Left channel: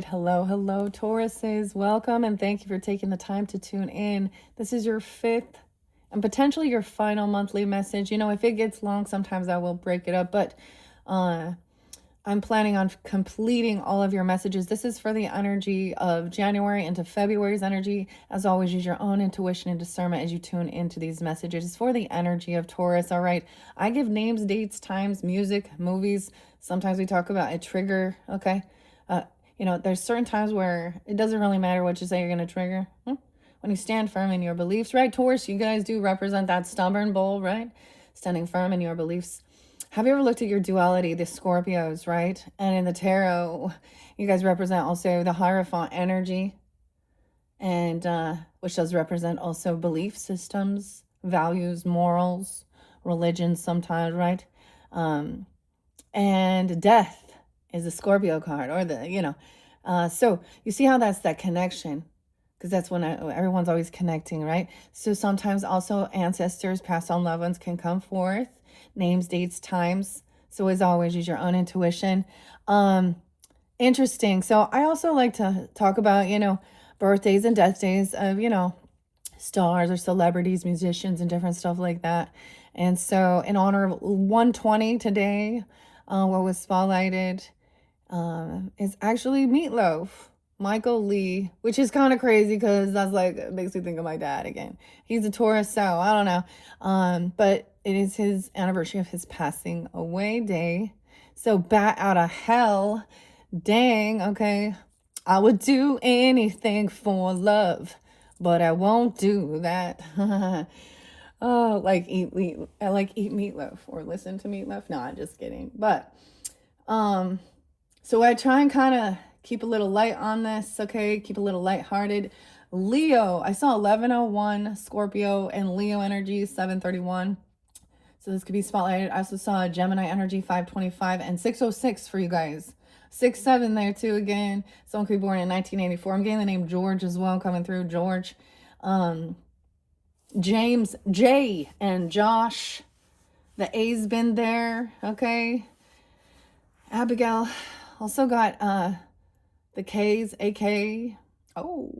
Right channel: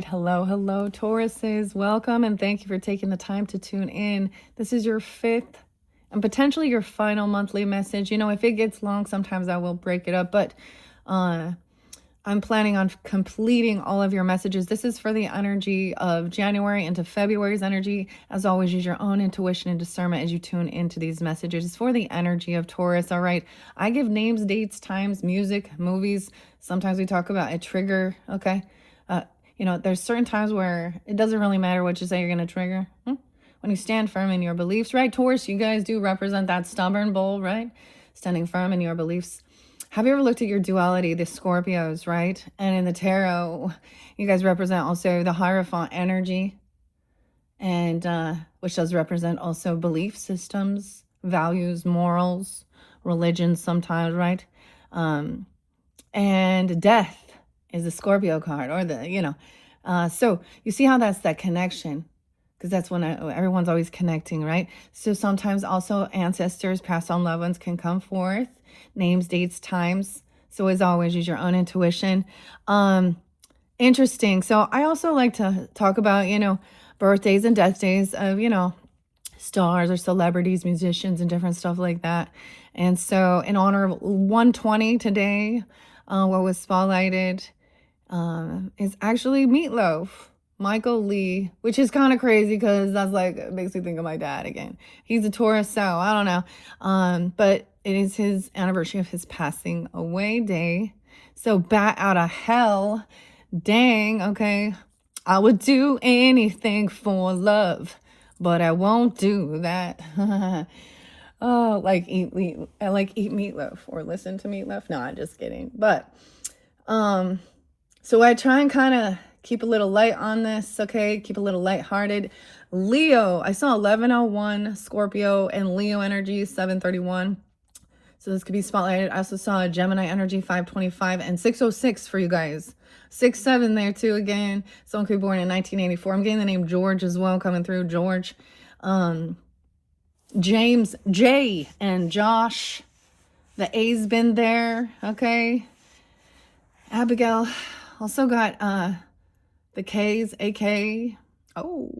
right. Hello, Tauruses. Welcome and thank you for taking the time to tune in. This is your fifth and potentially your final monthly message. If it gets long, sometimes I will break it up, but uh, I'm planning on completing all of your messages. This is for the energy of January into February's energy. As always, use your own intuition and discernment as you tune into these messages. It's for the energy of Taurus. All right. I give names, dates, times, music, movies. Sometimes we talk about a trigger. Okay. Uh, there's certain times where it doesn't really matter what you say you're going to trigger. When you stand firm in your beliefs, right? Taurus, you guys do represent that stubborn bull, right? Standing firm in your beliefs. Have you ever looked at your duality, the Scorpios, right? And in the tarot, you guys represent also the Hierophant energy, and which does represent also belief systems, values, morals, religion sometimes, right? And death is a Scorpio card, or so you see how that's that connection, because that's when everyone's always connecting, right? So sometimes also ancestors, past on loved ones can come forth, names, dates, times. So as always, use your own intuition. Interesting. So I also like to talk about, birthdays and death days of, stars or celebrities, musicians, and different stuff like that. And so in honor of 120 today, what was spotlighted is actually Meatloaf, Michael Lee, which is kind of crazy because that's like, it makes me think of my dad again. He's a Taurus, so I don't know. But it is his anniversary of his passing away day. So bat out of hell. Dang, okay. I would do anything for love, but I won't do that. Oh, like eat meatloaf or listen to meatloaf. No, I'm just kidding. But so I try and kind of keep a little light on this, okay? Keep a little lighthearted. Leo, I saw 1101 Scorpio and Leo energy 731. So this could be spotlighted. I also saw Gemini energy 525 and 606 for you guys. 6-7 there too again. Someone could be born in 1984. I'm getting the name George as well coming through. George. James, Jay, and Josh. The A's been there, okay? Abigail. Also got the K's, AK. Oh.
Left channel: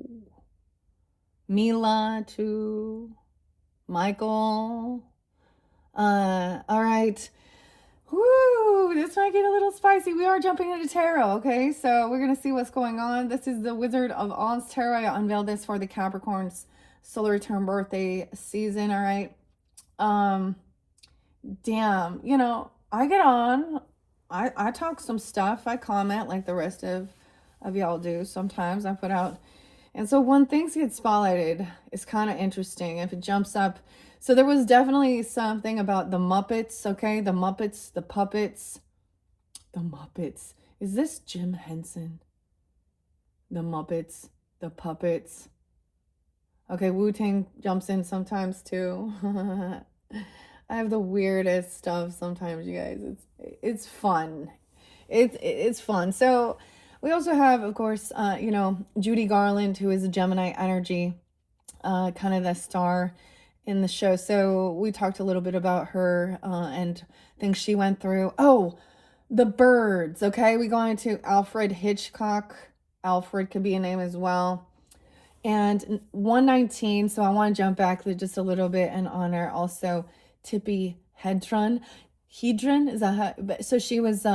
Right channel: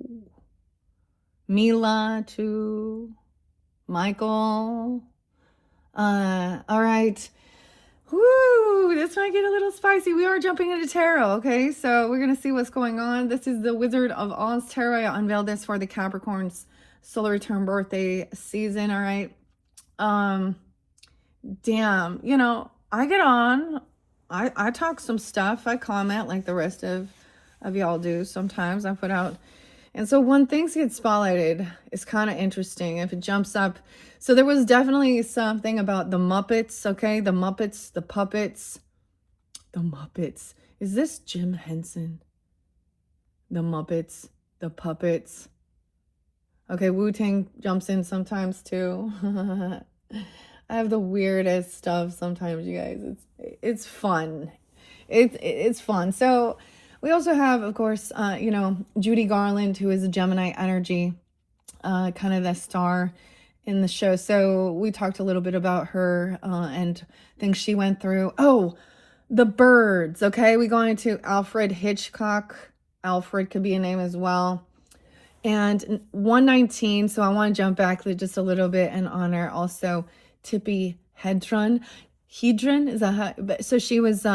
Mila too. Michael. All right. Woo, this might get a little spicy. We are jumping into tarot, okay? So we're going to see what's going on. This is the Wizard of Oz tarot. I unveiled this for the Capricorn's solar return birthday season, all right? Damn, I get on. I talk some stuff. I comment like the rest of y'all do. Sometimes I put out. And so when things get spotlighted, it's kind of interesting if it jumps up. So there was definitely something about the Muppets, okay? The Muppets, the puppets, the Muppets. Is this Jim Henson? The Muppets, the puppets. Okay, Wu-Tang jumps in sometimes too. I have the weirdest stuff sometimes, you guys. It's fun. It's fun. So we also have, of course, Judy Garland, who is a Gemini energy, kind of the star in the show. So we talked a little bit about her and things she went through. Oh, the birds. Okay, we go into Alfred Hitchcock. Alfred could be a name as well. And 119. So I want to jump back just a little bit and honor also Tippi Hedren. Is that so she was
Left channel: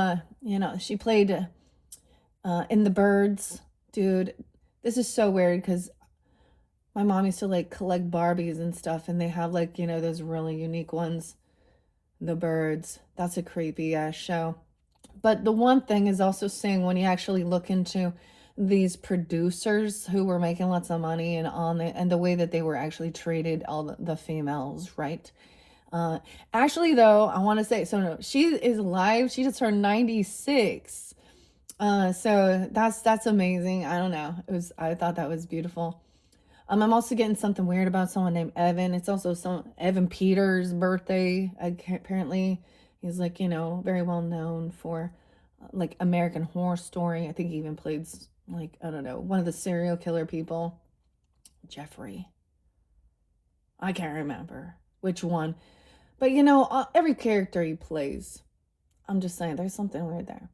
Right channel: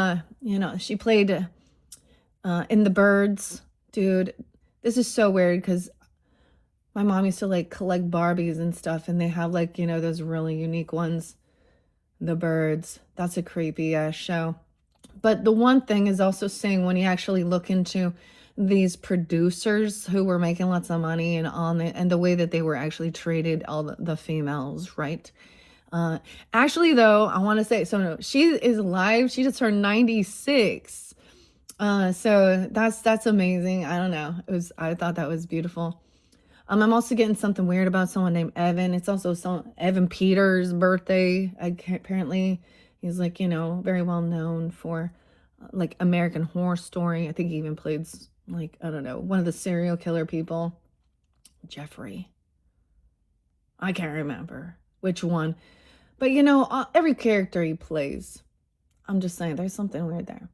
she played in The Birds. Dude, this is so weird because my mom used to like collect Barbies and stuff, and they have like those really unique ones. The Birds, that's a creepy show. But the one thing is also saying when you actually look into these producers who were making lots of money and the way that they were actually treated, all the females, right? Actually, though, I want to say, so no, she is alive. She just turned 96. So that's amazing. I don't know. I thought that was beautiful. I'm also getting something weird about someone named Evan. It's also Evan Peters' birthday. Apparently, he's like, very well known for like American Horror Story. I think he even played like, I don't know, one of the serial killer people. Jeffrey. I can't remember which one. But every character he plays, I'm just saying there's something weird there.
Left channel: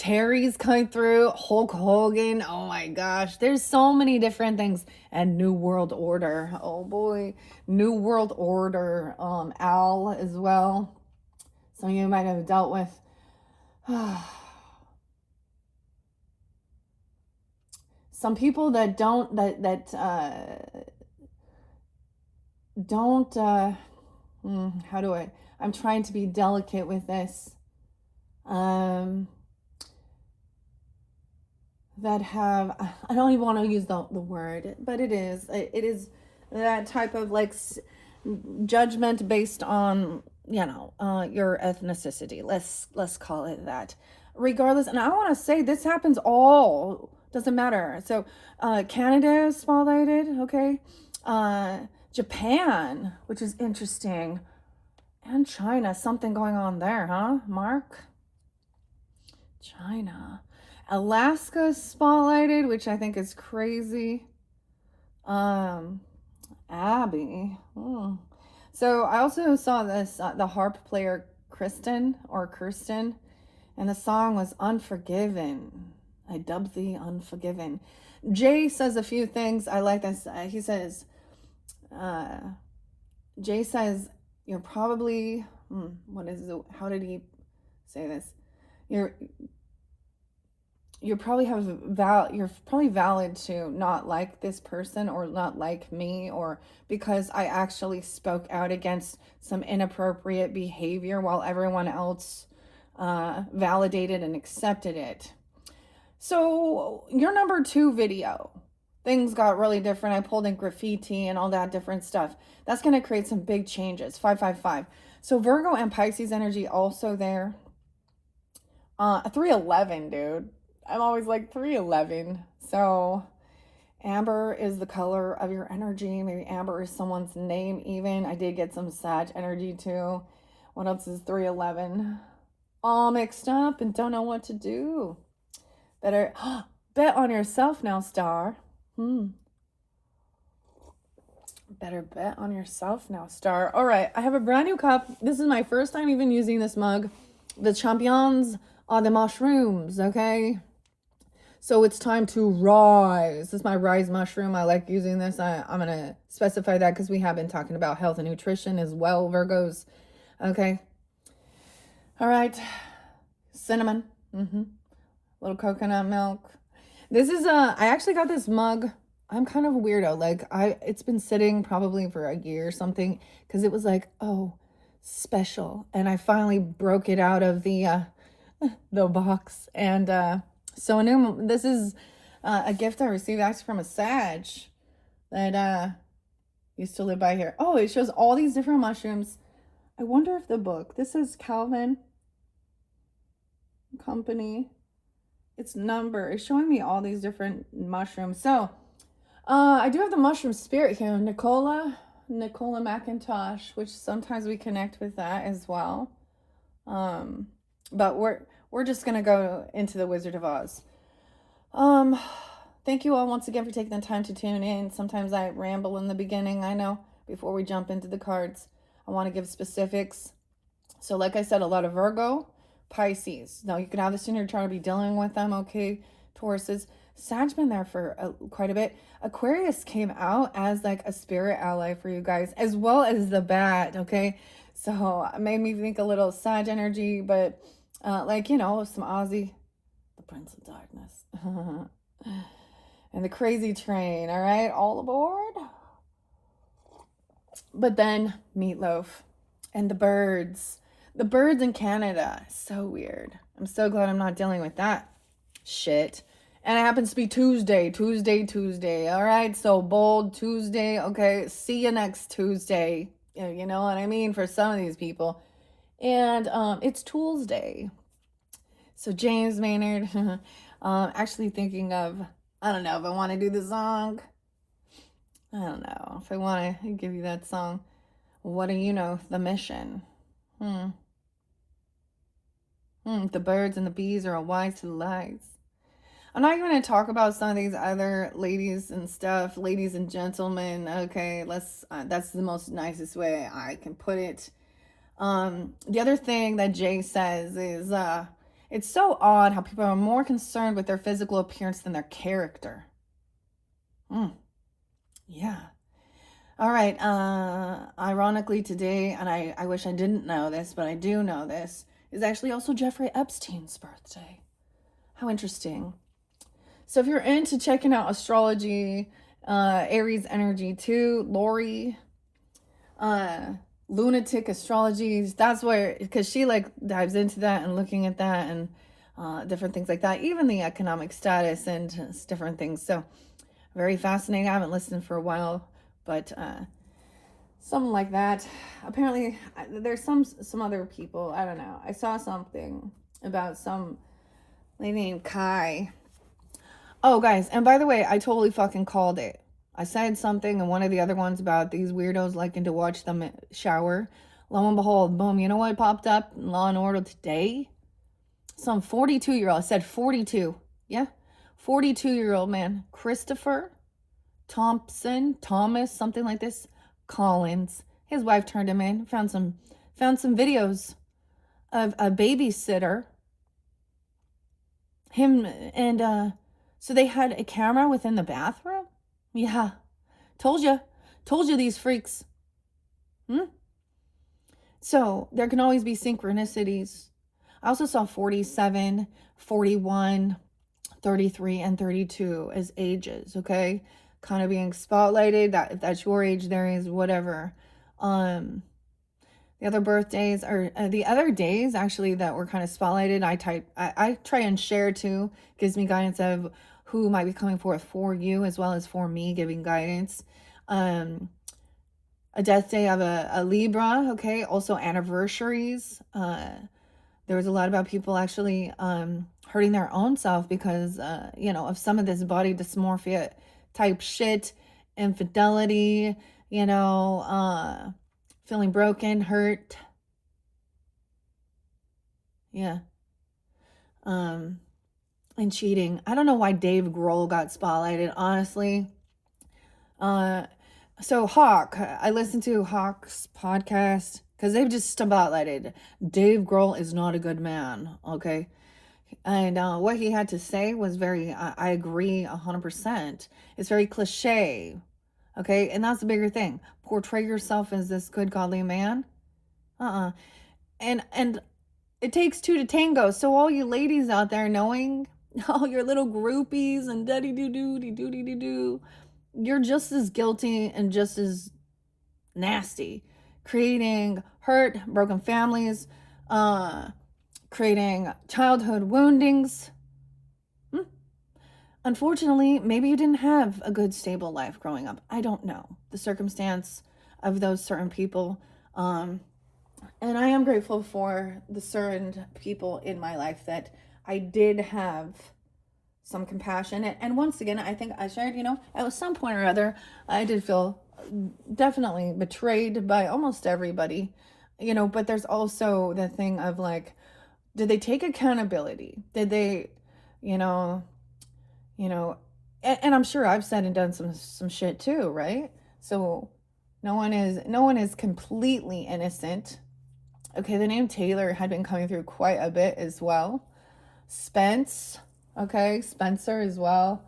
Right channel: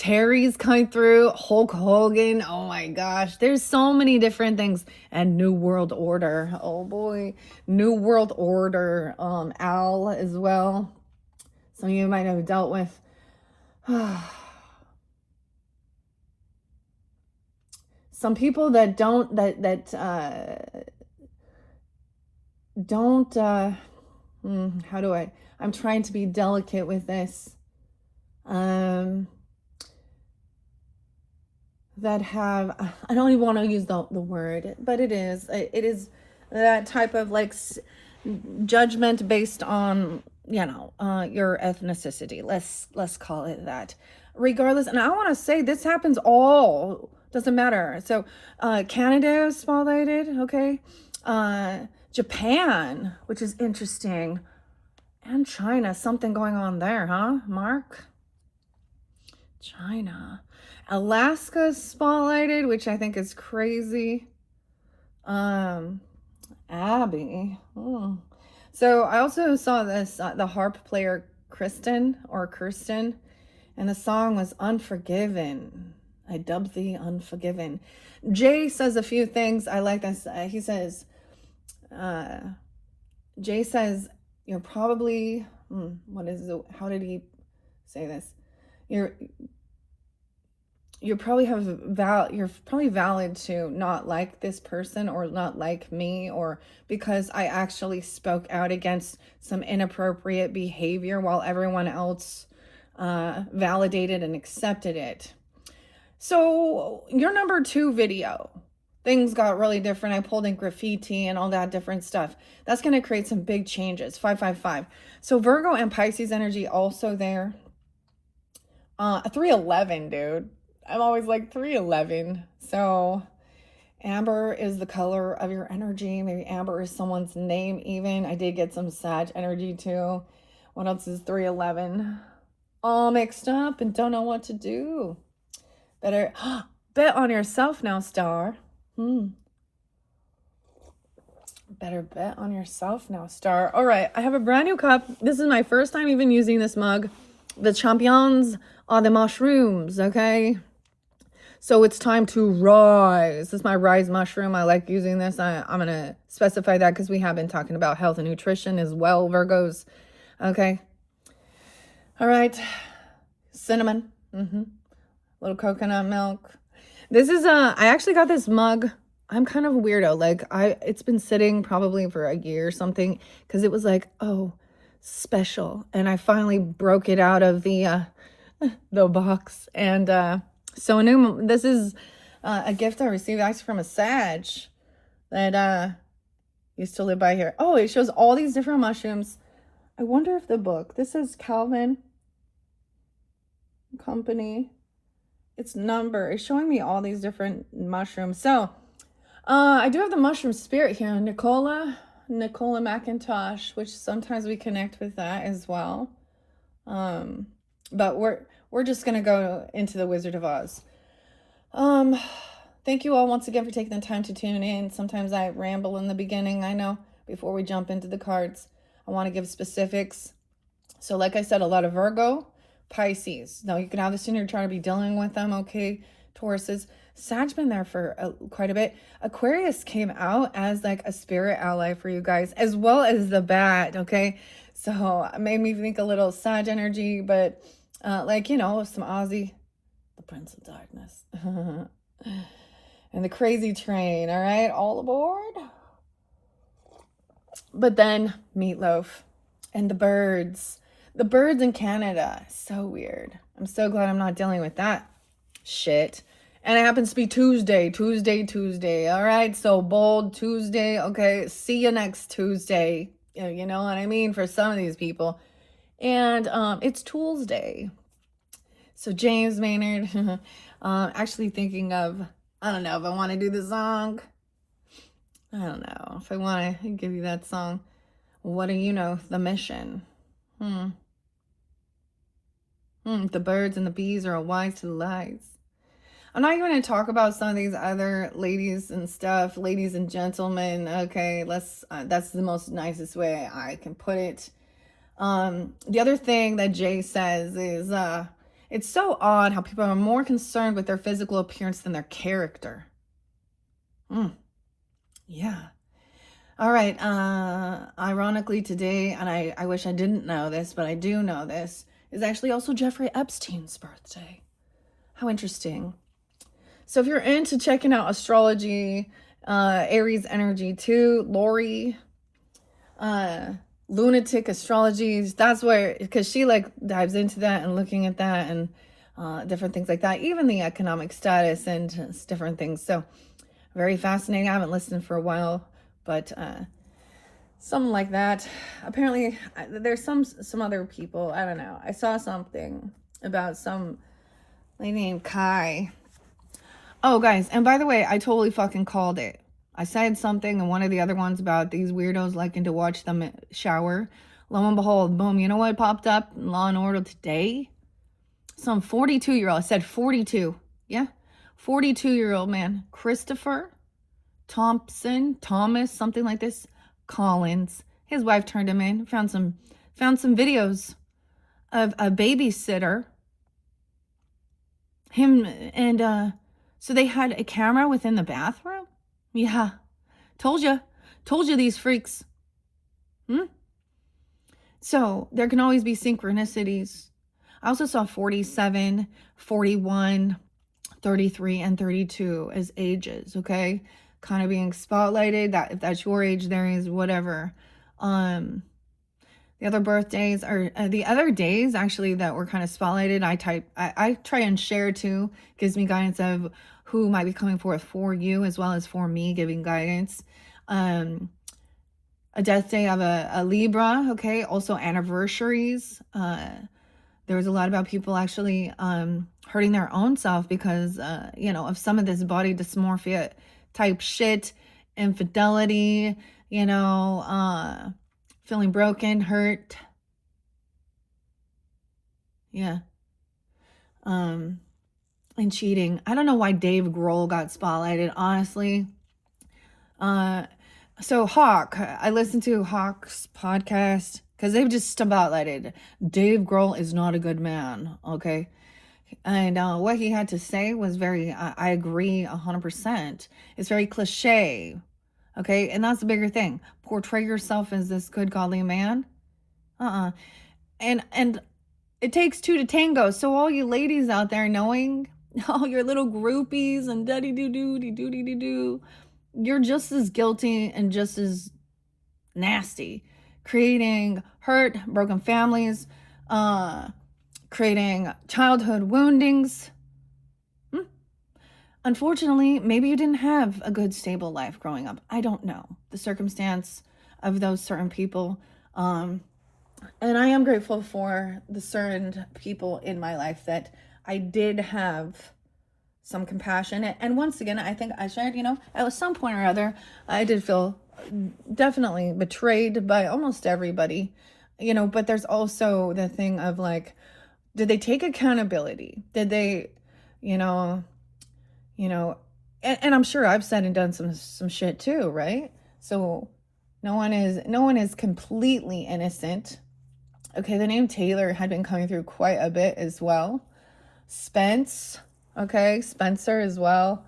Terry's coming through, Hulk Hogan. Oh my gosh, there's so many different things. And New World Order. Oh boy, New World Order. Al as well. Some of you might have dealt with. Some people that don't how do I'm trying to be delicate with this. That have, I don't even want to use the word, but it is that type of like judgment based on, your ethnicity. Let's call it that. Regardless, and I want to say this happens all, doesn't matter. So Canada is spotlighted, okay? Japan, which is interesting, and China, something going on there, huh, Mark? China. Alaska is spotlighted, which I think is crazy. Abby. So I also saw this, the harp player Kirsten, and the song was Unforgiven. I dubbed thee Unforgiven. Jay says a few things. I like this. He says, Jay says, you're probably, how did he say this? You're probably valid to not like this person or not like me, or because I actually spoke out against some inappropriate behavior while everyone else validated and accepted it. So your number 2 video, things got really different. I pulled in graffiti and all that different stuff. That's going to create some big changes. 555. So Virgo and Pisces energy also there. 311, dude. I'm always like 311. So amber is the color of your energy. Maybe amber is someone's name even. I did get some Sag energy too. What else is 311? All mixed up and don't know what to do. Better bet on yourself now, star. Better bet on yourself now, star. All right, I have a brand new cup. This is my first time even using this mug. The champions are the mushrooms, okay? So it's time to rise. This is my rise mushroom. I like using this. I'm going to specify that because we have been talking about health and nutrition as well, Virgos. Okay. All right. Cinnamon. Little coconut milk. This is I actually got this mug. I'm kind of a weirdo. Like it's been sitting probably for a year or something because it was like, oh, special. And I finally broke it out of the box. And so this is a gift I received actually from a Sag that used to live by here. Oh, it shows all these different mushrooms. I wonder if the book, this is Calvin Company. It's it's showing me all these different mushrooms. So I do have the mushroom spirit here, Nicola McIntosh, which sometimes we connect with that as well. But we're just gonna go into the Wizard of Oz. Thank you all once again for taking the time to tune in. Sometimes I ramble in the beginning, I know. Before we jump into the cards, I want to give specifics. So like I said, a lot of Virgo, Pisces. Now you can have this in your chart to be dealing with them, okay? Tauruses. Sag's been there for quite a bit. Aquarius came out as like a spirit ally for you guys, as well as the bat, okay? So it made me think a little Sag energy, but like, some Ozzy, the Prince of Darkness, and the Crazy Train, all right? All aboard. But then Meatloaf and the birds in Canada. So weird. I'm so glad I'm not dealing with that shit. And it happens to be Tuesday. All right. So bold Tuesday. Okay. See you next Tuesday. You know what I mean? For some of these people. And it's Tuesday. So James Maynard, actually thinking of, I don't know if I want to do the song. I don't know if I want to give you that song. What do you know? The mission. The birds and the bees are wise to the lies. I'm not going to talk about some of these other ladies and stuff, ladies and gentlemen. Okay, that's the most nicest way I can put it. The other thing that Jay says is, It's so odd how people are more concerned with their physical appearance than their character. Yeah. All right. Ironically today, and I wish I didn't know this, but I do know this, is actually also Jeffrey Epstein's birthday. How interesting. So if you're into checking out astrology, Aries energy too, Lori, lunatic astrology, that's where, because she like dives into that and looking at that and different things like that, even the economic status and different things. So very fascinating. I haven't listened for a while, but something like that. Apparently there's some other people, I don't know, I saw something about some lady named Kai. Oh guys, and by the way, I totally fucking called it. I said something in one of the other ones about these weirdos liking to watch them shower. Lo and behold, boom, you know what popped up in Law and Order today? Some 42-year-old, I said 42, yeah? 42-year-old man, Christopher Thomas, something like this, Collins. His wife turned him in, found some videos of a babysitter. Him and so they had a camera within the bathroom? Yeah. Told you these freaks. So there can always be synchronicities. I also saw 47, 41, 33, and 32 as ages, okay? Kind of being spotlighted. That if that's your age, there is whatever. The other birthdays are the other days actually that were kind of spotlighted. I try and share too. Gives me guidance of who might be coming forth for you as well as for me, giving guidance. A death day of a Libra, okay? Also anniversaries. There was a lot about people actually hurting their own self because, of some of this body dysmorphia type shit, infidelity, feeling broken, hurt. Yeah. And cheating. I don't know why Dave Grohl got spotlighted, honestly. So Hawk, I listened to Hawk's podcast because they've just spotlighted Dave Grohl is not a good man, okay? And what he had to say was very, I agree 100%. It's very cliche, okay? And that's the bigger thing. Portray yourself as this good, godly man. And it takes two to tango. So all you ladies out there knowing, all your little groupies and doo-doo-doo-doo-doo-doo-doo, you're just as guilty and just as nasty, creating hurt, broken families, creating childhood woundings. Unfortunately, maybe you didn't have a good, stable life growing up. I don't know the circumstance of those certain people. And I am grateful for the certain people in my life that I did have some compassion. And once again, I think I shared, at some point or other, I did feel definitely betrayed by almost everybody, but there's also the thing of like, did they take accountability? Did they, and I'm sure I've said and done some shit too, right? So no one is completely innocent. Okay, the name Taylor had been coming through quite a bit as well. Spencer as well.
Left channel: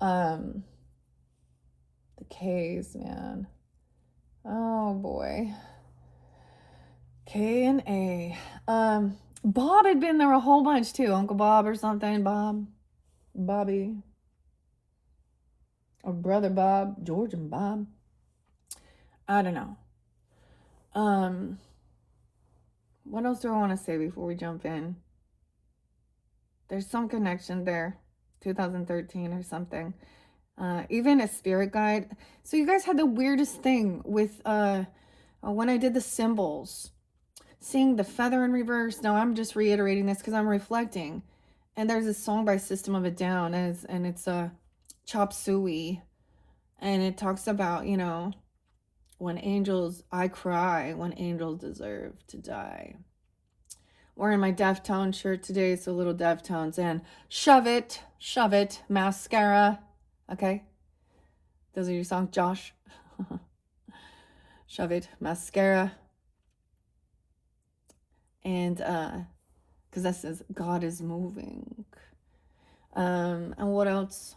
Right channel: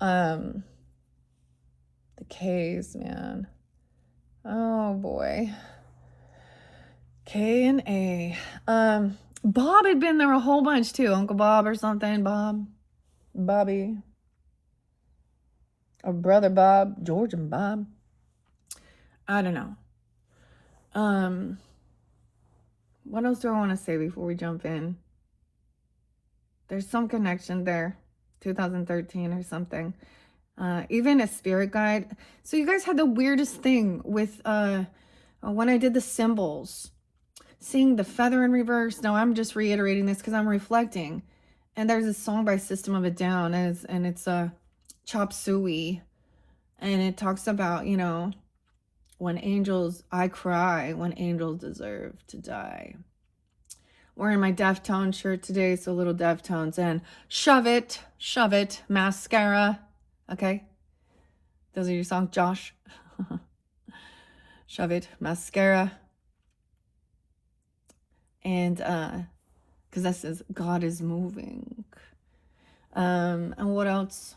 The K's, man. Oh boy. K and A. Bob had been there a whole bunch too. Uncle Bob or something. Bobby. Or Brother Bob. George and Bob. I don't know. What else do I want to say before we jump in? There's some connection there. 2013 or something. Even a spirit guide. So you guys had the weirdest thing with when I did the symbols. Seeing the feather in reverse. Now I'm just reiterating this because I'm reflecting. And there's a song by System of a Down, and it's Chop Suey. And it talks about, when angels, I cry when angels deserve to die. Wearing my Deftone shirt today, so little Deftones. And shove it, mascara. Okay? Those are your songs, Josh. Shove it, mascara. And, because because this is God is moving. And what else?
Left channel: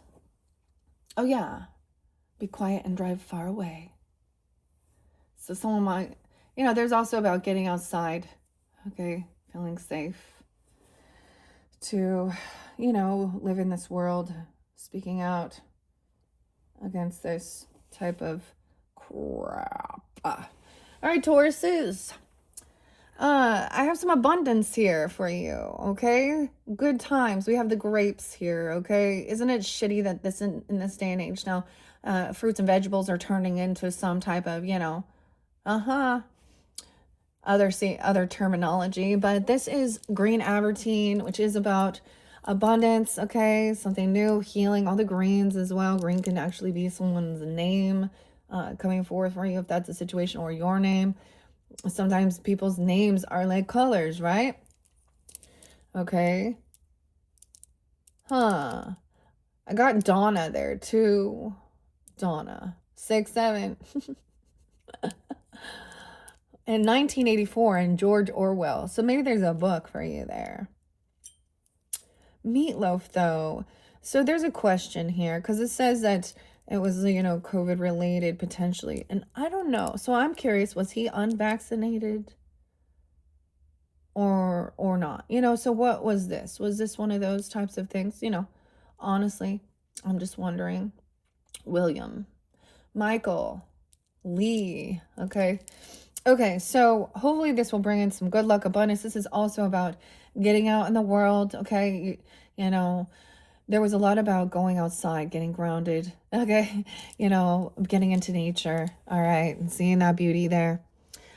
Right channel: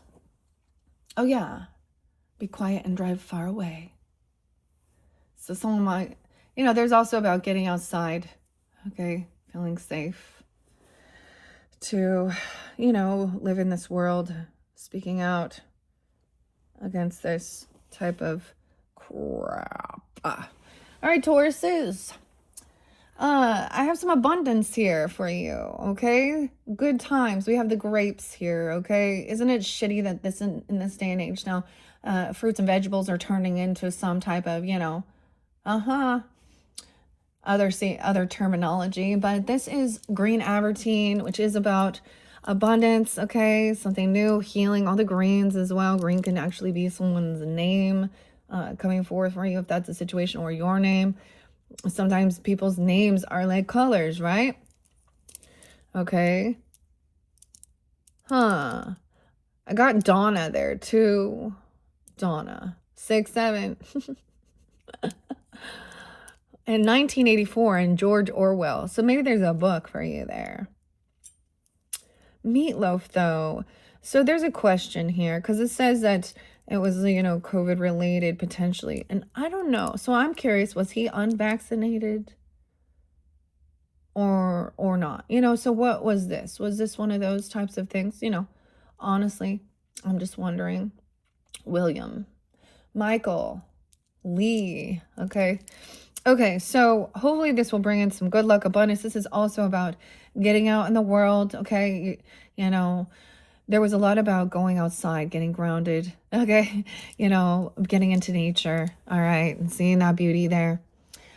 Oh yeah, be quiet and drive far away. So someone might, there's also about getting outside, okay, feeling safe to, live in this world, speaking out against this type of crap. All right, Tauruses. I have some abundance here for you, okay? Good times. We have the grapes here, okay? Isn't it shitty that in this day and age now, fruits and vegetables are turning into some type of, other terminology, but this is green avertine, which is about abundance, okay? Something new, healing, all the greens as well. Green can actually be someone's name coming forth for you if that's the situation, or your name. Sometimes people's names are like colors, right? Okay. I got Donna there too. Donna. 6'7". In 1984 in George Orwell. So maybe there's a book for you there. Meatloaf, though. So there's a question here because it says that it was, COVID related potentially. And I don't know. So I'm curious, was he unvaccinated or not? So what was this? Was this one of those types of things? Honestly, I'm just wondering. William, Michael, Lee. Okay, so hopefully this will bring in some good luck, abundance. This is also about getting out in the world, okay? There was a lot about going outside, getting grounded, okay? Getting into nature, all right, and seeing that beauty there.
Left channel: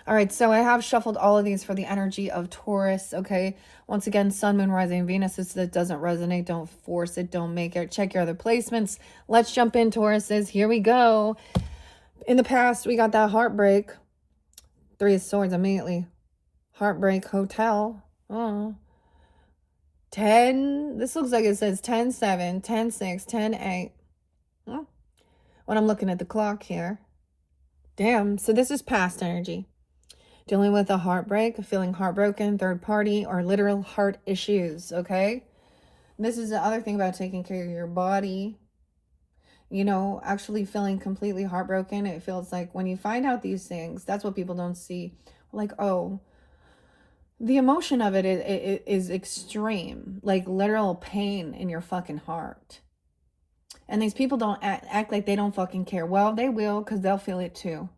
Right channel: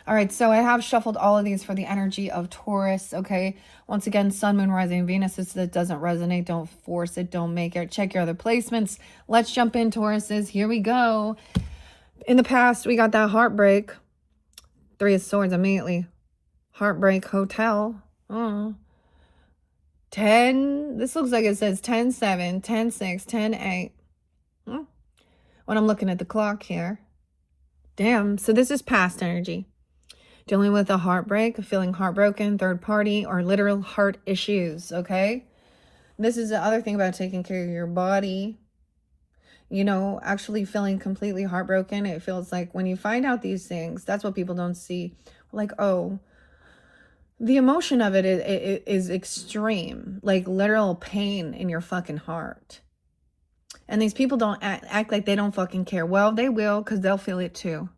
All right, so I have shuffled all of these for the energy of Taurus, okay? Once again, Sun, Moon, Rising, Venus. If that doesn't resonate, don't force it, don't make it. Check your other placements. Let's jump in, Tauruses. Here we go. In the past, we got that Heartbreak. 3 of Swords immediately. Heartbreak Hotel. 10. This looks like it says 10-7, 10-6, 10-8. When I'm looking at the clock here. Damn. So this is past energy. Dealing with a heartbreak, feeling heartbroken, third party, or literal heart issues, okay? This is the other thing about taking care of your body. Actually feeling completely heartbroken. It feels like when you find out these things, that's what people don't see. Like, oh, the emotion of it is extreme. Like literal pain in your fucking heart. And these people don't act like they don't fucking care. Well, they will, because they'll feel it too.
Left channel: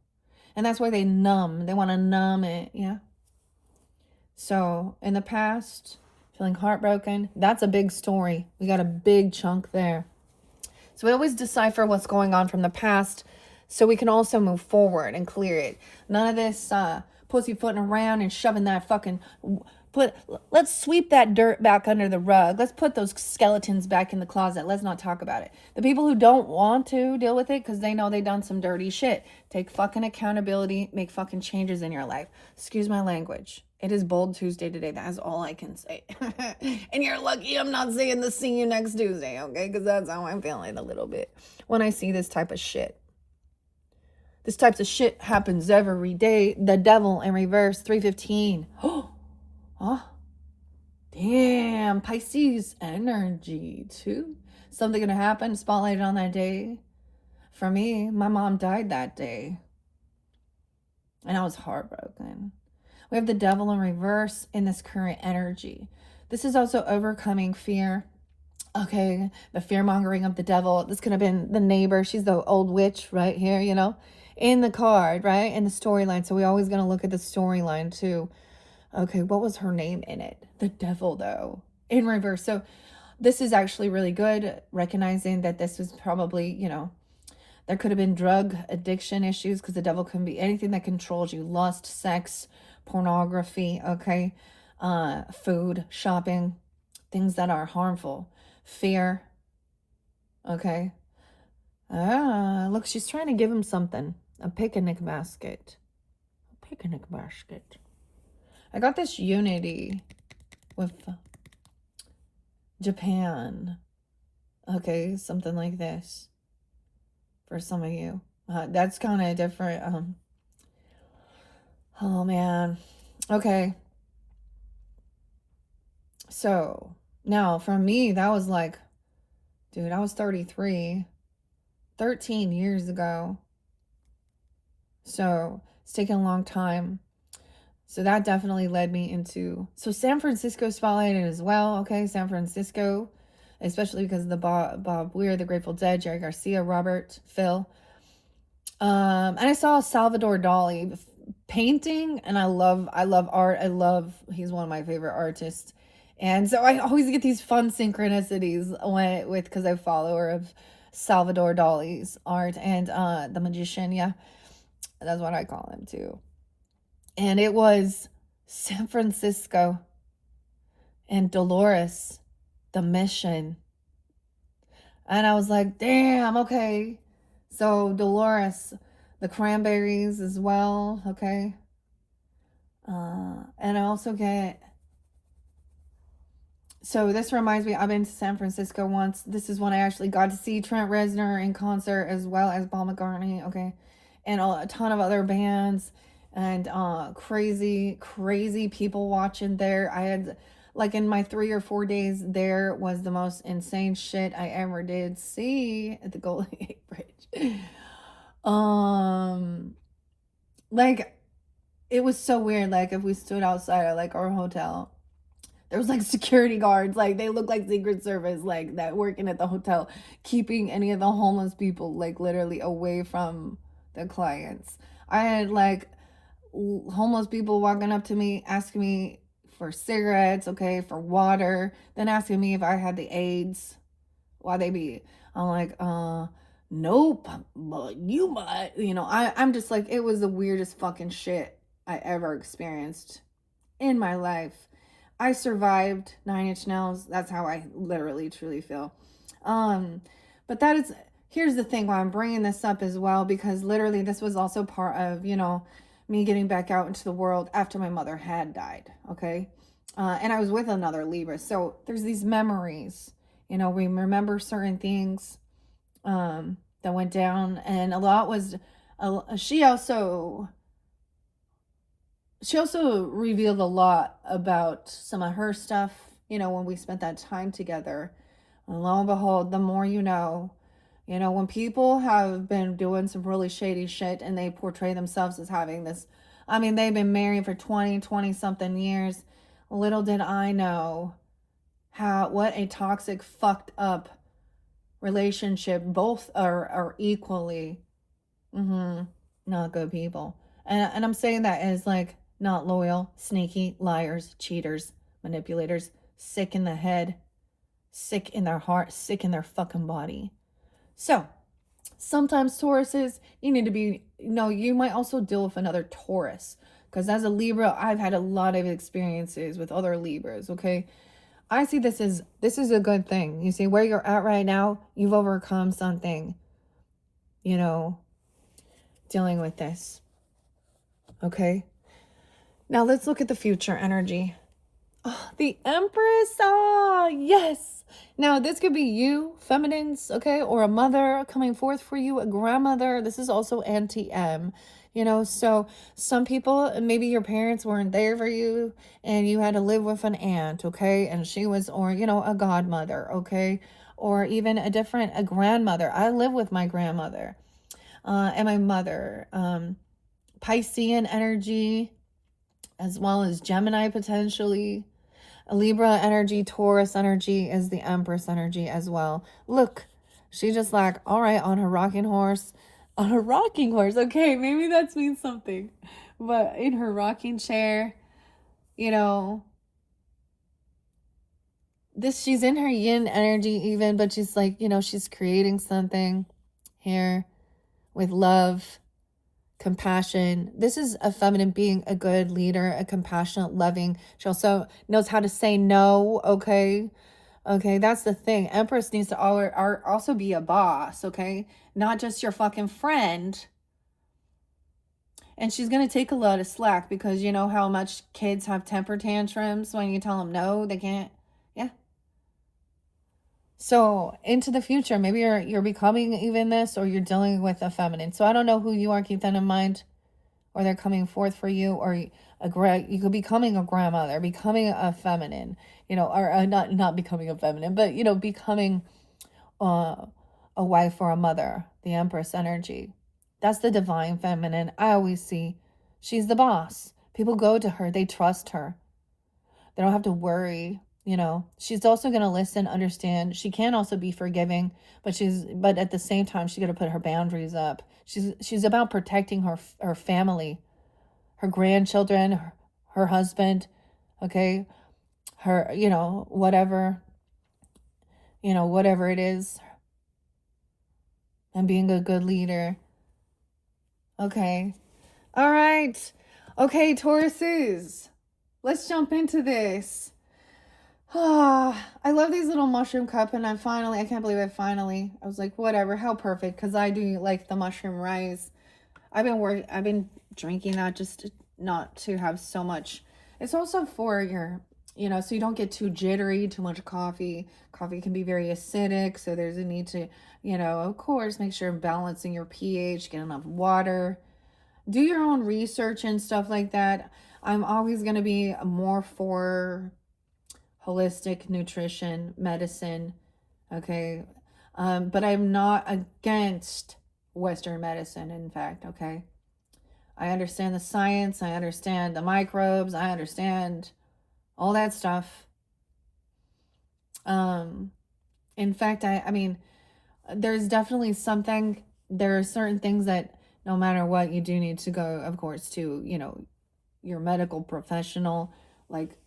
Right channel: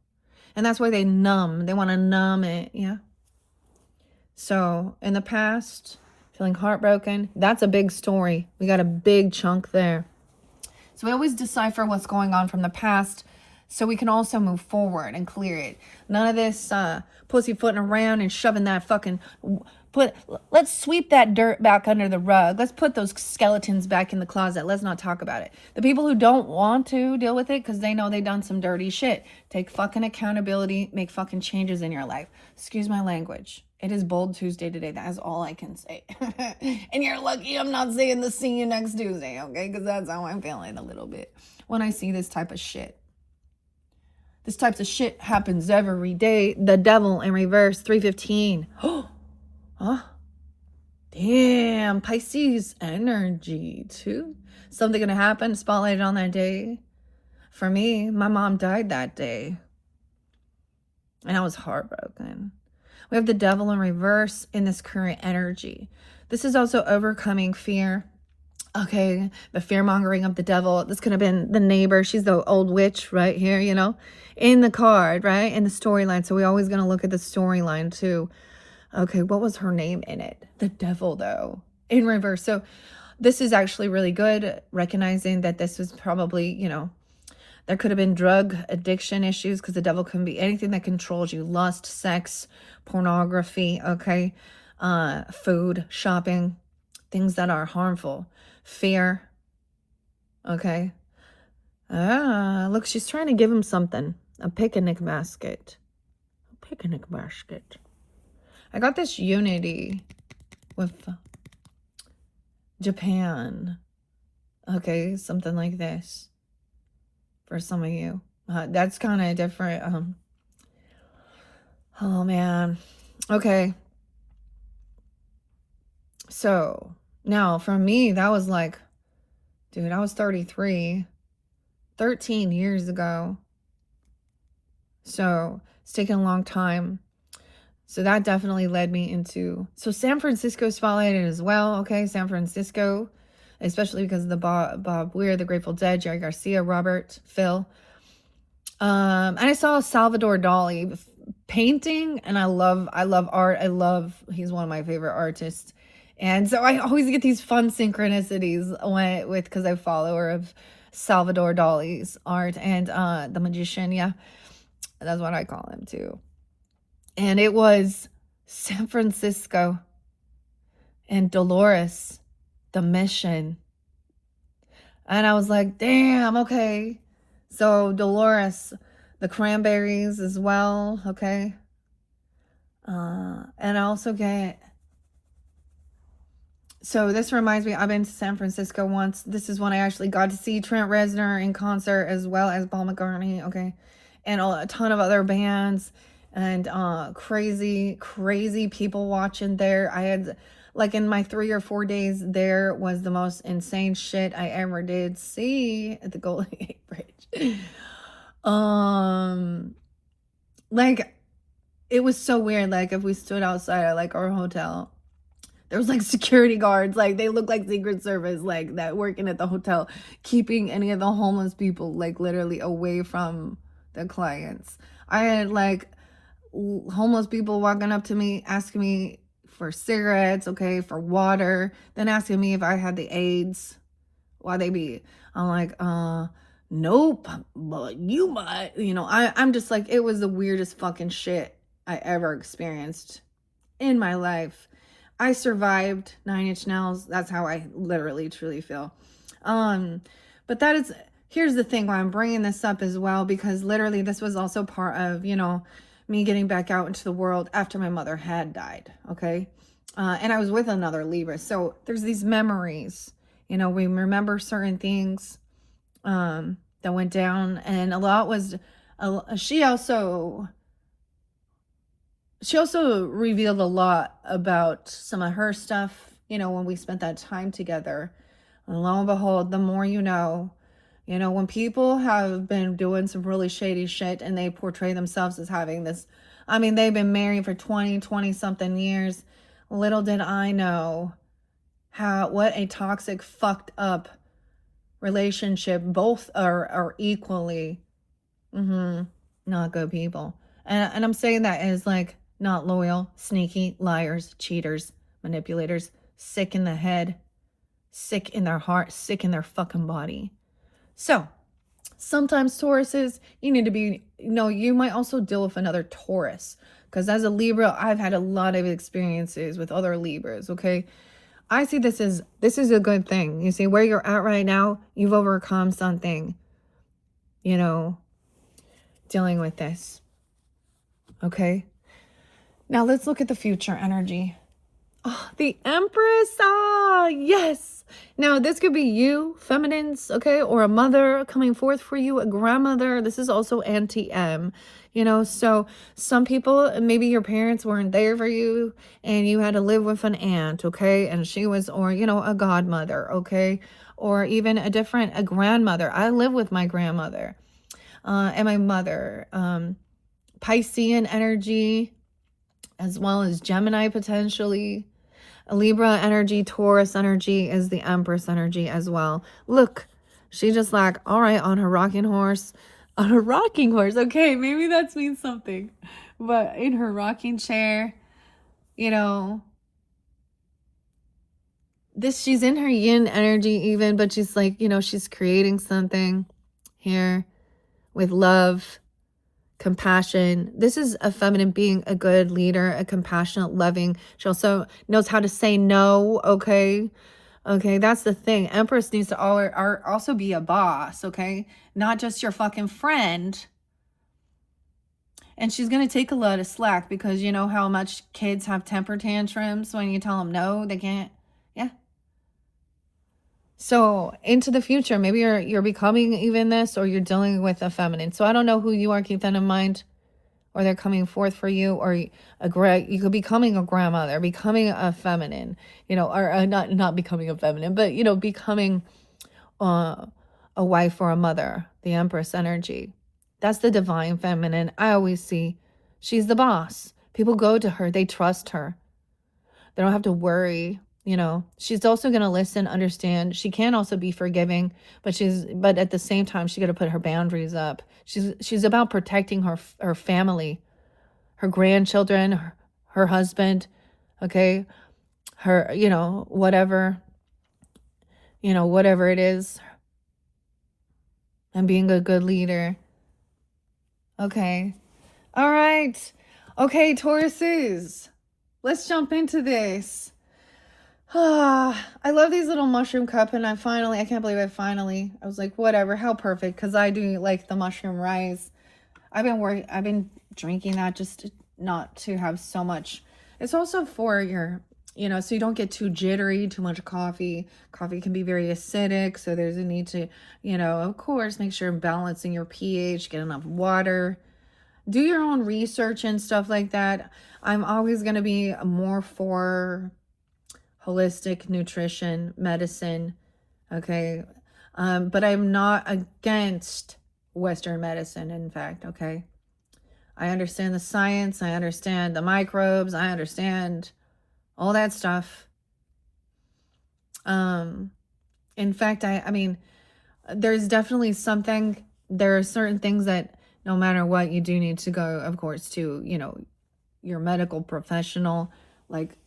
And that's why they numb. They want to numb it, yeah? So, in the past, feeling heartbroken, that's a big story. We got a big chunk there. So we always decipher what's going on from the past so we can also move forward and clear it. None of this pussyfooting around and shoving that fucking... Let's sweep that dirt back under the rug. Let's put those skeletons back in the closet. Let's not talk about it. The people who don't want to deal with it because they know they've done some dirty shit, take fucking accountability, make fucking changes in your life. Excuse my language. It is Bold Tuesday today. That is all I can say. And you're lucky I'm not saying the see you next Tuesday, okay? Because that's how I'm feeling a little bit when I see this type of shit. This type of shit happens every day. The devil in reverse, 315. Huh? Damn, Pisces energy too. Something gonna happen, spotlighted on that day. For me, my mom died that day. And I was heartbroken. We have the devil in reverse in this current energy. This is also overcoming fear. Okay, the fear mongering of the devil. This could have been the neighbor. She's the old witch right here, in the card, right? In the storyline. So we're always going to look at the storyline too. Okay, what was her name in it? The devil, though, in reverse. So this is actually really good, recognizing that this was probably, there could have been drug addiction issues because the devil can be anything that controls you. Lust, sex, pornography, okay? Food, shopping, things that are harmful. Fear, okay? Look, she's trying to give him something. A picnic basket. A picnic basket. I got this unity with Japan. Okay, something like this. For some of you. That's kind of different. Oh, man. Okay. So now for me, that was like, dude, I was 33, 13 years ago. So it's taken a long time. So that definitely led me into, so San Francisco spotlighted as well. Okay, San Francisco, especially because of the Bob Weir, the Grateful Dead, Jerry Garcia, Robert, Phil. And I saw Salvador Dali painting, and I love art. He's one of my favorite artists. And so I always get these fun synchronicities because I follower of Salvador Dali's art and the magician, yeah. That's what I call him too. And it was San Francisco and Dolores, the mission. And I was like, damn, okay. So Dolores, the cranberries as well, okay. And I also get, so this reminds me, I've been to San Francisco once. This is when I actually got to see Trent Reznor in concert as well as Paul McCartney, okay. And a ton of other bands and crazy people watching there. I had, like, in my 3 or 4 days there was the most insane shit I ever did see at the Golden Gate Bridge. Like, it was so weird. Like, if we stood outside of like our hotel, there was like security guards, like they look like Secret Service, like that working at the hotel, keeping any of the homeless people like literally away from the clients. I had like homeless people walking up to me asking me for cigarettes, okay, for water, then asking me if I had the AIDS. Why they be? I'm like, nope, but you might. I'm just like, it was the weirdest fucking shit I ever experienced in my life. I survived 9 Inch Nails. That's how I literally truly feel. But here's the thing why I'm bringing this up as well, because literally this was also part of, me getting back out into the world after my mother had died. Okay. And I was with another Libra. So there's these memories, we remember certain things, that went down, and a lot was, she also revealed a lot about some of her stuff, when we spent that time together. And lo and behold, the more when people have been doing some really shady shit and they portray themselves as having this, they've been married for 20 something years. Little did I know what a toxic, fucked up relationship. Both are equally not good people. And I'm saying that as like, not loyal, sneaky, liars, cheaters, manipulators, sick in the head, sick in their heart, sick in their fucking body. So sometimes Tauruses, you need to be, you might also deal with another Taurus, because as a Libra, I've had a lot of experiences with other Libras. Okay, I see this is a good thing. You see where you're at right now, you've overcome something, dealing with this. Okay, now let's look at the future energy. Oh, the Empress. Ah, yes. Now this could be you, feminines, okay, or a mother coming forth for you, a grandmother. This is also anti-M, so some people, maybe your parents weren't there for you and you had to live with an aunt, okay, and she was, or a godmother, okay, or even a grandmother. I live with my grandmother and my mother. Piscean energy, as well as Gemini potentially. A Libra energy, Taurus energy is the Empress energy as well. Look, she just like, all right, on her rocking horse. On her rocking horse. Okay, maybe that means something. But in her rocking chair, she's in her yin energy even, but she's like, she's creating something here with love, compassion. This is a feminine being, a good leader, a compassionate, loving. She also knows how to say no. Okay, that's the thing. Empress needs to also be a boss. Okay, not just your fucking friend. And she's gonna take a lot of slack, because you know how much kids have temper tantrums when you tell them no, they can't. Yeah. So into the future, maybe you're becoming even this, or you're dealing with a feminine. So I don't know who you are. Keep that in mind. or they're coming forth for you, or you could be becoming a grandmother, becoming a feminine, or not becoming a feminine, but becoming a wife or a mother, the Empress energy. That's the divine feminine. I always see she's the boss. People go to her, they trust her. They don't have to worry. She's also going to listen, understand. She can also be forgiving, but at the same time, she's going to put her boundaries up. She's about protecting her family, her grandchildren, her husband, okay? Her, whatever it is, and being a good leader. Okay. All right. Okay, Tauruses. Let's jump into this. I love these little mushroom cup, and I can't believe I was like, whatever, how perfect, because I do like the mushroom rice. I've been drinking that just not to have so much. It's also for your, so you don't get too jittery, too much coffee. Coffee can be very acidic, so there's a need to, of course, make sure you're balancing your pH, get enough water, do your own research and stuff like that. I'm always going to be more for holistic nutrition, medicine, okay? But I'm not against Western medicine, in fact, okay? I understand the science, I understand the microbes, I understand all that stuff. In fact, I mean, there's definitely there are certain things that no matter what, you do need to go, of course, to, your medical professional, like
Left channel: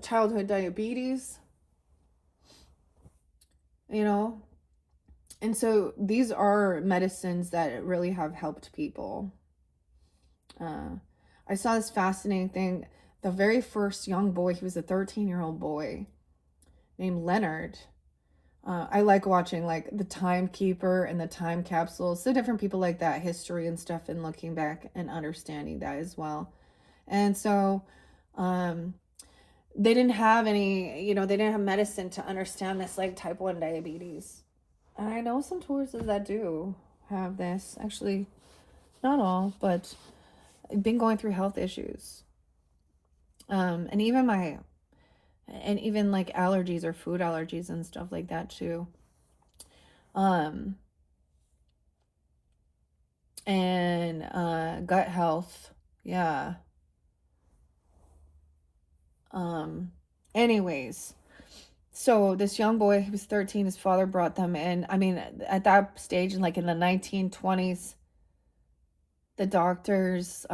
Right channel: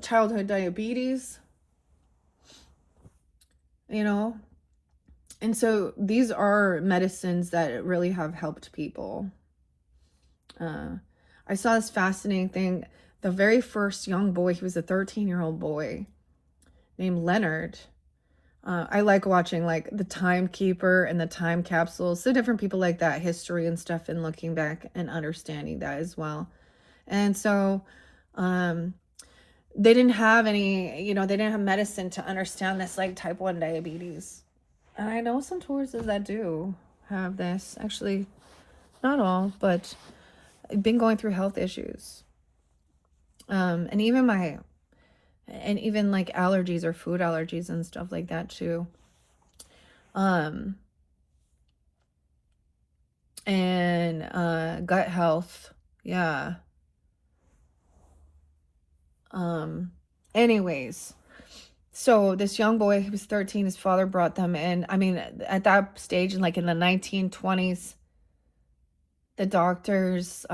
childhood diabetes, and so these are medicines that really have helped people. I saw this fascinating thing. The very first young boy, he was a 13-year-old boy named Leonard. I like watching like the Timekeeper and the Time Capsules, so different people like that, history and stuff, and looking back and understanding that as well. And so they didn't have any, they didn't have medicine to understand this, like type 1 diabetes. And I know some Tauruses that do have this. Actually, not all, but I've been going through health issues. And even like allergies or food allergies and stuff like that too. And gut health. Yeah. Anyways, so this young boy, he was 13, his father brought them in. I mean, at that stage, like in the 1920s, the doctors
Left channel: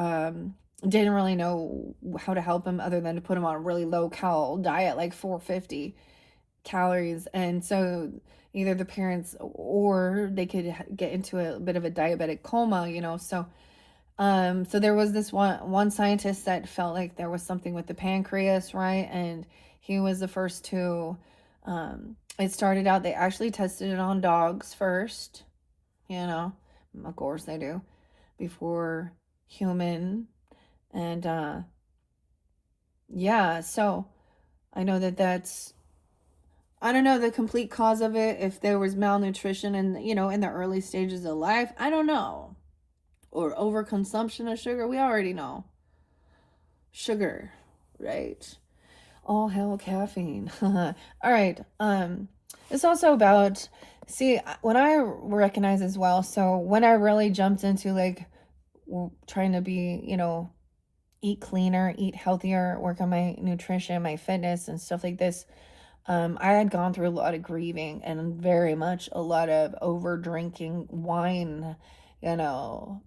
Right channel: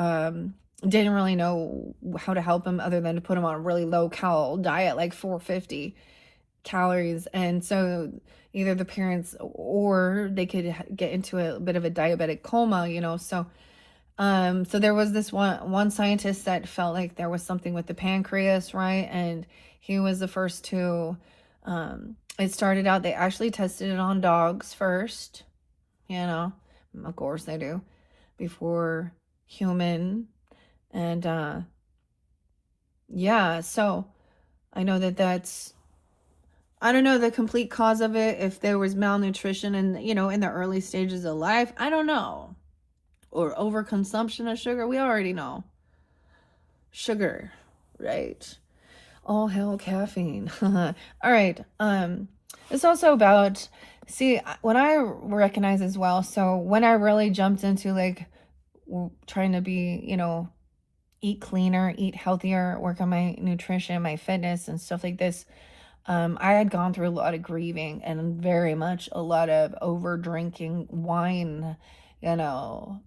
didn't really know how to help him other than to put him on a really low cal diet, like 450 calories. And so either the parents or they could get into a bit of a diabetic coma, so there was this one scientist that felt like there was something with the pancreas, right? And he was the first to it started out, they actually tested it on dogs first, of course they do, before human. And yeah, so I know I don't know the complete cause of it, if there was malnutrition and in the early stages of life, I don't know, or overconsumption of sugar. We already know sugar, right? All hell caffeine. All right. It's also about, see, when I recognize as well, so when I really jumped into like trying to be, eat cleaner, eat healthier, work on my nutrition, my fitness and stuff like this, I had gone through a lot of grieving and very much a lot of over drinking wine,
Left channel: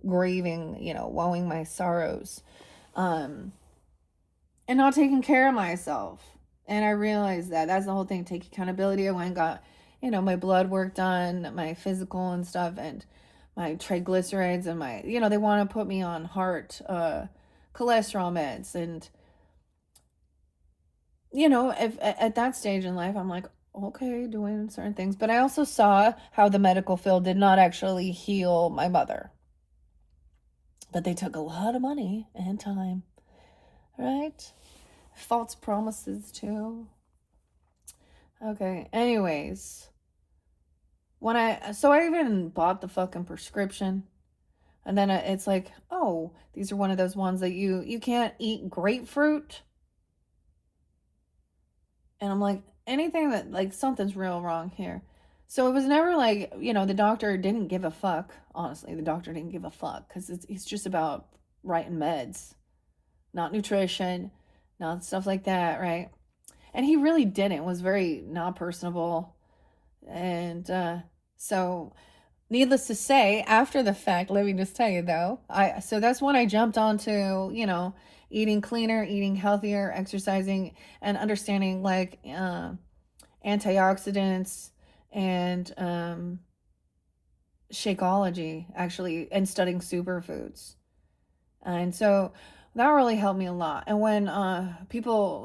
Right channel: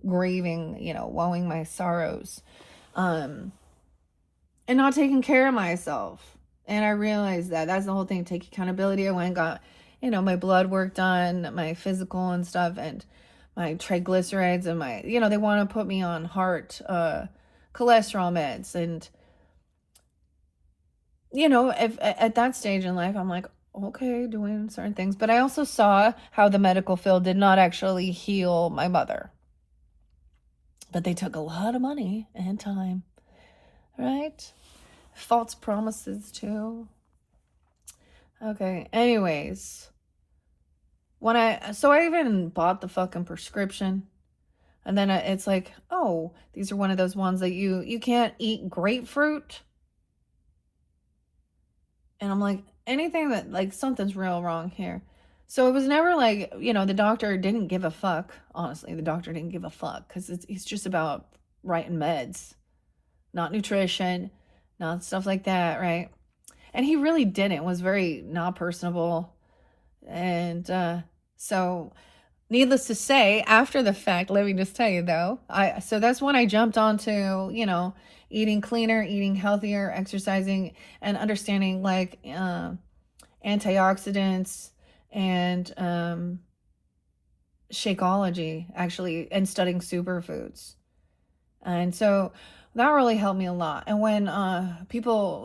grieving, wowing my sorrows, and not taking care of myself. And I realized that's the whole thing. Take accountability. I went and got, my blood work done, my physical and stuff, and my triglycerides and my, they want to put me on heart, cholesterol meds. And, if at that stage in life, I'm like, okay, doing certain things. But I also saw how the medical field did not actually heal my mother. But they took a lot of money and time, right? False promises too. Okay, anyways. I even bought the fucking prescription And then it's like, oh, these are one of those ones that you can't eat grapefruit. And I'm like, anything that, like, something's real wrong here. So it was never like, the doctor didn't give a fuck. Honestly, the doctor didn't give a fuck because it's just about writing meds, not nutrition, not stuff like that, right? And he really didn't, was very not personable. And so needless to say, after the fact, let me just tell you though, so that's when I jumped onto, eating cleaner, eating healthier, exercising, and understanding like antioxidants and Shakeology, actually, and studying superfoods. And so that really helped me a lot. And when people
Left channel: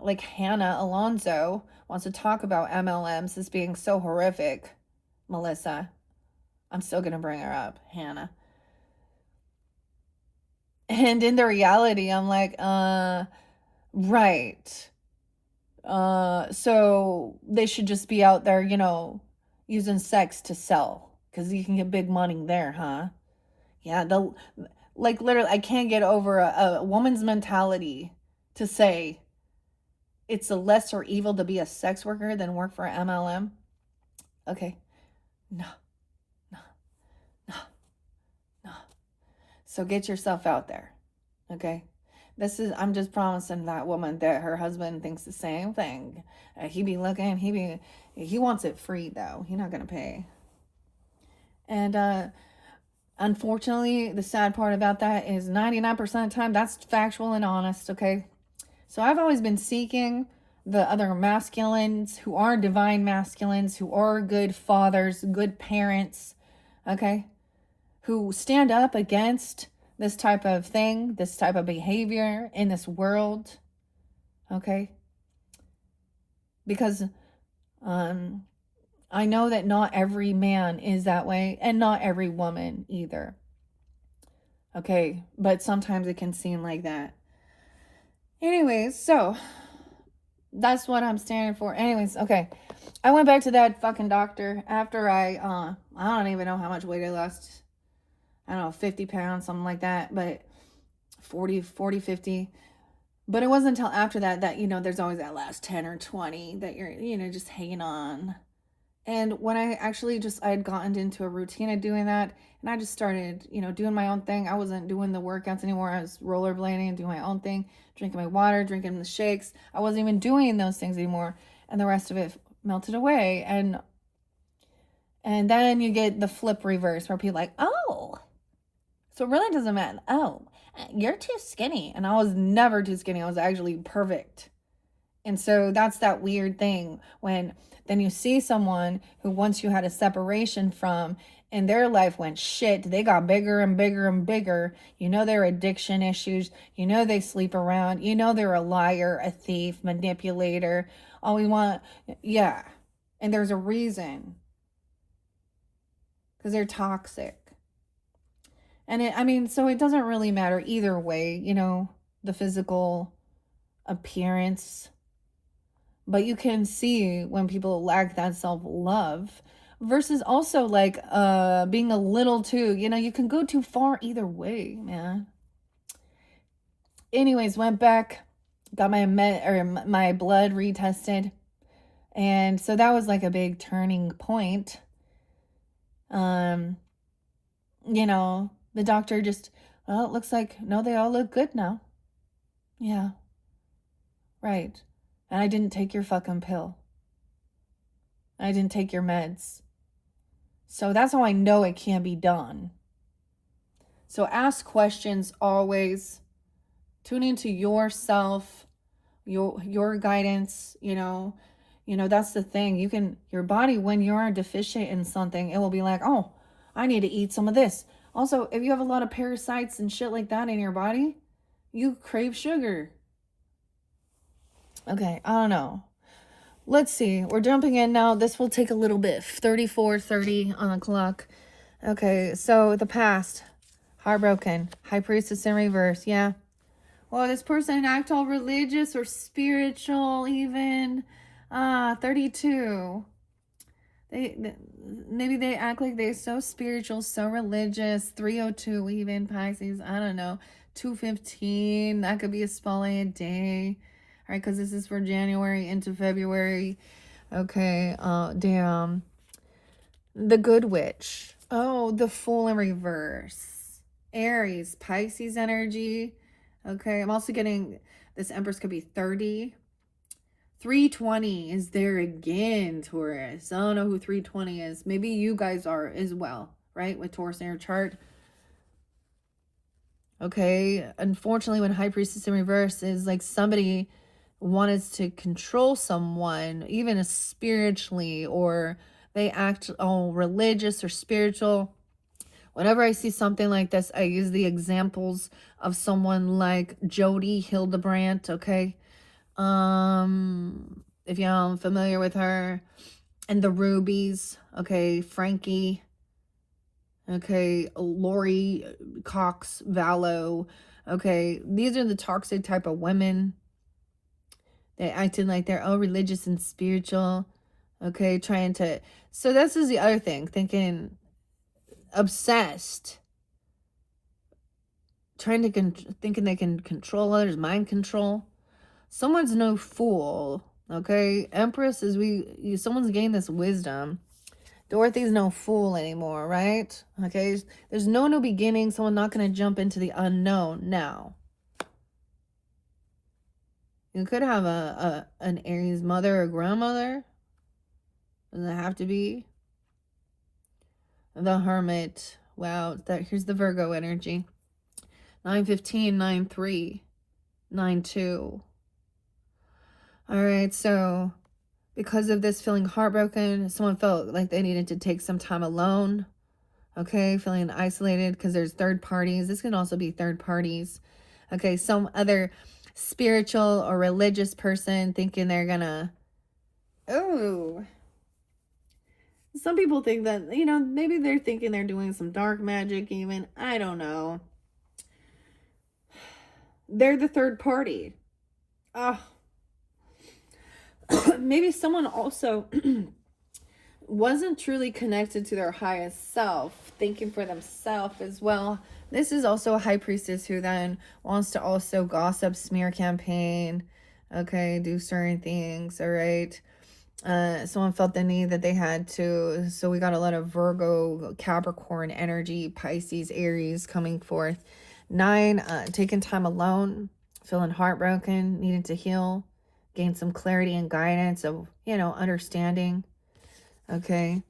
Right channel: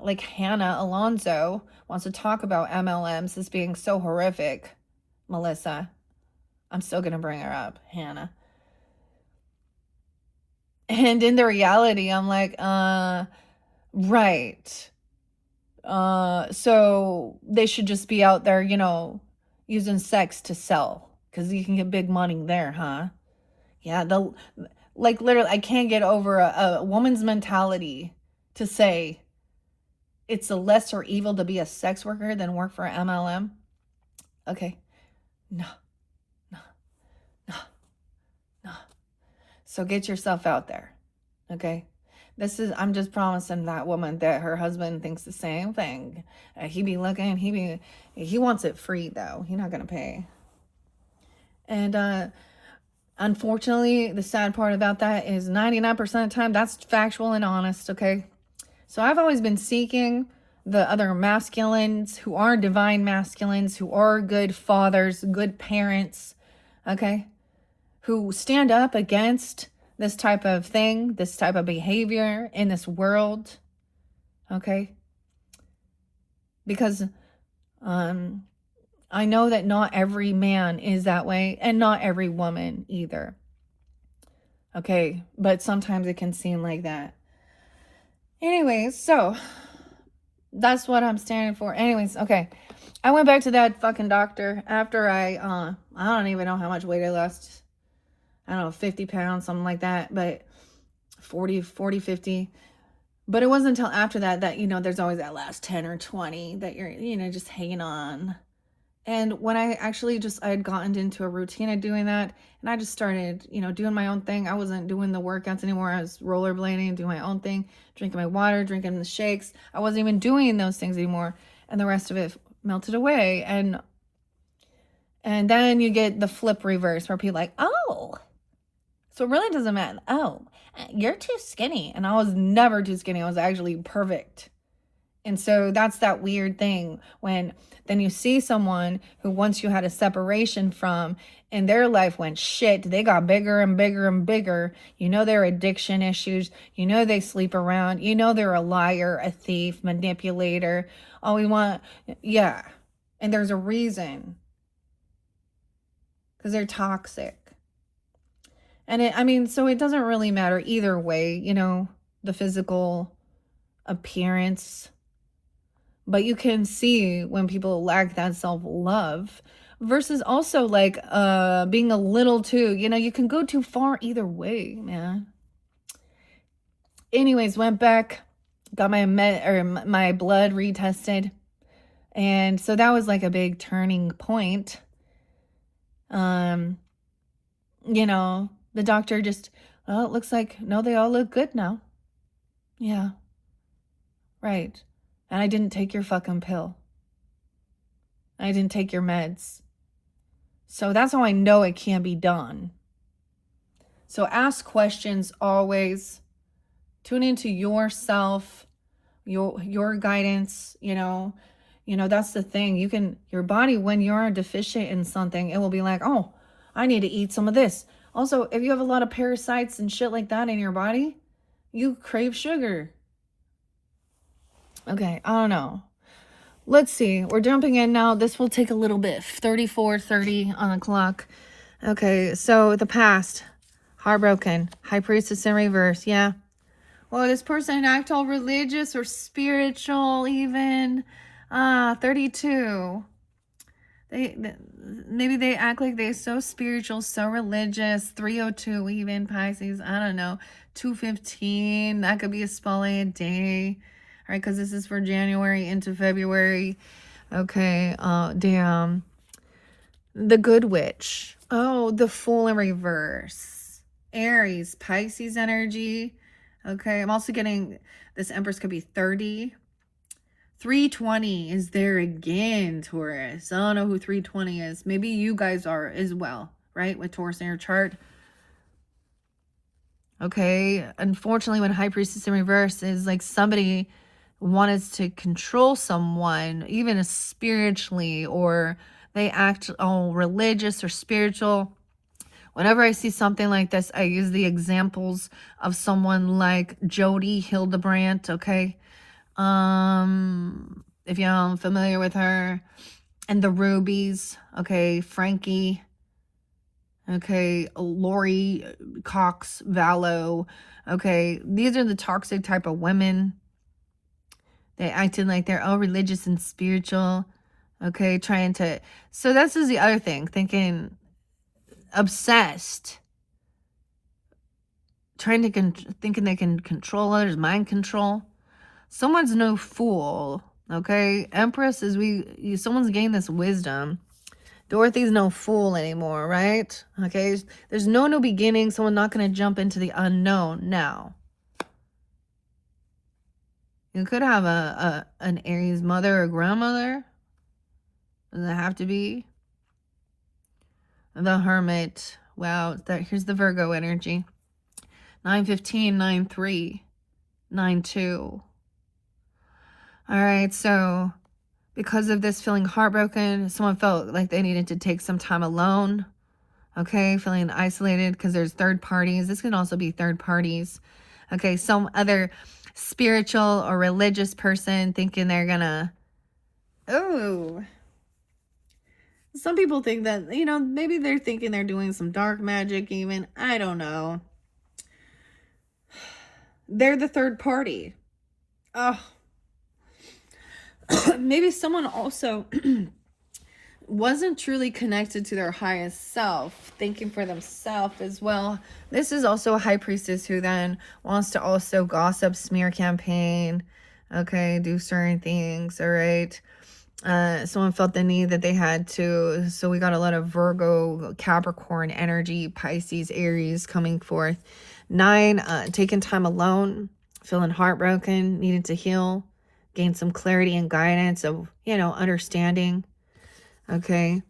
like Hannah Alonso wants to talk about MLMs as being so horrific, Melissa, I'm still going to bring her up, Hannah. And in the reality, I'm like, right. So they should just be out there, using sex to sell because you can get big money there, huh? Yeah, like literally, I can't get over a woman's mentality to say it's a lesser evil to be a sex worker than work for MLM. Okay, no, no, no, no. So get yourself out there, okay? I'm just promising that woman that her husband thinks the same thing. He be looking, he wants it free though. He's not gonna pay. And unfortunately, the sad part about that is 99% of the time that's factual and honest, okay? So I've always been seeking the other masculines who are divine masculines, who are good fathers, good parents, okay? Who stand up against this type of thing, this type of behavior in this world, okay? Because I know that not every man is that way, and not every woman either. Okay, but sometimes it can seem like that. Anyways, so that's what I'm standing for. Anyways, okay. I went back to that fucking doctor after I don't even know how much weight I lost. I don't know, 50 pounds, something like that, but 40, 50. But it wasn't until after that, there's always that last 10 or 20 that you're, just hanging on. And when I had gotten into a routine of doing that, and I just started, doing my own thing. I wasn't doing the workouts anymore. I was rollerblading, doing my own thing, drinking my water, drinking the shakes. I wasn't even doing those things anymore. And the rest of it melted away. And then you get the flip reverse where people are like, oh, so it really doesn't matter. Oh, you're too skinny. And I was never too skinny. I was actually perfect. And so that's that weird thing when then you see someone who once you had a separation from and their life went shit, they got bigger and bigger and bigger. Their addiction issues. They sleep around. They're a liar, a thief, manipulator. All we want, yeah. And there's a reason. Because they're toxic. And so it doesn't really matter either way, the physical appearance. But you can see when people lack that self-love versus also like being a little too, you can go too far either way, man. Anyways, went back, got my blood retested. And so that was like a big turning point. The doctor just, oh, it looks like, no, they all look good now. Yeah. Right. And I didn't take your fucking pill. I didn't take your meds. So that's how I know it can be done. So ask questions always. Tune into yourself, your guidance, that's the thing. Your body, when you're deficient in something, it will be like, oh, I need to eat some of this. Also, if you have a lot of parasites and shit like that in your body, you crave sugar. Okay, I don't know. Let's see. We're jumping in now. This will take a little bit. 34:30 on the clock. Okay, so the past. Heartbroken. High Priestess in reverse. Yeah. Well, this person act all religious or spiritual even. 32. Maybe they act like they're so spiritual, so religious. 302 even, Pisces, I don't know. 215, that could be a spotlight day. All right, because this is for January into February. Okay, damn. The Good Witch. Oh, the Fool in reverse. Aries, Pisces energy. Okay, I'm also getting this Empress could be 30. 320 is there again, Taurus. I don't know who 320 is. Maybe you guys are as well, right? With Taurus in your chart. Okay, unfortunately, when High Priestess in reverse is like somebody wanted to control someone, even spiritually, or they act all religious or spiritual. Whenever I see something like this, I use the examples of someone like Jody Hildebrandt, okay? If you're familiar with her, and the Rubies, okay, Frankie, okay, Lori Cox Vallow, okay, these are the toxic type of women. They acting like they're all religious and spiritual, okay, trying to, so this is the other thing, thinking, obsessed, trying to, thinking they can control others, mind control. Someone's no fool, okay? Empress is someone's gained this wisdom. Dorothy's no fool anymore, right? Okay, there's no new beginning. Someone's not going to jump into the unknown now. You could have an Aries mother or grandmother. Does it have to be? The Hermit. Wow, here's the Virgo energy. 915, 93, 92. All right, so because of this feeling heartbroken, someone felt like they needed to take some time alone. Okay, feeling isolated because there's third parties. This can also be third parties. Okay, some other spiritual or religious person thinking they're gonna, oh, some people think that, maybe they're thinking they're doing some dark magic even. I don't know. They're the third party. Oh. Maybe someone also wasn't truly connected to their highest self, thinking for themselves as well. This is also a High Priestess who then wants to also gossip, smear campaign, okay, do certain things, all right? Someone felt the need that they had to, so we got a lot of Virgo, Capricorn energy, Pisces, Aries coming forth. 9, taking time alone, feeling heartbroken, needed to heal, gain some clarity and guidance of, understanding. Okay.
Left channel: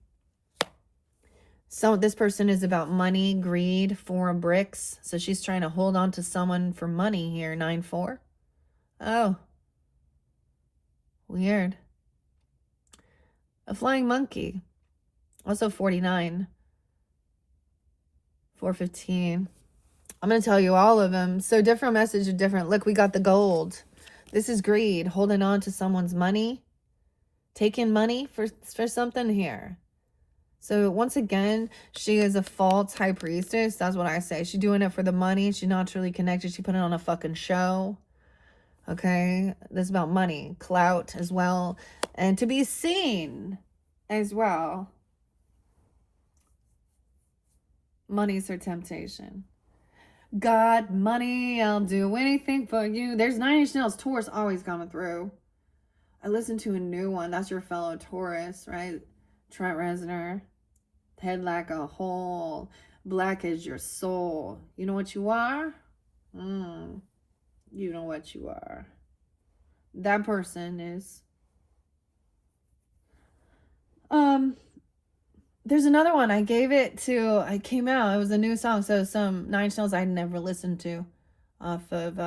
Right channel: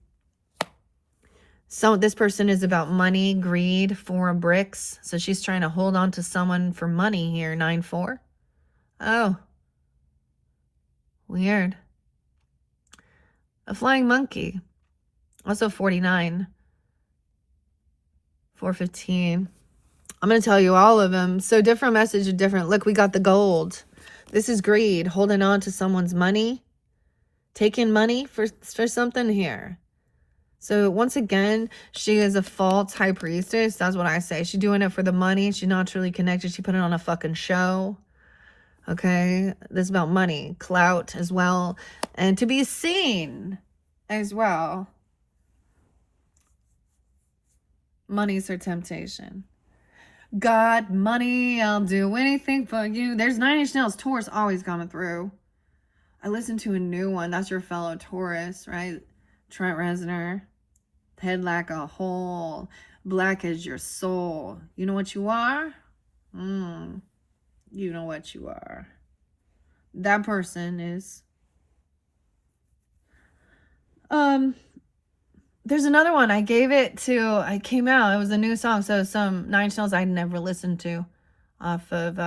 So this person is about money, greed, 4 bricks. So she's trying to hold on to someone for money here, 9-4. Oh. Weird. A flying monkey. Also 49. 415. I'm going to tell you all of them. So different message, different. Look, we got the gold. This is greed, holding on to someone's money, taking money for something here. So once again, she is a false High Priestess. That's what I say. She's doing it for the money. She's not truly connected. She put it on a fucking show. Okay, this is about money, clout as well, and to be seen as well. Money's her temptation. God, money, I'll do anything for you. There's 9 Inch Nails, Taurus always coming through. I listened to a new one. That's your fellow Taurus, right? Trent Reznor. Head like a hole. Black as your soul. You know what you are? You know what you are. That person is. There's another one. I came out. It was a new song. So some 9 Inch Nails I'd never listened to off of.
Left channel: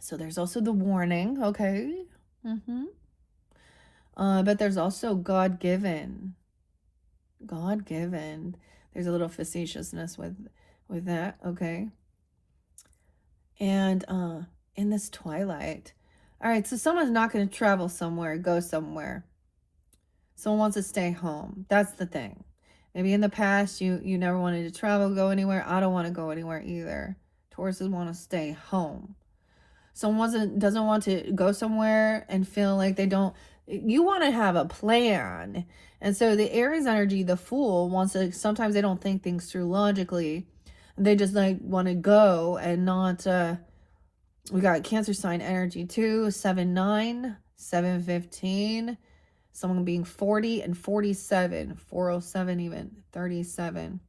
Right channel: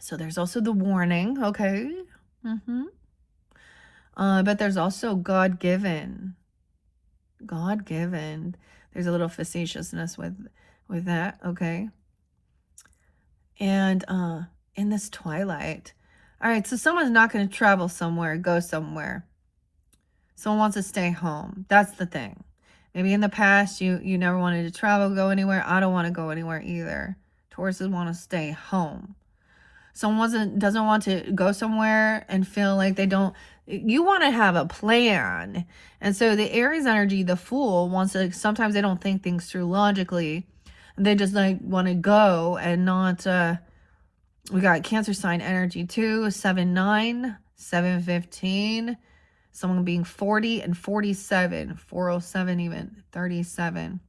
So there's also The Warning. Okay. But there's also God-given. God-given. There's a little facetiousness with that. Okay. And in this twilight. All right. So someone's not going to travel somewhere, go somewhere. Someone wants to stay home. That's the thing. Maybe in the past you never wanted to travel, go anywhere. I don't want to go anywhere either. Tauruses want to stay home. Someone doesn't want to go somewhere and feel like they don't You want to have a plan. And so the Aries energy, the Fool, wants to, sometimes they don't think things through logically. They just like want to go and not, we got Cancer sign energy too, 7-9, 7-15, someone being 40 and 47, 407 even, 37.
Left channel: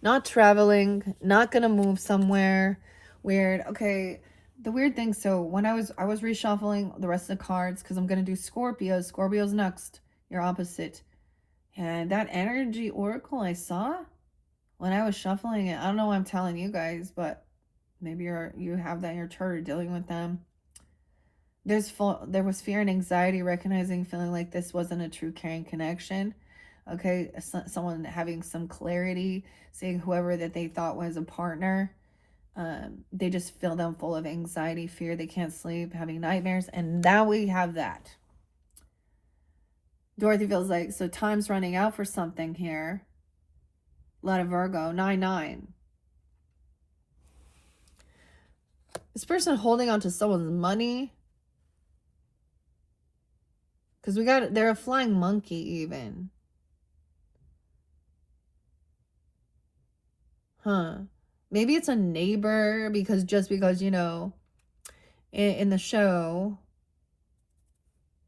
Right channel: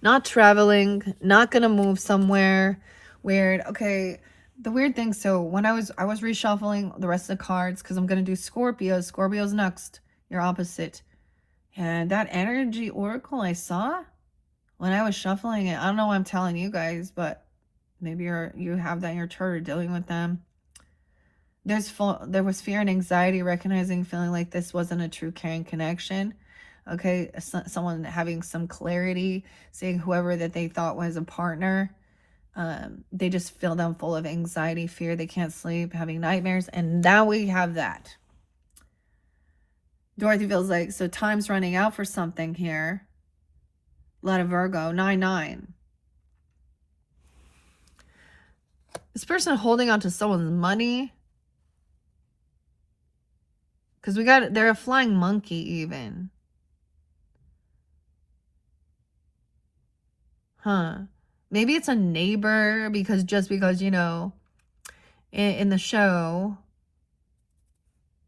Not traveling, not gonna move somewhere weird. Okay, the weird thing, so when I was reshuffling the rest of the cards because I'm gonna do Scorpio's next, your opposite. And that energy oracle I saw when I was shuffling it, I don't know what I'm telling you guys, but maybe you have that in your chart or dealing with them. There was fear and anxiety, recognizing, feeling like this wasn't a true caring connection. Okay, someone having some clarity, saying whoever that they thought was a partner, they just feel them full of anxiety, fear, they can't sleep, having nightmares, and now we have that. Dorothy feels like, so time's running out for something here. Lot of Virgo, 9-9. This person holding on to someone's money. Because they're a flying monkey even. Huh. Maybe it's a neighbor because you know, in the show,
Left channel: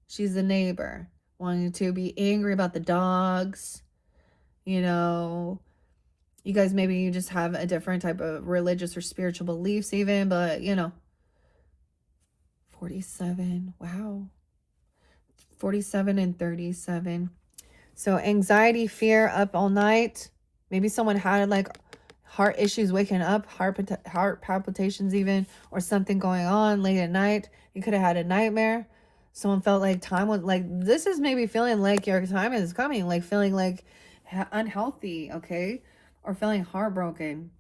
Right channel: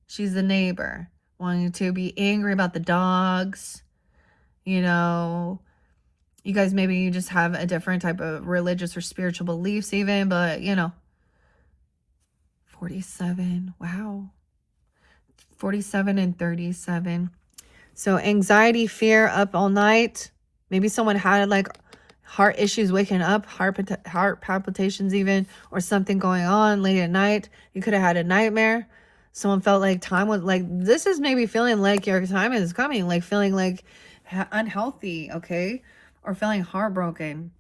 she's the neighbor. Wanting to be angry about the dogs. You know, you guys, maybe you just have a different type of religious or spiritual beliefs even, but you know. 47, wow. 47 and 37. So anxiety, fear, up all night. Maybe someone had like heart issues waking up, heart palpitations even, or something going on late at night. You could have had a nightmare. Someone felt like time was like, this is maybe feeling like your time is coming, like feeling like unhealthy, okay? Or feeling heartbroken.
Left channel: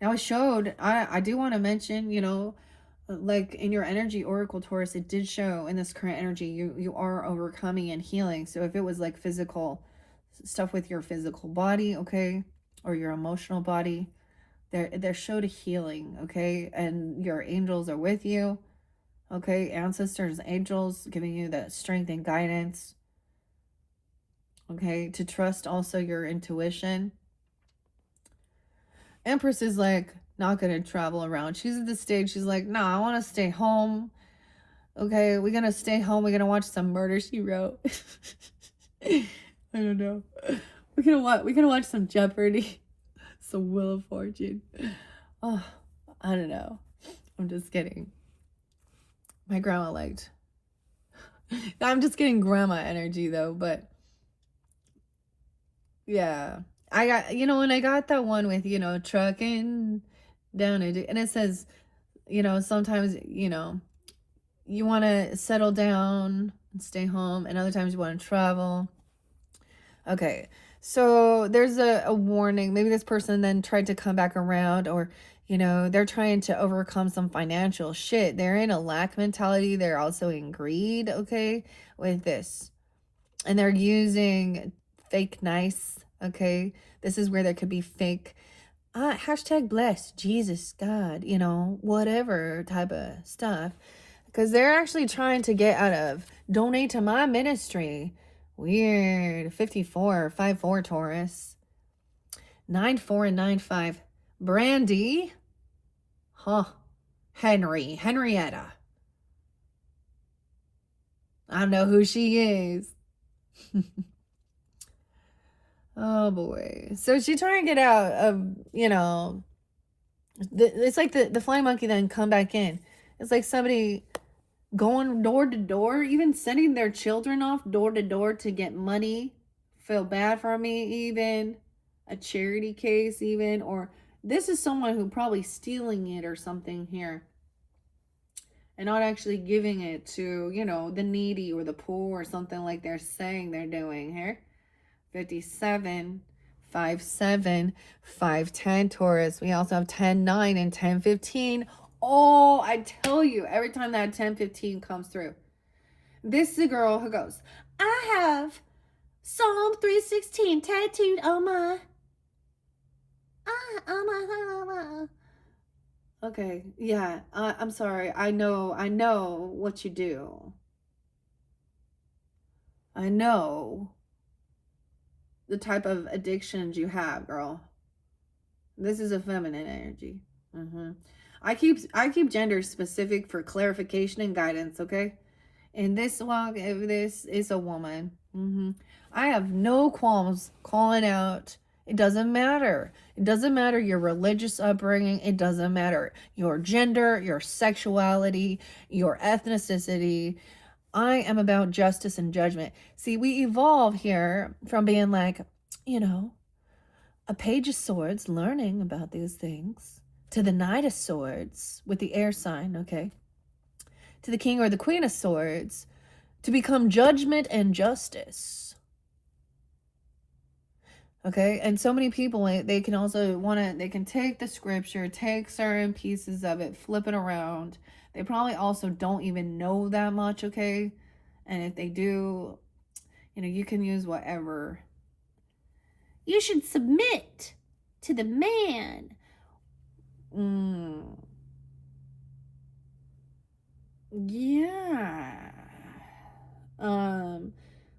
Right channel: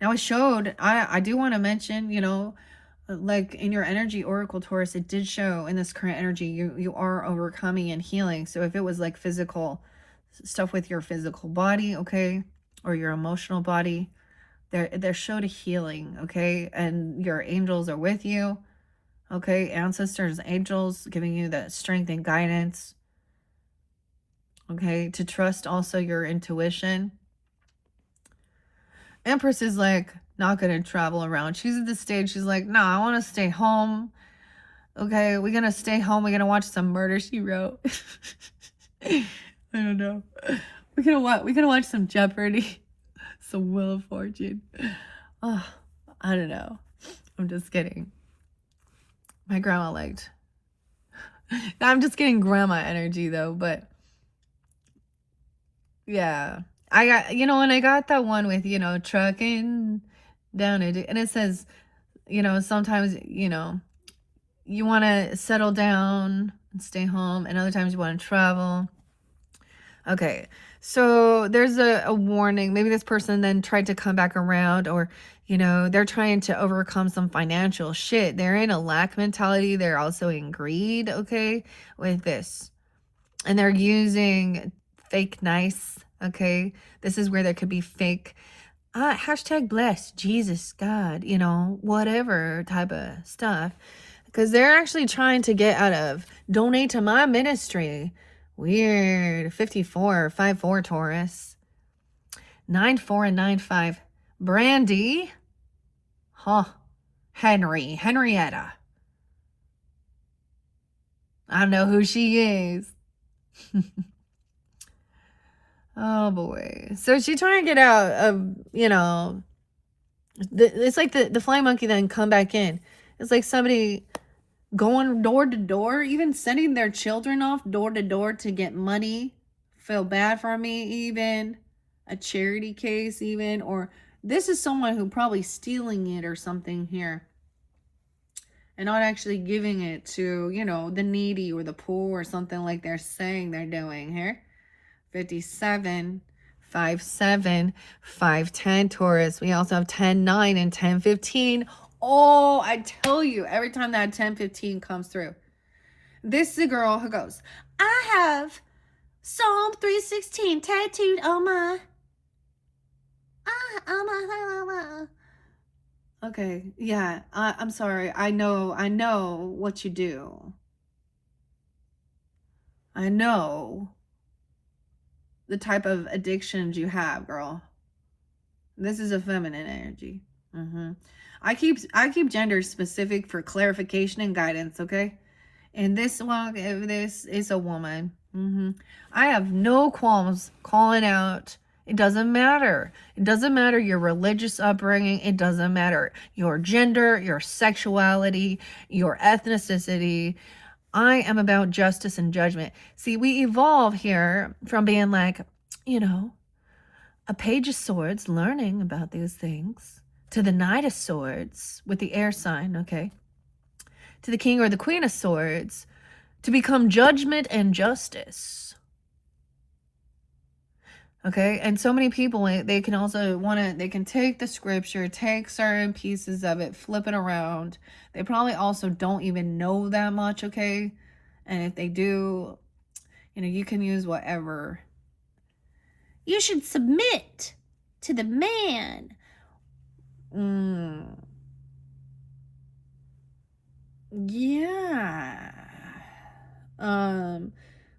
Now it showed, I do want to mention, you know, like in your energy oracle, Taurus, it did show in this current energy you are overcoming and healing. So if it was like physical stuff with your physical body, okay, or your emotional body, there showed a healing, okay, and your angels are with you, okay, ancestors, angels giving you that strength and guidance, okay, to trust also your intuition. Empress is like not gonna travel around. She's at the stage, she's like, no, I want to stay home. Okay, we're gonna stay home. We're gonna watch some Murder, She Wrote. I don't know. We're gonna watch some Jeopardy, some Wheel of Fortune. Oh, I don't know. I'm just kidding. My grandma liked. I'm just getting grandma energy though, but yeah, I got, you know, and I got that one with, you know, trucking down it, and it says, you know, sometimes, you know, you want to settle down and stay home, and other times you want to travel. Okay, so there's a warning. Maybe this person then tried to come back around, or, you know, they're trying to overcome some financial shit. They're in a lack mentality. They're also in greed, okay, with this. And they're using fake nice, okay? This is where there could be fake, hashtag blessed, Jesus, God, you know, whatever type of stuff. Because they're actually trying to get out of donate to my ministry. Weird. 54, 54 Taurus. 94 and 95. Brandy. Huh. Henrietta. I don't know who she is. Oh boy. So she's trying to get out of, you know, it's like the flying monkey then come back in. It's like somebody going door to door, even sending their children off door to door to get money. Feel bad for me, even a charity case, even, or this is someone who probably stealing it or something here and not actually giving it to, you know, the needy or the poor or something like they're saying they're doing here. 57, 57, 510 Taurus. We also have 10-9 and 10-15. Oh, I tell you, every time that 10-15 comes through, this is a girl who goes, I have Psalm 3:16 tattooed on my, okay, yeah, I'm sorry. I know what you do. I know the type of addictions you have, girl. This is a feminine energy. I keep gender specific for clarification and guidance, okay? And this one, if this is a woman, I have no qualms calling out. It doesn't matter. It doesn't matter your religious upbringing. It doesn't matter your gender, your sexuality, your ethnicity. I am about justice and judgment. See, we evolve here from being like, you know, a page of swords learning about these things to the knight of swords with the air sign, okay? To the king or the queen of swords to become judgment and justice. Okay, and so many people, they can also they can take the scripture, take certain pieces of it, flip it around. They probably also don't even know that much, okay? And if they do, you can use whatever. You should submit to the man. Yeah.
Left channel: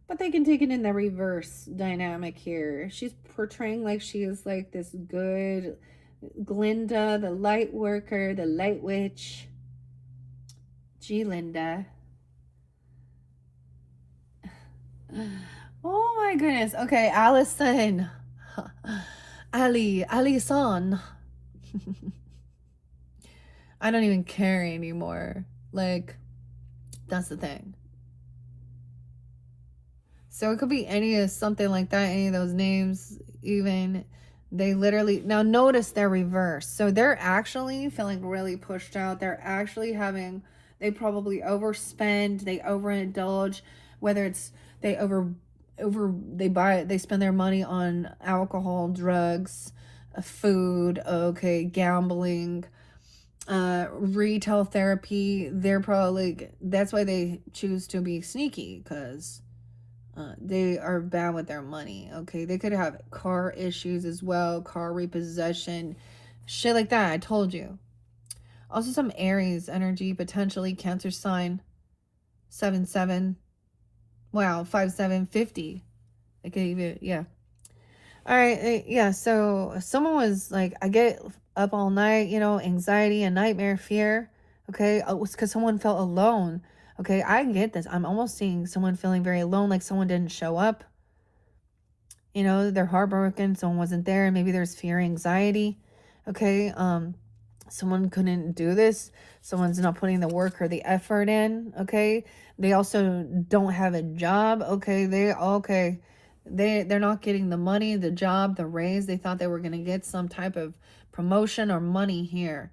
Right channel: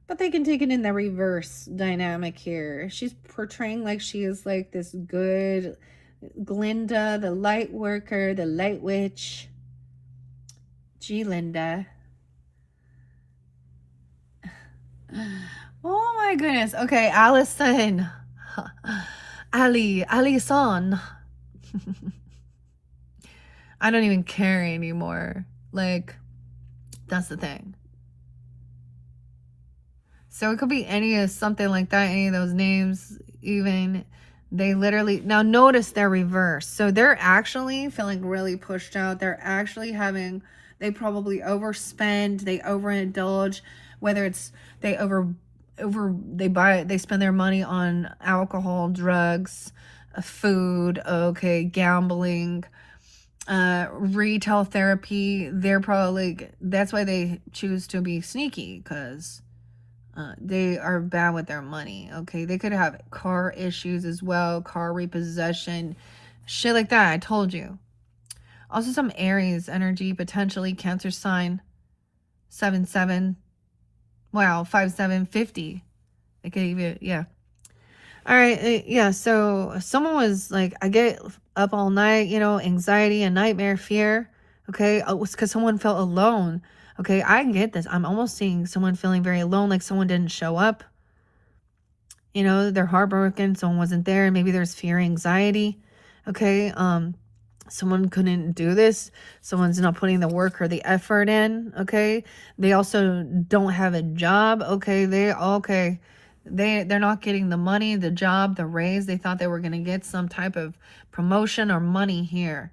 But they can take it in the reverse dynamic here. She's portraying like she is like this good Glinda, the light worker, the light witch. Gee, Linda. Oh my goodness. Okay, Allison. Allison. I don't even care anymore. Like, that's the thing. So it could be any of something like that, any of those names, even. They literally, now notice they're reversed. So they're actually feeling really pushed out. They're actually having, they probably overspend, they overindulge, whether it's they they spend their money on alcohol, drugs, food, okay, gambling, retail therapy. They're probably, that's why they choose to be sneaky, because they are bad with their money, okay? They could have car issues as well, car repossession, shit like that. I told you. Also some Aries energy, potentially Cancer sign, 7-7. Wow, 5-7-50. They could even, yeah. All right, yeah, so someone was like, I get up all night, anxiety and nightmare, fear, okay? It was because someone felt alone. Okay, I get this. I'm almost seeing someone feeling very alone, like someone didn't show up. They're heartbroken, someone wasn't there. Maybe there's fear, anxiety. Okay, someone couldn't do this. Someone's not putting the work or the effort in. Okay, they also don't have a job. Okay, they're not getting the money, the job, the raise. They thought they were going to get some type of promotion or money here.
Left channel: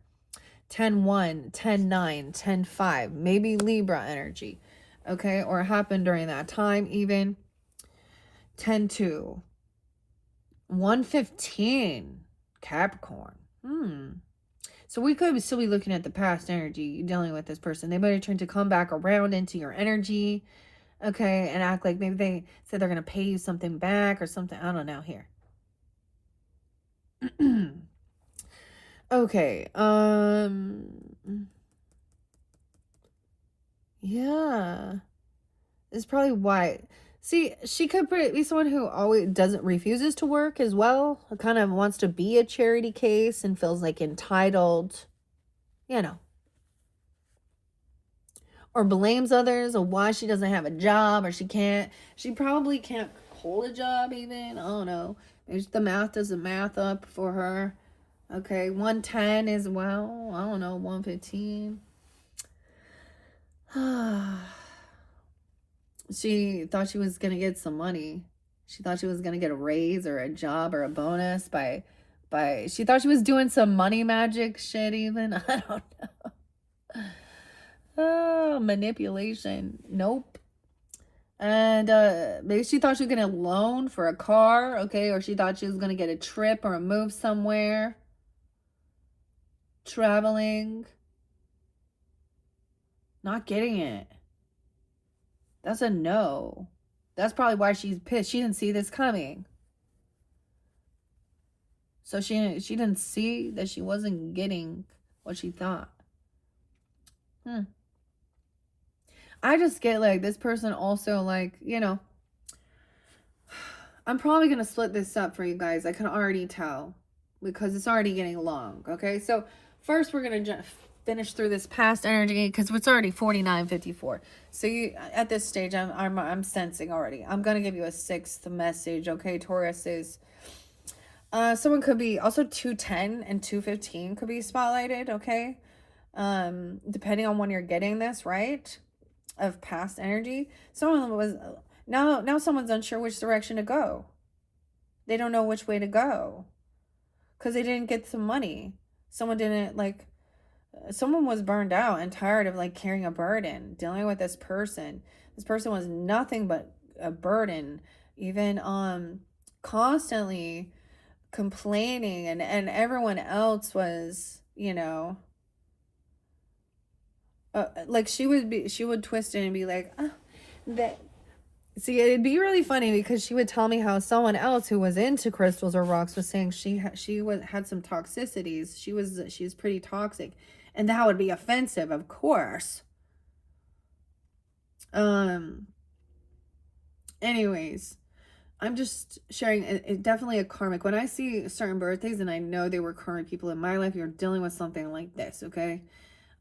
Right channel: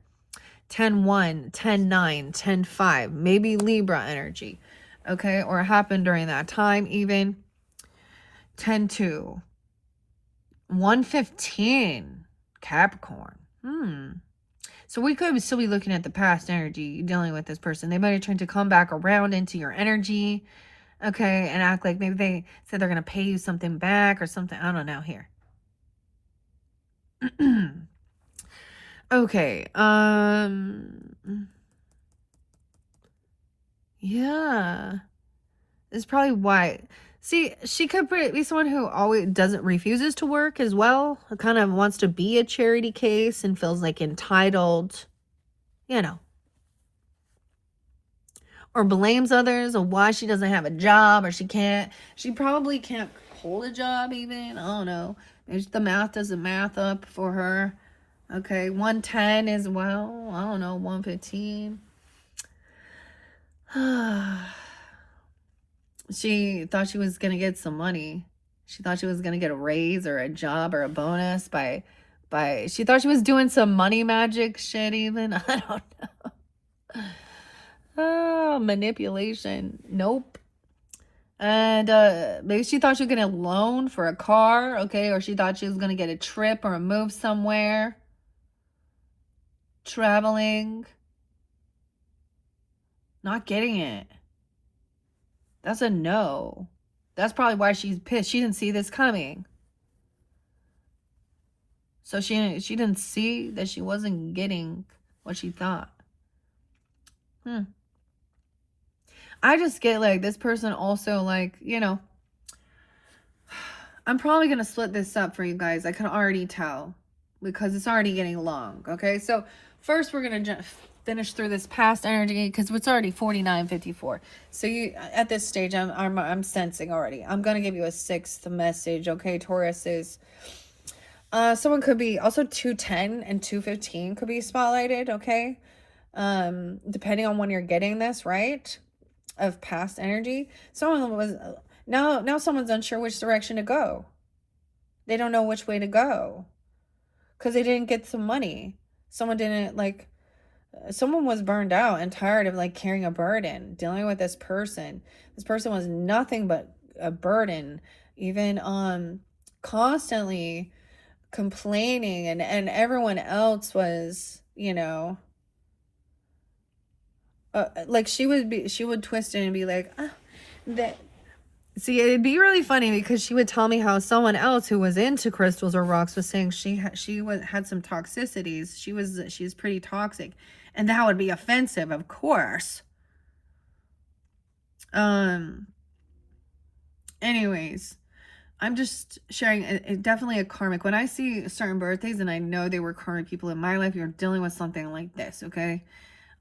10-1, 10-9, 10-5, maybe Libra energy, okay, or it happened during that time even. 10-2, 115, Capricorn. So we could still be looking at the past energy dealing with this person. They might have tried to come back around into your energy, okay, and act like maybe they said they're going to pay you something back or something. I don't know here. Okay, yeah, it's probably why. See, she could be someone who always refuses to work as well, who kind of wants to be a charity case and feels like entitled, or blames others on why she doesn't have a job, or she probably can't hold a job even. I don't know. Maybe the math doesn't math up for her. Okay, 110 as well. I don't know, 115. She thought she was going to get some money. She thought she was going to get a raise or a job or a bonus by she thought she was doing some money magic shit even. I don't know. Oh, manipulation. Nope. And maybe she thought she was going to loan for a car, okay? Or she thought she was going to get a trip or a move somewhere. Traveling. Not getting it. That's a no. That's probably why she's pissed. She didn't see this coming. So she didn't see that she wasn't getting what she thought. I just get like this person also like, I'm probably going to split this up for you guys. I can already tell because it's already getting long. Okay, so first we're going to finish through this past energy because it's already 49:54. So you at this stage, I'm sensing already. I'm going to give you a 6th message. Okay, Tauruses. Someone could be also 210 and 215 could be spotlighted. Okay, depending on when you're getting this, right? Of past energy. Someone was now someone's unsure which direction to go. They don't know which way to go because they didn't get some money. Someone didn't like. Someone was burned out and tired of like carrying a burden, dealing with this person. This person was nothing but a burden, even constantly complaining, and everyone else was, you know, like she would twist it and be like, that. See, it'd be really funny because she would tell me how someone else who was into crystals or rocks was saying she had some toxicities. She's pretty toxic, and that would be offensive, of course. Anyways, I'm just sharing it definitely a karmic. When I see certain birthdays and I know they were karmic people in my life, you're dealing with something like this, okay?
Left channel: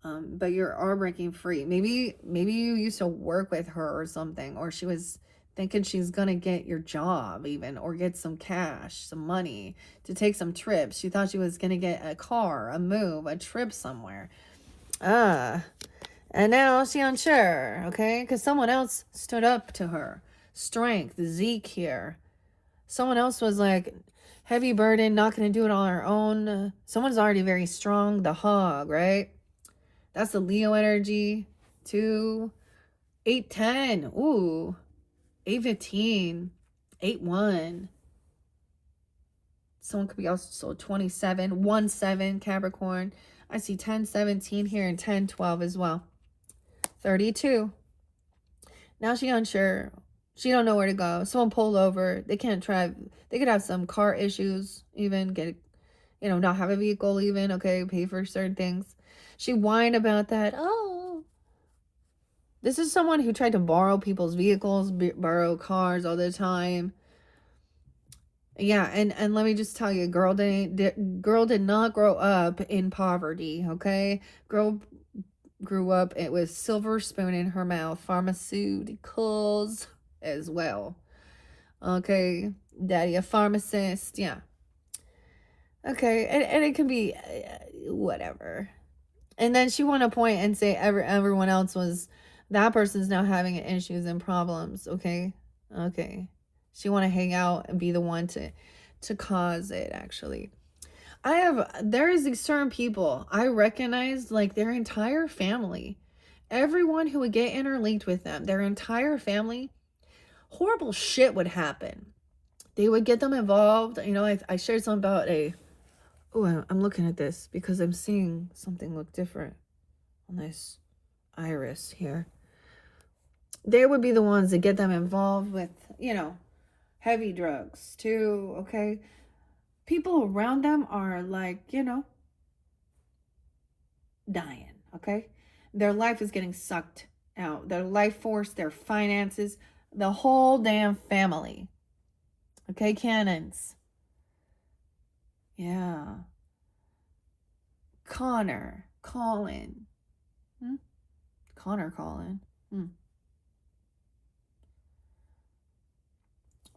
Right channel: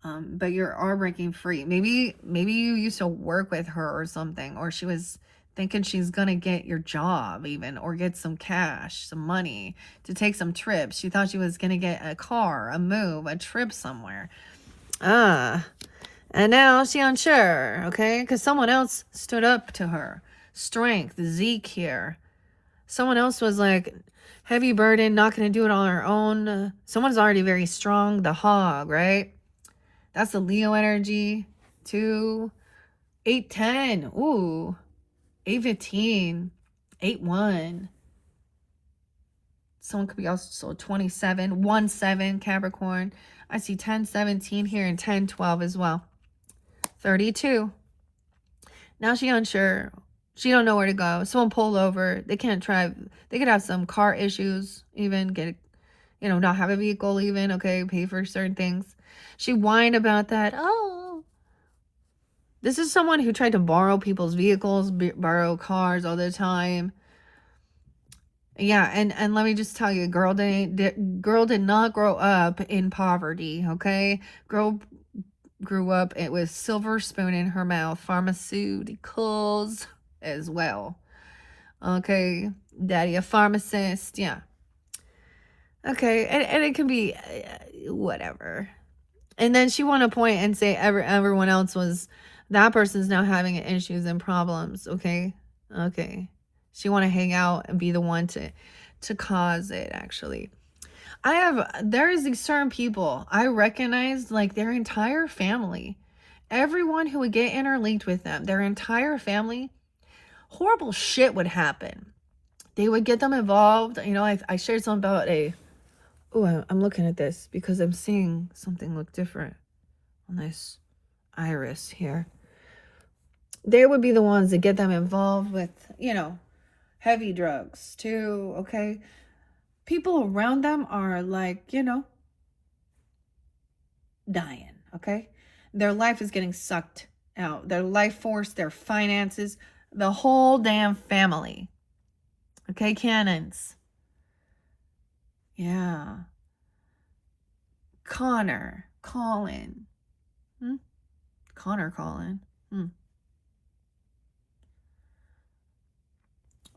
But you are breaking free. Maybe you used to work with her or something, or she was thinking she's gonna get your job even, or get some cash, some money to take some trips. She thought she was gonna get a car, a move, a trip somewhere. And now she's unsure, okay? Because someone else stood up to her. Strength, Zeke here. Someone else was like, heavy burden, not gonna do it on her own. Someone's already very strong, the hog, right? That's the Leo energy. 2, 8, 10. Ooh. 8, 15. 8, 1. Someone could be also 27. 1, 7. Capricorn. I see 10, 17 here and 10, 12 as well. 32. Now she unsure. She don't know where to go. Someone pull over. They can't drive. They could have some car issues. Even get, not have a vehicle even. Okay, pay for certain things. She whined about that. Oh, this is someone who tried to borrow people's vehicles, borrow cars all the time. Yeah, and let me just tell you, girl did not grow up in poverty, okay? Girl grew up with silver spoon in her mouth, pharmaceuticals as well. Okay, daddy a pharmacist, yeah. Okay, and it can be whatever. And then she want to point and say everyone else was, that person's now having issues and problems. Okay. She want to hang out and be the one to cause it. Actually, there is these certain people I recognize, like their entire family, everyone who would get interlinked with them, their entire family, horrible shit would happen. They would get them involved. I shared something about I'm looking at this because I'm seeing something look different on this iris here. They would be the ones that get them involved with, heavy drugs too, okay? People around them are like, dying, okay? Their life is getting sucked out. Their life force, their finances, the whole damn family. Okay, cannons. Yeah. Colin. Colin.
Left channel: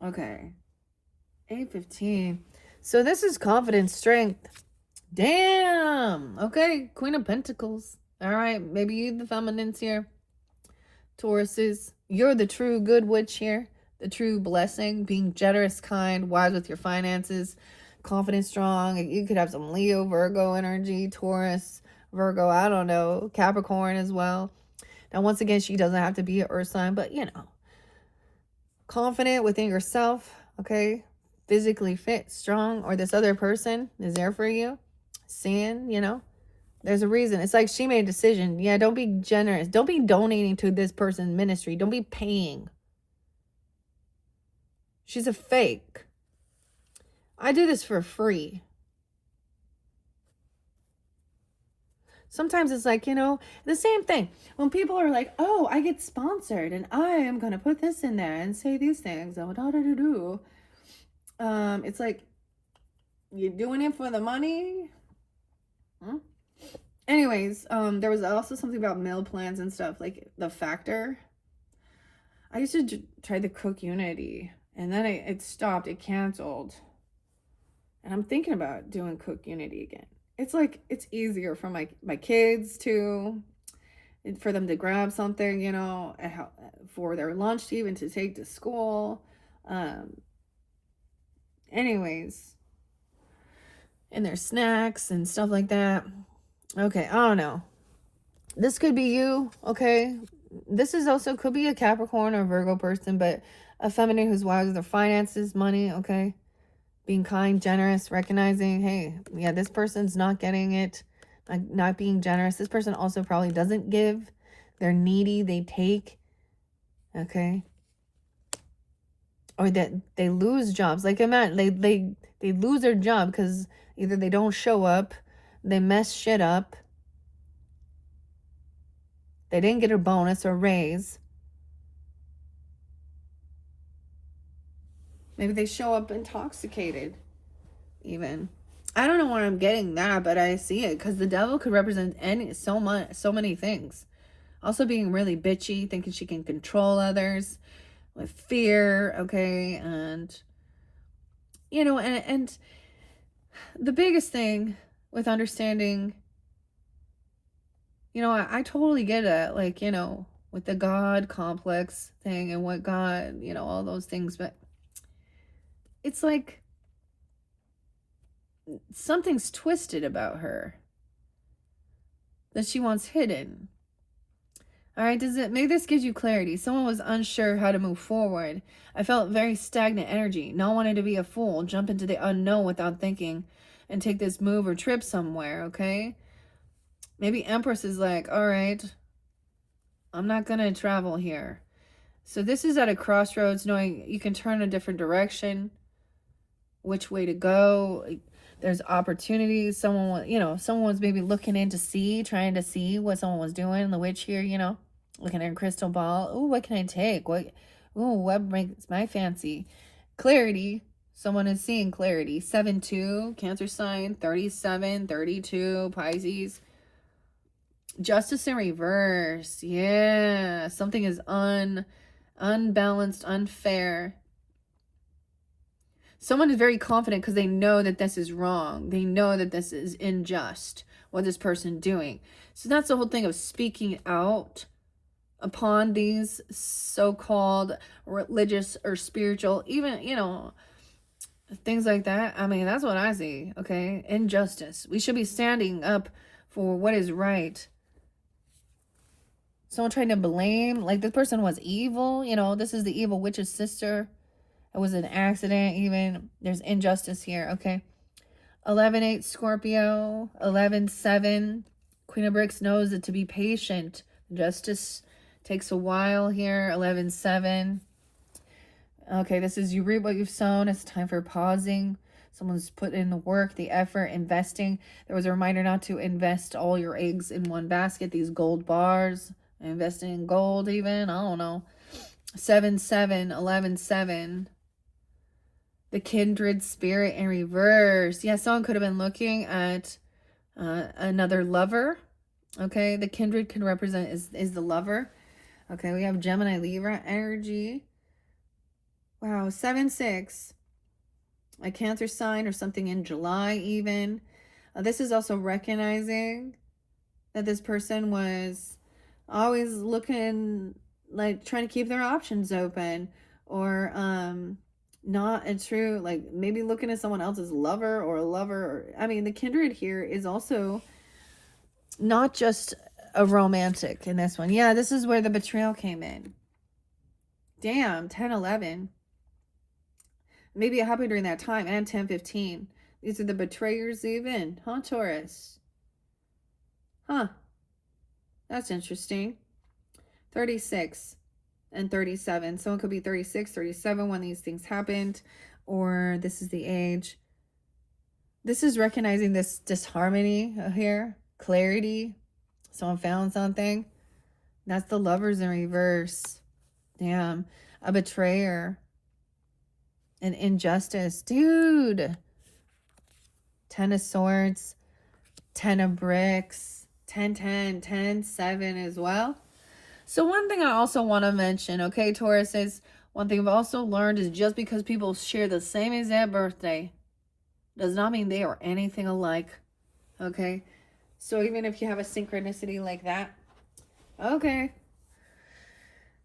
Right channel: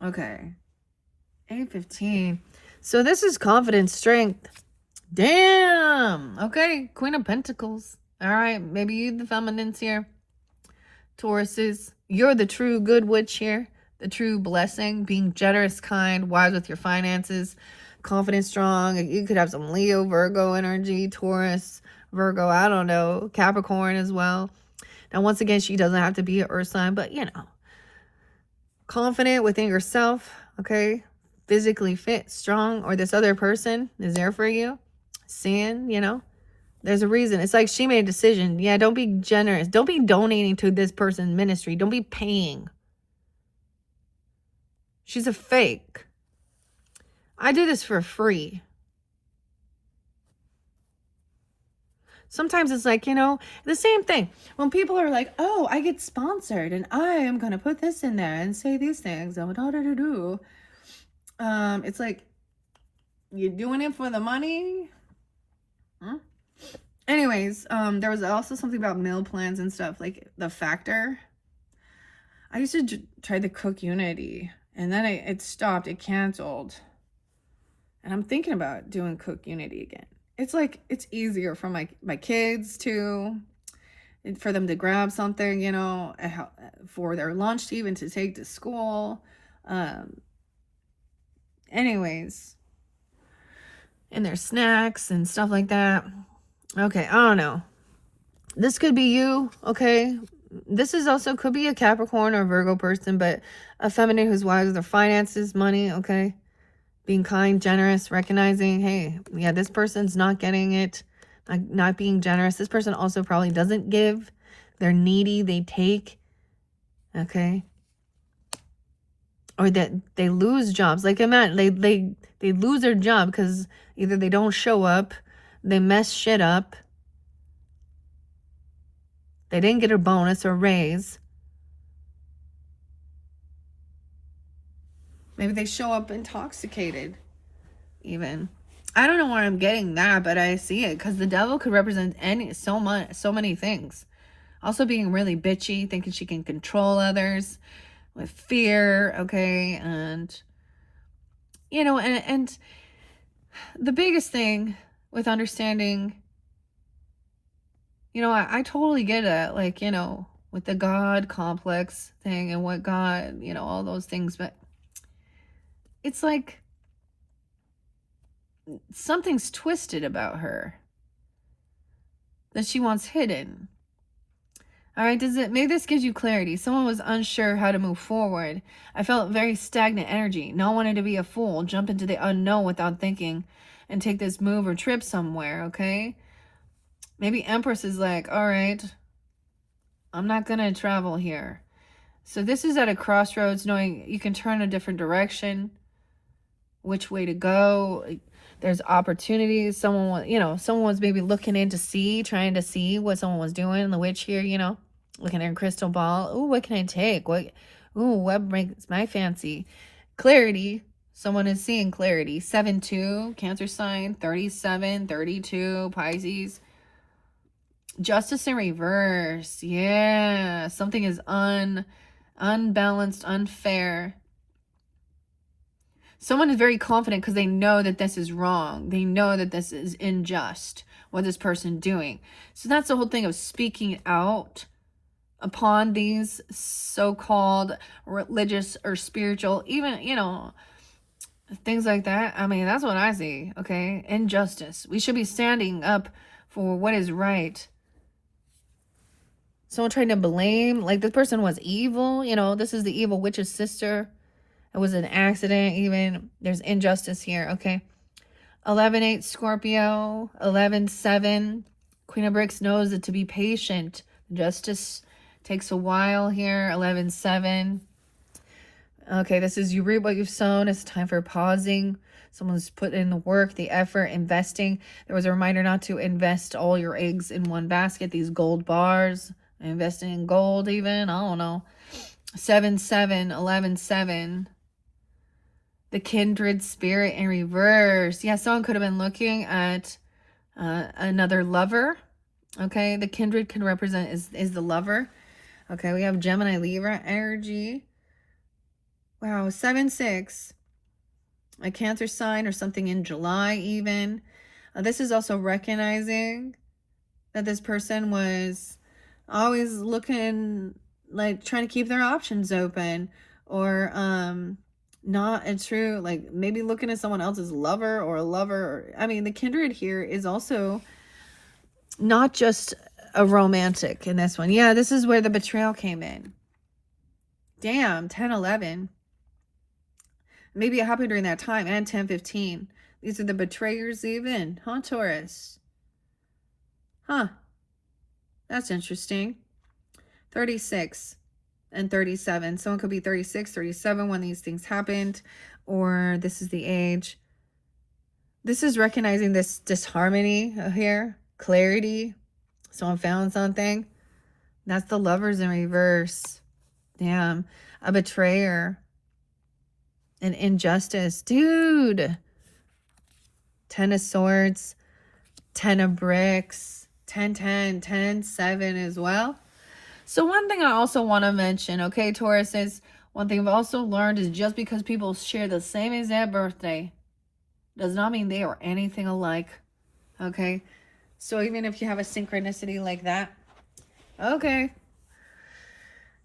Okay. 8:15. So this is confidence, strength. Damn. Okay. Queen of Pentacles. All right. Maybe you the feminines here. Tauruses. You're the true good witch here. The true blessing. Being generous, kind, wise with your finances. Confident, strong. You could have some Leo, Virgo energy, Taurus, Virgo, I don't know, Capricorn as well. Now, once again, she doesn't have to be an earth sign, but confident within yourself, okay? Physically fit, strong, or this other person is there for you. Seeing, there's a reason. It's like she made a decision. Yeah, don't be generous. Don't be donating to this person's ministry. Don't be paying. She's a fake. I do this for free. Sometimes it's like, the same thing. When people are like, oh, I get sponsored and I am going to put this in there and say these things. It's like you're doing it for the money. Anyways, there was also something about meal plans and stuff, like the factor. I used to try the Cook Unity, and then it stopped. It canceled, and I'm thinking about doing Cook Unity again. It's like it's easier for my kids to, for them to grab something, you know, for their lunch to even to take to school. Anyways, and their snacks and stuff like that. Okay, I don't know. This could be you, okay? This is also could be a Capricorn or Virgo person, but a feminine who's wise with their finances, money, okay? Being kind, generous, recognizing, hey, yeah, this person's not getting it, not being generous. This person also probably doesn't give. They're needy, they take, okay? Or that they lose jobs. Like, imagine, they lose their job because either they don't show up, they mess shit up, they didn't get a bonus or raise. Maybe they show up intoxicated, even. I don't know why I'm getting that, but I see it because the devil could represent so many things. Also being really bitchy, thinking she can control others with fear, okay, and you know, and the biggest thing with understanding, you know, I totally get it, like, you know, with the God complex thing and what God, you know, all those things, but it's like something's twisted about her that she wants hidden. All right, maybe this gives you clarity. Someone was unsure how to move forward. I felt very stagnant energy. No one wanted to be a fool, jump into the unknown without thinking and take this move or trip somewhere, okay? Maybe Empress is like, all right, I'm not going to travel here. So this is at a crossroads, knowing you can turn a different direction, which way to go. There's opportunities. Someone was maybe looking in to see, trying to see what someone was doing. The witch here, you know, looking at her crystal ball. Ooh, what can I take? What brings my fancy? Clarity. Someone is seeing clarity. 7-2, Cancer sign. 37, 32, Pisces. Justice in reverse. Yeah. Something is unbalanced, unfair. Someone is very confident because they know that this is wrong. They know that this is unjust, what this person doing. So that's the whole thing of speaking out upon these so-called religious or spiritual, even, you know, things like that. I mean, that's what I see, okay? Injustice. We should be standing up for what is right. Someone trying to blame, like this person was evil, you know, this is the evil witch's sister. It was an accident, even. There's injustice here, okay? 11-8 Scorpio. 11-7. Queen of Bricks knows that to be patient. Justice takes a while here. 11-7. Okay, this is you reap what you've sown. It's time for pausing. Someone's put in the work, the effort, investing. There was a reminder not to invest all your eggs in one basket. These gold bars. Investing in gold even. I don't know. 7-7. 11-7. The kindred spirit in reverse. Yeah, someone could have been looking at another lover. Okay, the kindred can represent is the lover. Okay, we have Gemini Libra energy. Wow, 7-6. A Cancer sign or something in July even. This is also recognizing that this person was always looking, like trying to keep their options open, or not a true, like maybe looking at someone else's lover or a lover. I mean, the kindred here is also not just a romantic in this one. Yeah, this is where the betrayal came in. Damn, 10-11. Maybe it happened during that time. And 10-15. These are the betrayers even. Huh, Taurus? Huh. That's interesting. 36. And 37. Someone could be 36, 37 when these things happened, or this is the age. This is recognizing this disharmony here, clarity. Someone found something. That's the Lovers in reverse. Damn, a betrayer. and injustice. Dude. 10 of Swords, 10 of Bricks, 10, 10, 10, 7 as well. So one thing I also want to mention, okay, Taurus, is one thing I've also learned is just because people share the same exact birthday does not mean they are anything alike, okay? So even if you have a synchronicity like that, okay.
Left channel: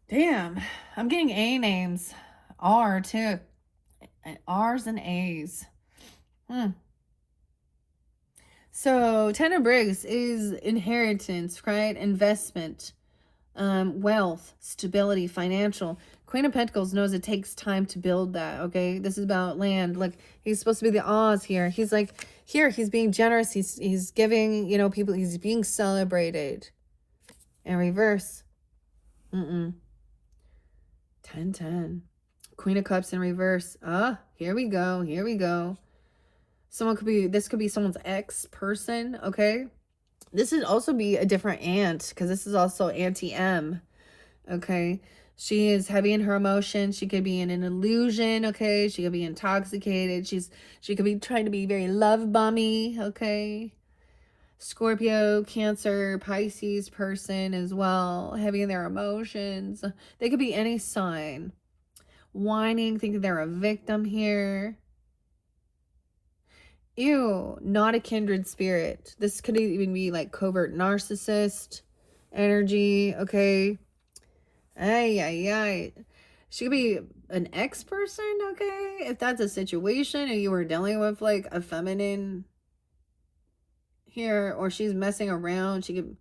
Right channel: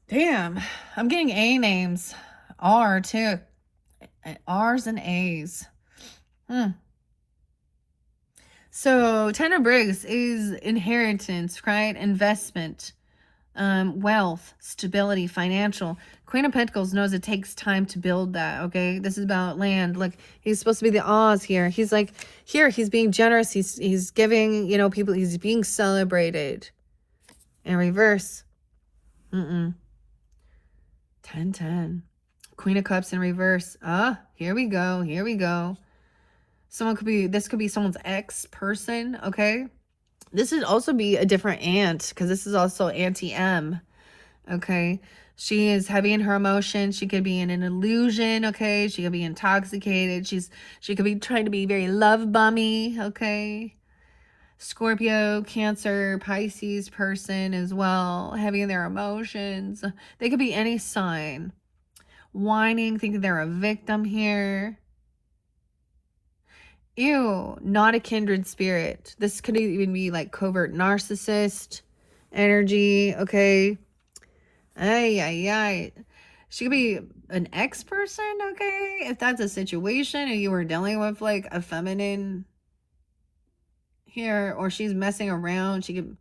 Damn, I'm getting A names. R too. R's and A's. So 10 of Bricks is inheritance, right? Investment, wealth, stability, financial. Queen of Pentacles knows it takes time to build that, okay? This is about land. Look, he's supposed to be the Oz here. He's like, here, he's being generous. He's giving, you know, people, he's being celebrated. In reverse. 10, 10. Queen of Cups in reverse. Here we go. Here we go. This could be someone's ex-person, okay? This would also be a different aunt, because this is also Auntie M, okay? She is heavy in her emotions. She could be in an illusion, okay? She could be intoxicated. She could be trying to be very love bummy, okay? Scorpio, Cancer, Pisces person as well, heavy in their emotions. They could be any sign. Whining, thinking they're a victim here. Ew, not a kindred spirit. This could even be like covert narcissist energy, okay? Ay. She could be an ex-person, okay? If that's a situation and you were dealing with like a feminine here, or she's messing around, she could...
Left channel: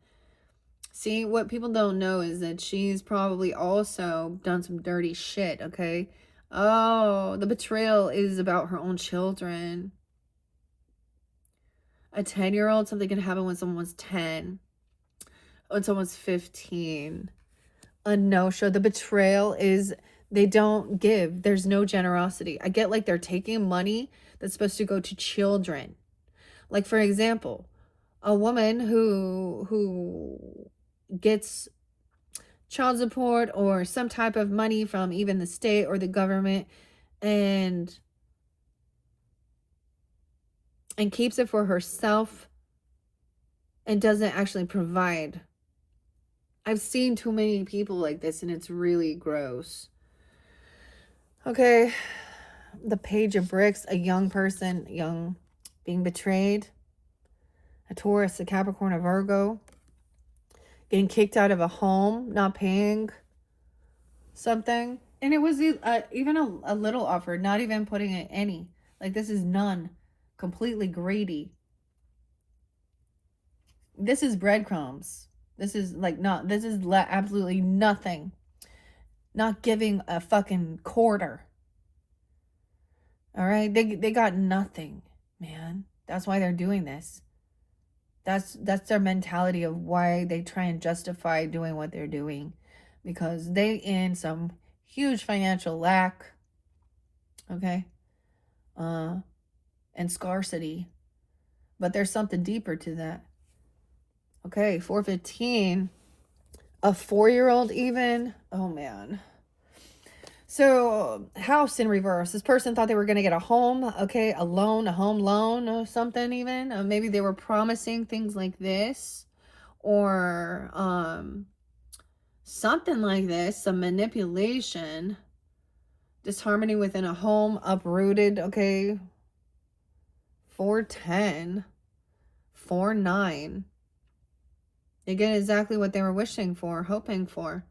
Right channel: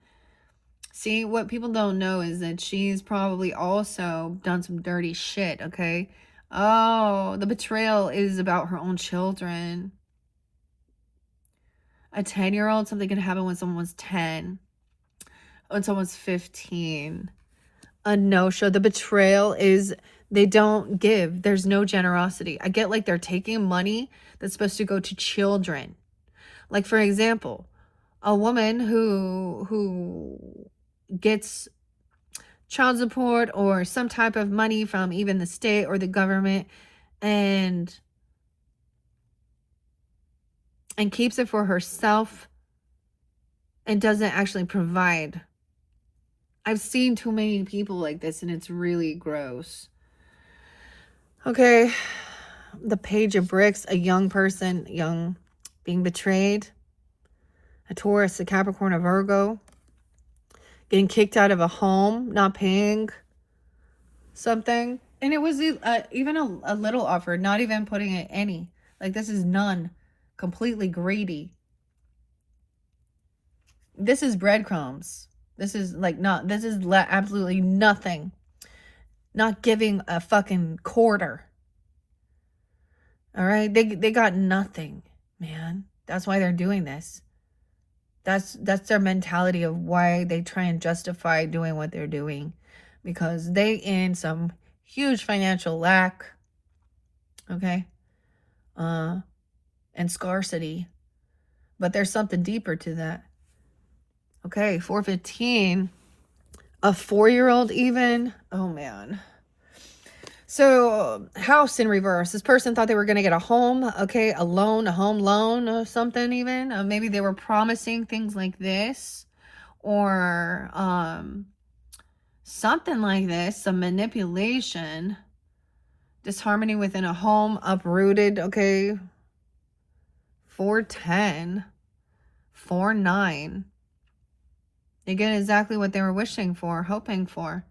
See, what people don't know is that she's probably also done some dirty shit, okay? Oh, the betrayal is about her own children. A 10-year-old, something can happen when someone was 10. When someone's 15. A no-show. The betrayal is they don't give. There's no generosity. I get like they're taking money that's supposed to go to children. Like, for example, a woman who gets child support or some type of money from even the state or the government and keeps it for herself and doesn't actually provide. I've seen too many people like this, and it's really gross. Okay, the Page of Bricks, a young person, being betrayed. A Taurus, a Capricorn, a Virgo, getting kicked out of a home, not paying something. And it was even a little offer, not even putting it any. Like, this is none. Completely greedy. This is breadcrumbs. This is like absolutely nothing. Not giving a fucking quarter. All right, they got nothing, man. That's why they're doing this. That's their mentality of why they try and justify doing what they're doing, because they in some huge financial lack, okay, and scarcity, but there's something deeper to that. Okay, 415, a 4-year-old even. Oh man. So, house in reverse. This person thought they were going to get a home, okay, a loan, a home loan or something even. Maybe they were promising things like this, or something like this, some manipulation. Disharmony within a home, uprooted, okay. 410, 49. They get exactly what they were wishing for, hoping for.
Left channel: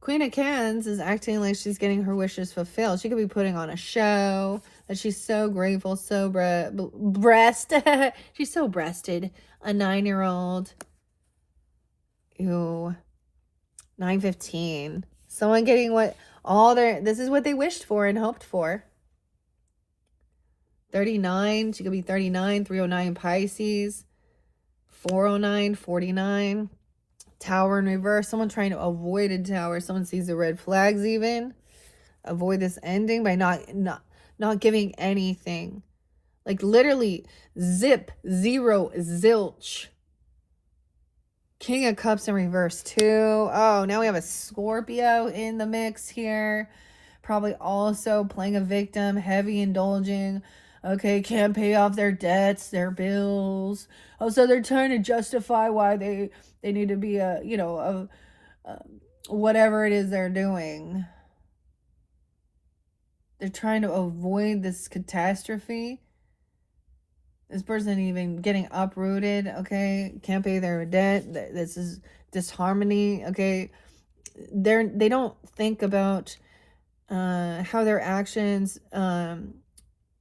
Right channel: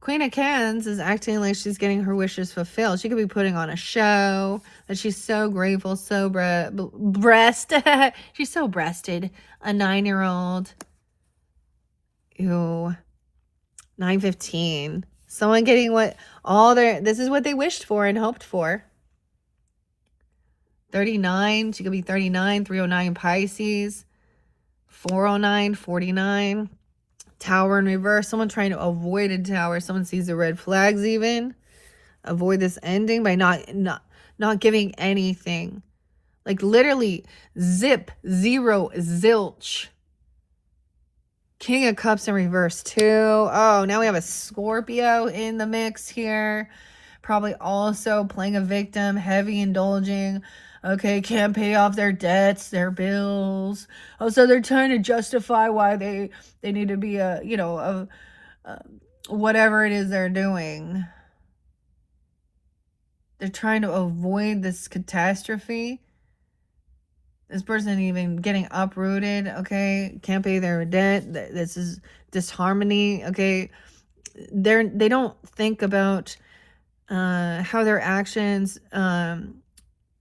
Queen of Cans is acting like she's getting her wishes fulfilled. She could be putting on a show that she's so grateful, so she's so breasted. A 9-year-old. Ew. 915. Someone getting this is what they wished for and hoped for. 39. She could be 39. 309 Pisces. 409, 49. Tower in reverse. Someone trying to avoid a tower. Someone sees the red flags even. Avoid this ending by not giving anything. Like literally zip, zero, zilch. King of Cups in reverse too. Oh, now we have a Scorpio in the mix here. probably also playing a victim, heavy indulging. Okay, can't pay off their debts, their bills. Also, they're trying to justify why they need to be a whatever it is they're doing. They're trying to avoid this catastrophe. This person even getting uprooted, okay? Can't pay their debt. This is disharmony, okay? They don't think about how their actions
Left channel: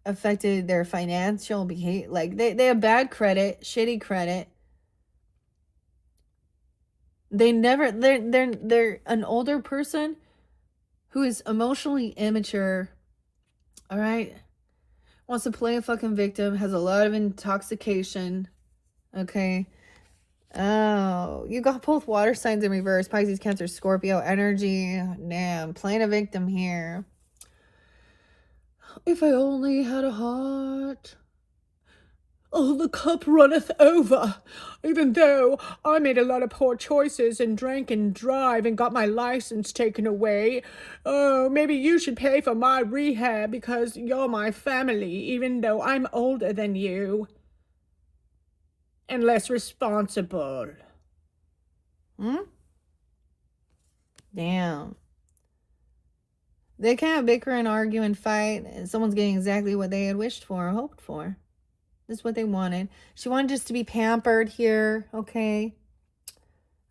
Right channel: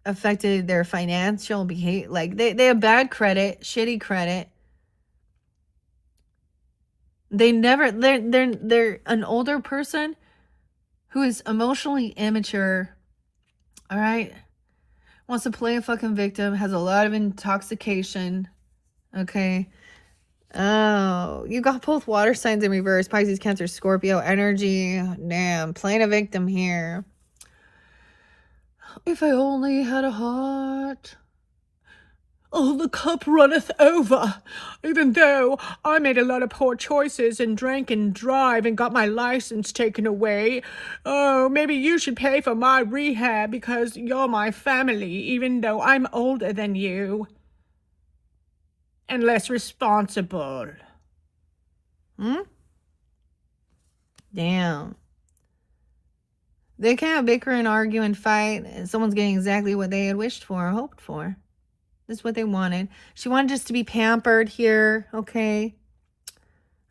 affected their financial behavior. Like they have bad credit, shitty credit. They're an older person who is emotionally immature, all right? Wants to play a fucking victim, has a lot of intoxication, okay? Oh, you got both water signs in reverse, Pisces, Cancer, Scorpio energy. Damn, playing a victim here. If I only had a heart. Oh, the cup runneth over. Even though I made a lot of poor choices and drank and drive and got my license taken away. Oh, maybe you should pay for my rehab because you're my family, even though I'm older than you. And less responsible. Damn. They can't bicker and argue and fight. And someone's getting exactly what they had wished for, hoped for. That's what they wanted. She wanted just to be pampered here, okay?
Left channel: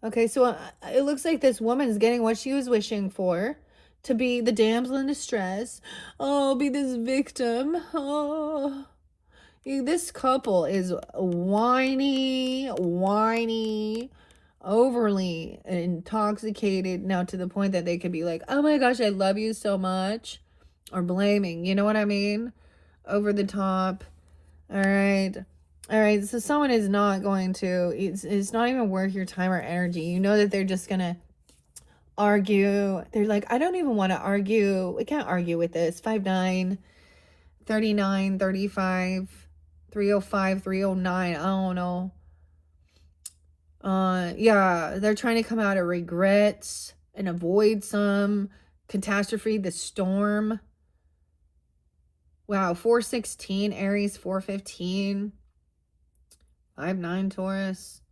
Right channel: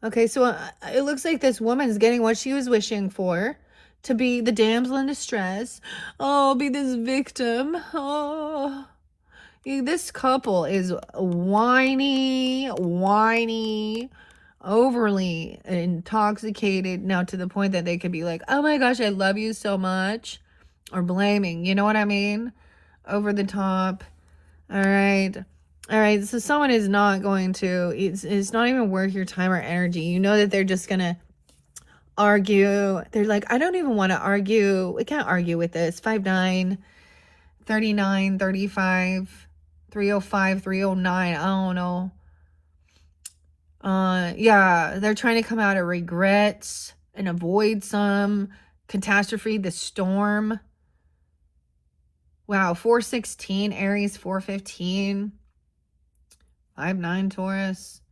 Okay, so it looks like this woman's getting what she was wishing for, to be the damsel in distress. Oh, be this victim. Oh, this couple is whiny, overly intoxicated now to the point that they could be like, oh my gosh, I love you so much, or blaming, you know what I mean? Over the top. All right, so someone is not going to, it's not even worth your time or energy. You know that they're just gonna argue. They're like, I don't even want to argue. We can't argue with this. 5'9", 39, 35, 305, 309, I don't know. Yeah, they're trying to come out of regrets and avoid some catastrophe, the storm. Wow, 416, Aries, 415, 5'9", Taurus.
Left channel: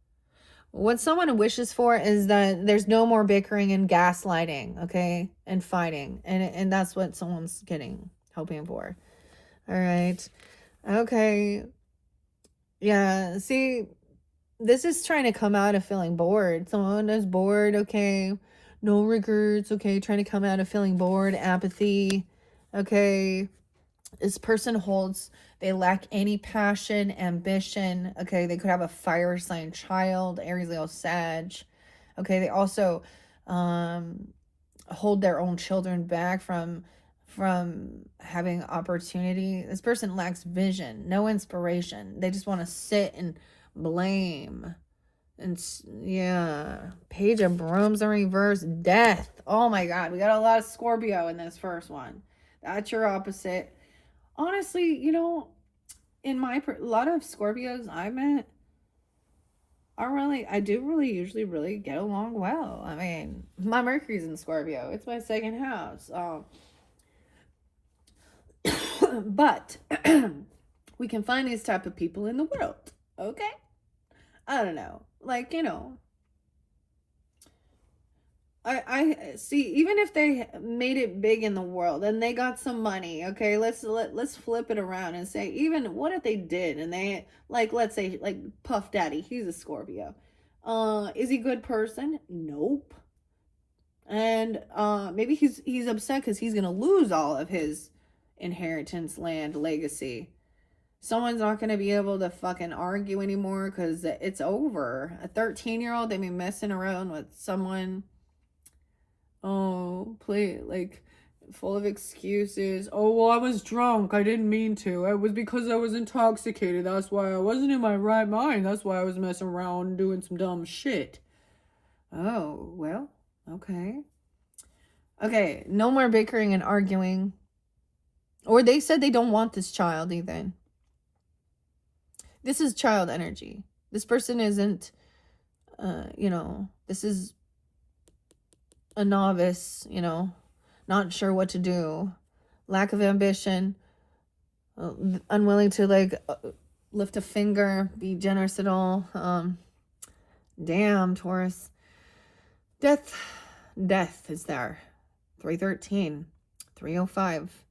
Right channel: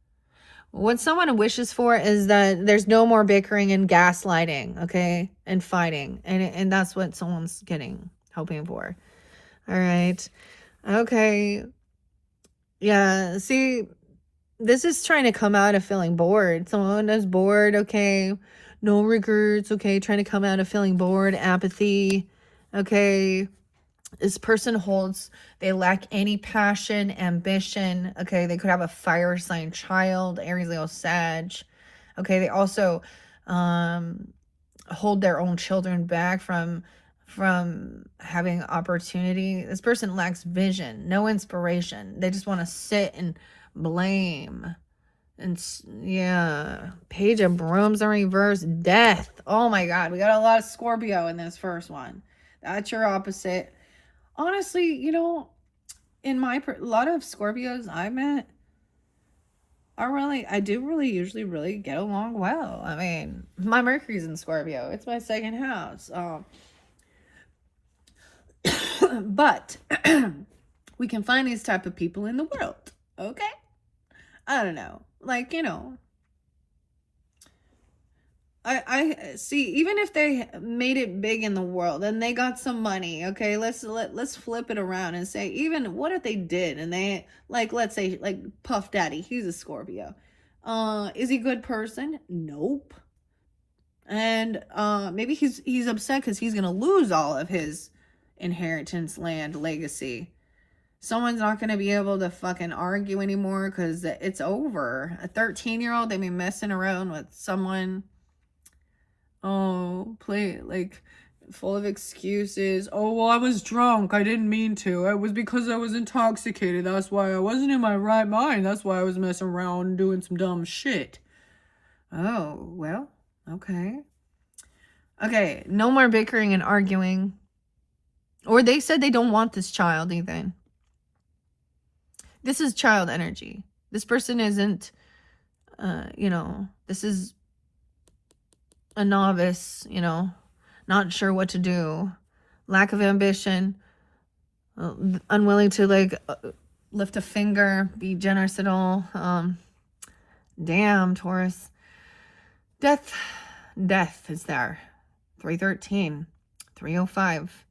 What someone wishes for is that there's no more bickering and gaslighting, okay, and fighting, and that's what someone's hoping for. All right, okay, yeah. See, this is trying to come out of feeling bored. Someone is bored, okay, no regrets, okay, trying to come out of feeling bored, apathy, okay. This person they lack any passion, ambition. Okay, they could have a fire sign child, Aries, Leo, Sag. Okay, they also hold their own children back from having opportunity. This person lacks vision, no inspiration. They just want to sit and blame. And yeah, Page of Brooms in reverse, death. Oh my God, we got a lot of Scorpio in this first one. That's your opposite. Honestly, in a lot of Scorpios I've met, I do usually really get along well. I mean, my Mercury's in Scorpio. It's my second house. But we can find these type of people in the world, okay? I don't know. Like, I see, even if they made it big in the world and they got some money, okay, let's flip it around and say, even what if they did and they, like, let's say, like Puff Daddy, he's a Scorpio. Is he a good person? Nope. And maybe he's upset because he's gonna lose all of his inheritance, land, legacy. Someone's not gonna be able to fucking argue anymore because it's over. A 13-year-old, they be messing around with someone. Oh, full of excuses. Oh, well, I was drunk. I didn't mean to. It was because I was intoxicated. That's why I wasn't in my right mind. That's why I was messing around and doing some dumb shit. Oh, well, okay. Okay, no more bickering and arguing. Or they said they don't want this child even. This is child energy. This person isn't, this is a novice, not sure what to do, lack of ambition, unwilling to like lift a finger, be generous at all. Damn, Taurus. Death is there. 313, 305.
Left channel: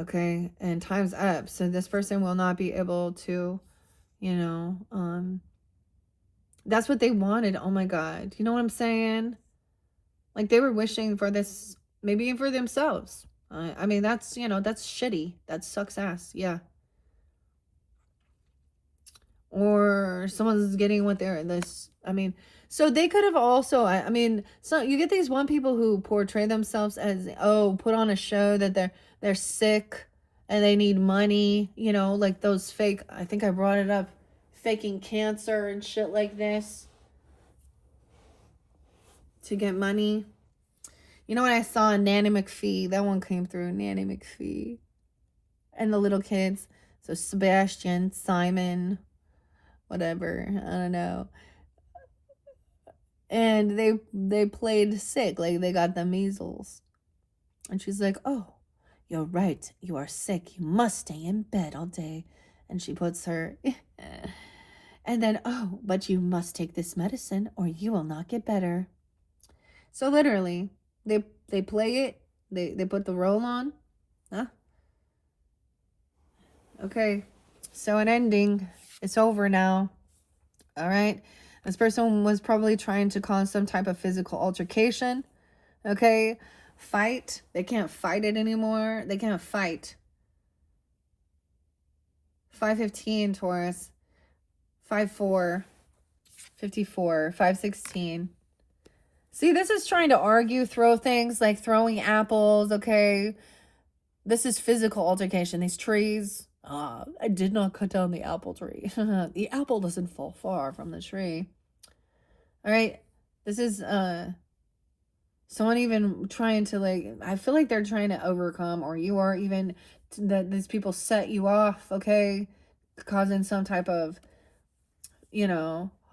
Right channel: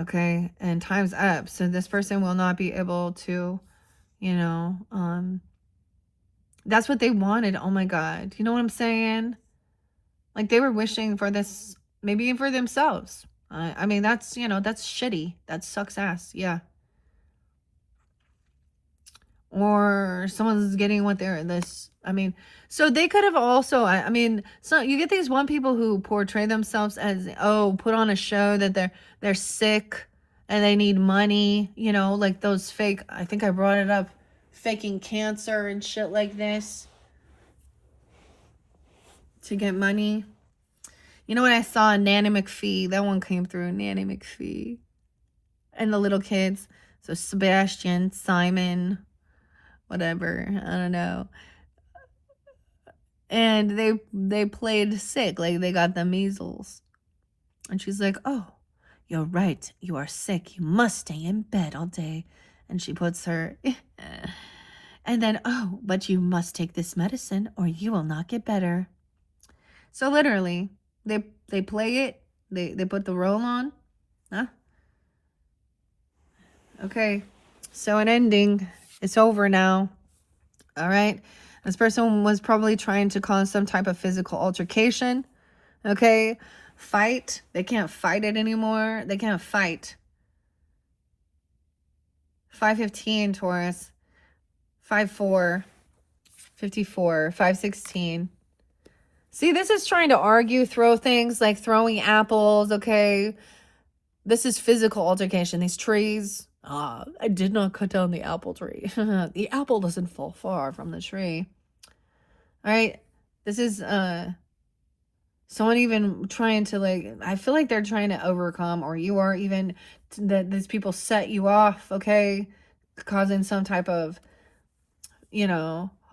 Okay, and time's up. So this person will not be able to, that's what they wanted. Oh my God. You know what I'm saying? Like they were wishing for this, maybe for themselves. I mean, that's, that's shitty. That sucks ass. Yeah. Or someone's getting what they're so they could have also, so you get these one people who portray themselves as, put on a show that they're sick and they need money, like those fake, I think I brought it up, faking cancer and shit like this to get money. You know what I saw? Nanny McPhee. That one came through. Nanny McPhee. And the little kids. So Sebastian, Simon, whatever. I don't know. And they played sick. Like they got the measles. And she's like, oh, you're right. You are sick. You must stay in bed all day. And she puts her... and then, oh, but you must take this medicine or you will not get better. So literally... They play it. They put the role on. Huh? Okay. So an ending. It's over now. All right. This person was probably trying to cause some type of physical altercation. Okay. Fight. They can't fight it anymore. They can't fight. 515 Taurus. 54. 54. 516. See, this is trying to argue, throw things like throwing apples, okay? This is physical altercation. These trees, I did not cut down the apple tree. The apple doesn't fall far from the tree. All right, this is someone even trying to I feel like they're trying to overcome, or you are even, these people set you off, okay? Causing some type of,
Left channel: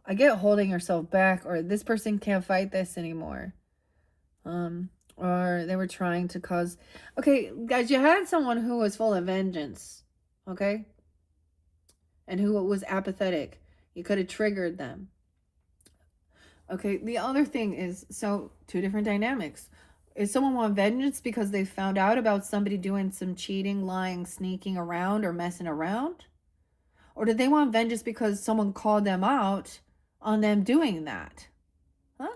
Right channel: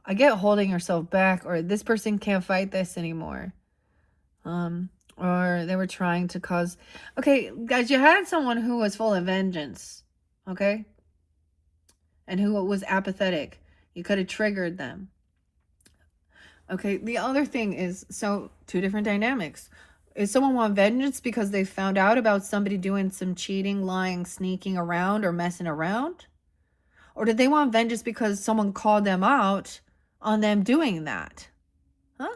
I get holding yourself back, or this person can't fight this anymore. Or they were trying to cause... Okay, guys, you had someone who was full of vengeance, okay? And who was apathetic. You could have triggered them. Okay, the other thing is, so, two different dynamics. Is someone want vengeance because they found out about somebody doing some cheating, lying, sneaking around, or messing around? Or did they want vengeance because someone called them out on them doing that? Huh?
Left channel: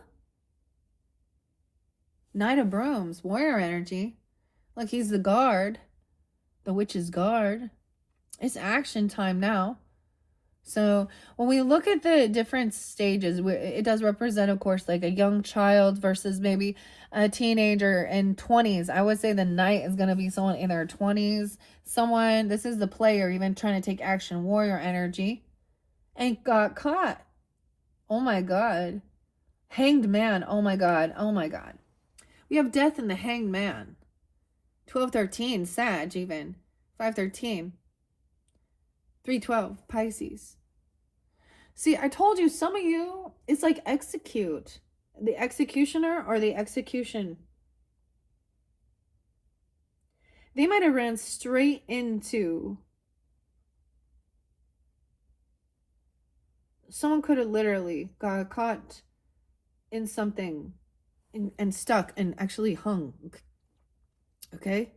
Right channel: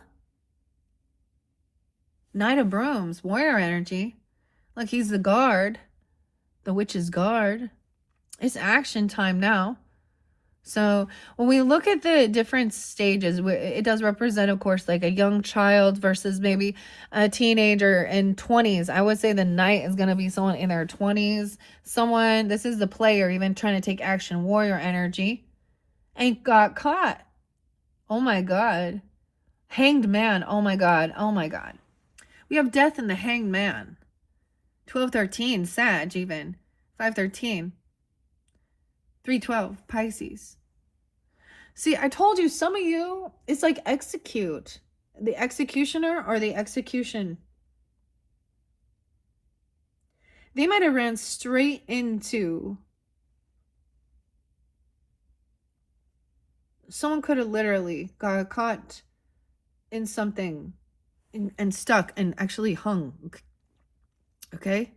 Knight of Brooms, warrior energy. Like he's the guard. The witch's guard. It's action time now. So when we look at the different stages, it does represent, of course, like a young child versus maybe a teenager in 20s. I would say the knight is going to be someone in their 20s. Someone, this is the player, even trying to take action, warrior energy, and got caught. Oh my God. Hanged man. Oh my God. Oh my God. We have death in the hanged man. 1213, Sag even. 513. 312, Pisces. See, I told you, some of you, it's like execute. The executioner or the execution. They might have ran straight into... Someone could have literally got caught in something and stuck and actually hung. Okay?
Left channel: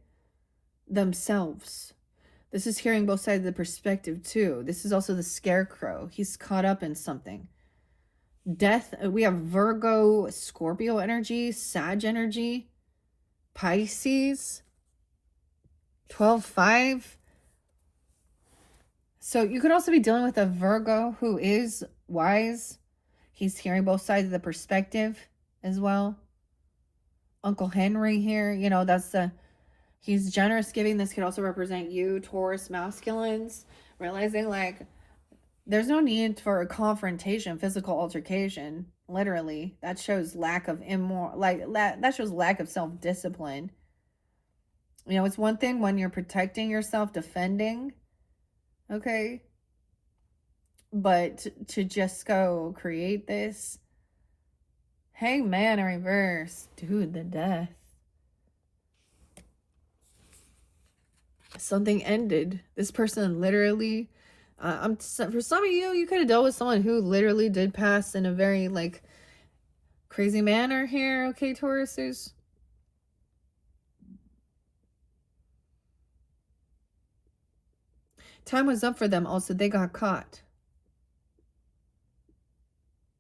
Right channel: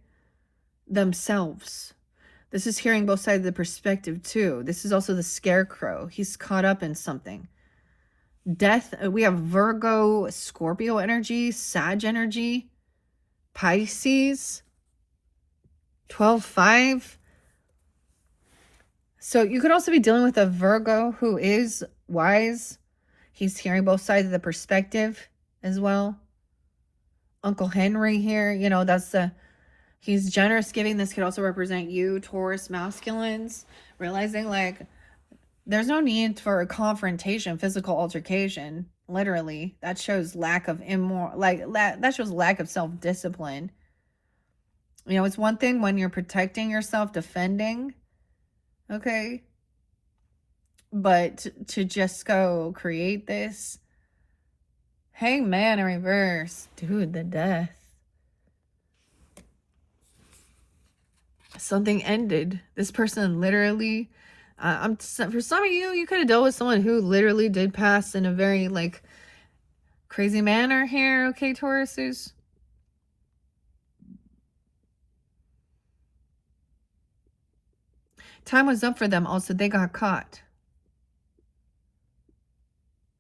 Themselves. This is hearing both sides of the perspective too. This is also the scarecrow. He's caught up in something. Death. We have Virgo, Scorpio energy, Sag energy, Pisces. 12-5. So you could also be dealing with a Virgo who is wise. He's hearing both sides of the perspective as well. Uncle Henry here, that's he's generous giving. This could also represent you, Taurus masculines, realizing like there's no need for a confrontation, physical altercation. Literally, that shows lack of that shows lack of self-discipline. It's one thing when you're protecting yourself, defending. Okay. But to just go create this. Hangman in reverse. Dude, the death. something ended. This person literally, for some of you, you could have dealt with someone who literally did pass in a very like crazy manner here. Okay, Tauruses. Time was up for them. Also, they got caught.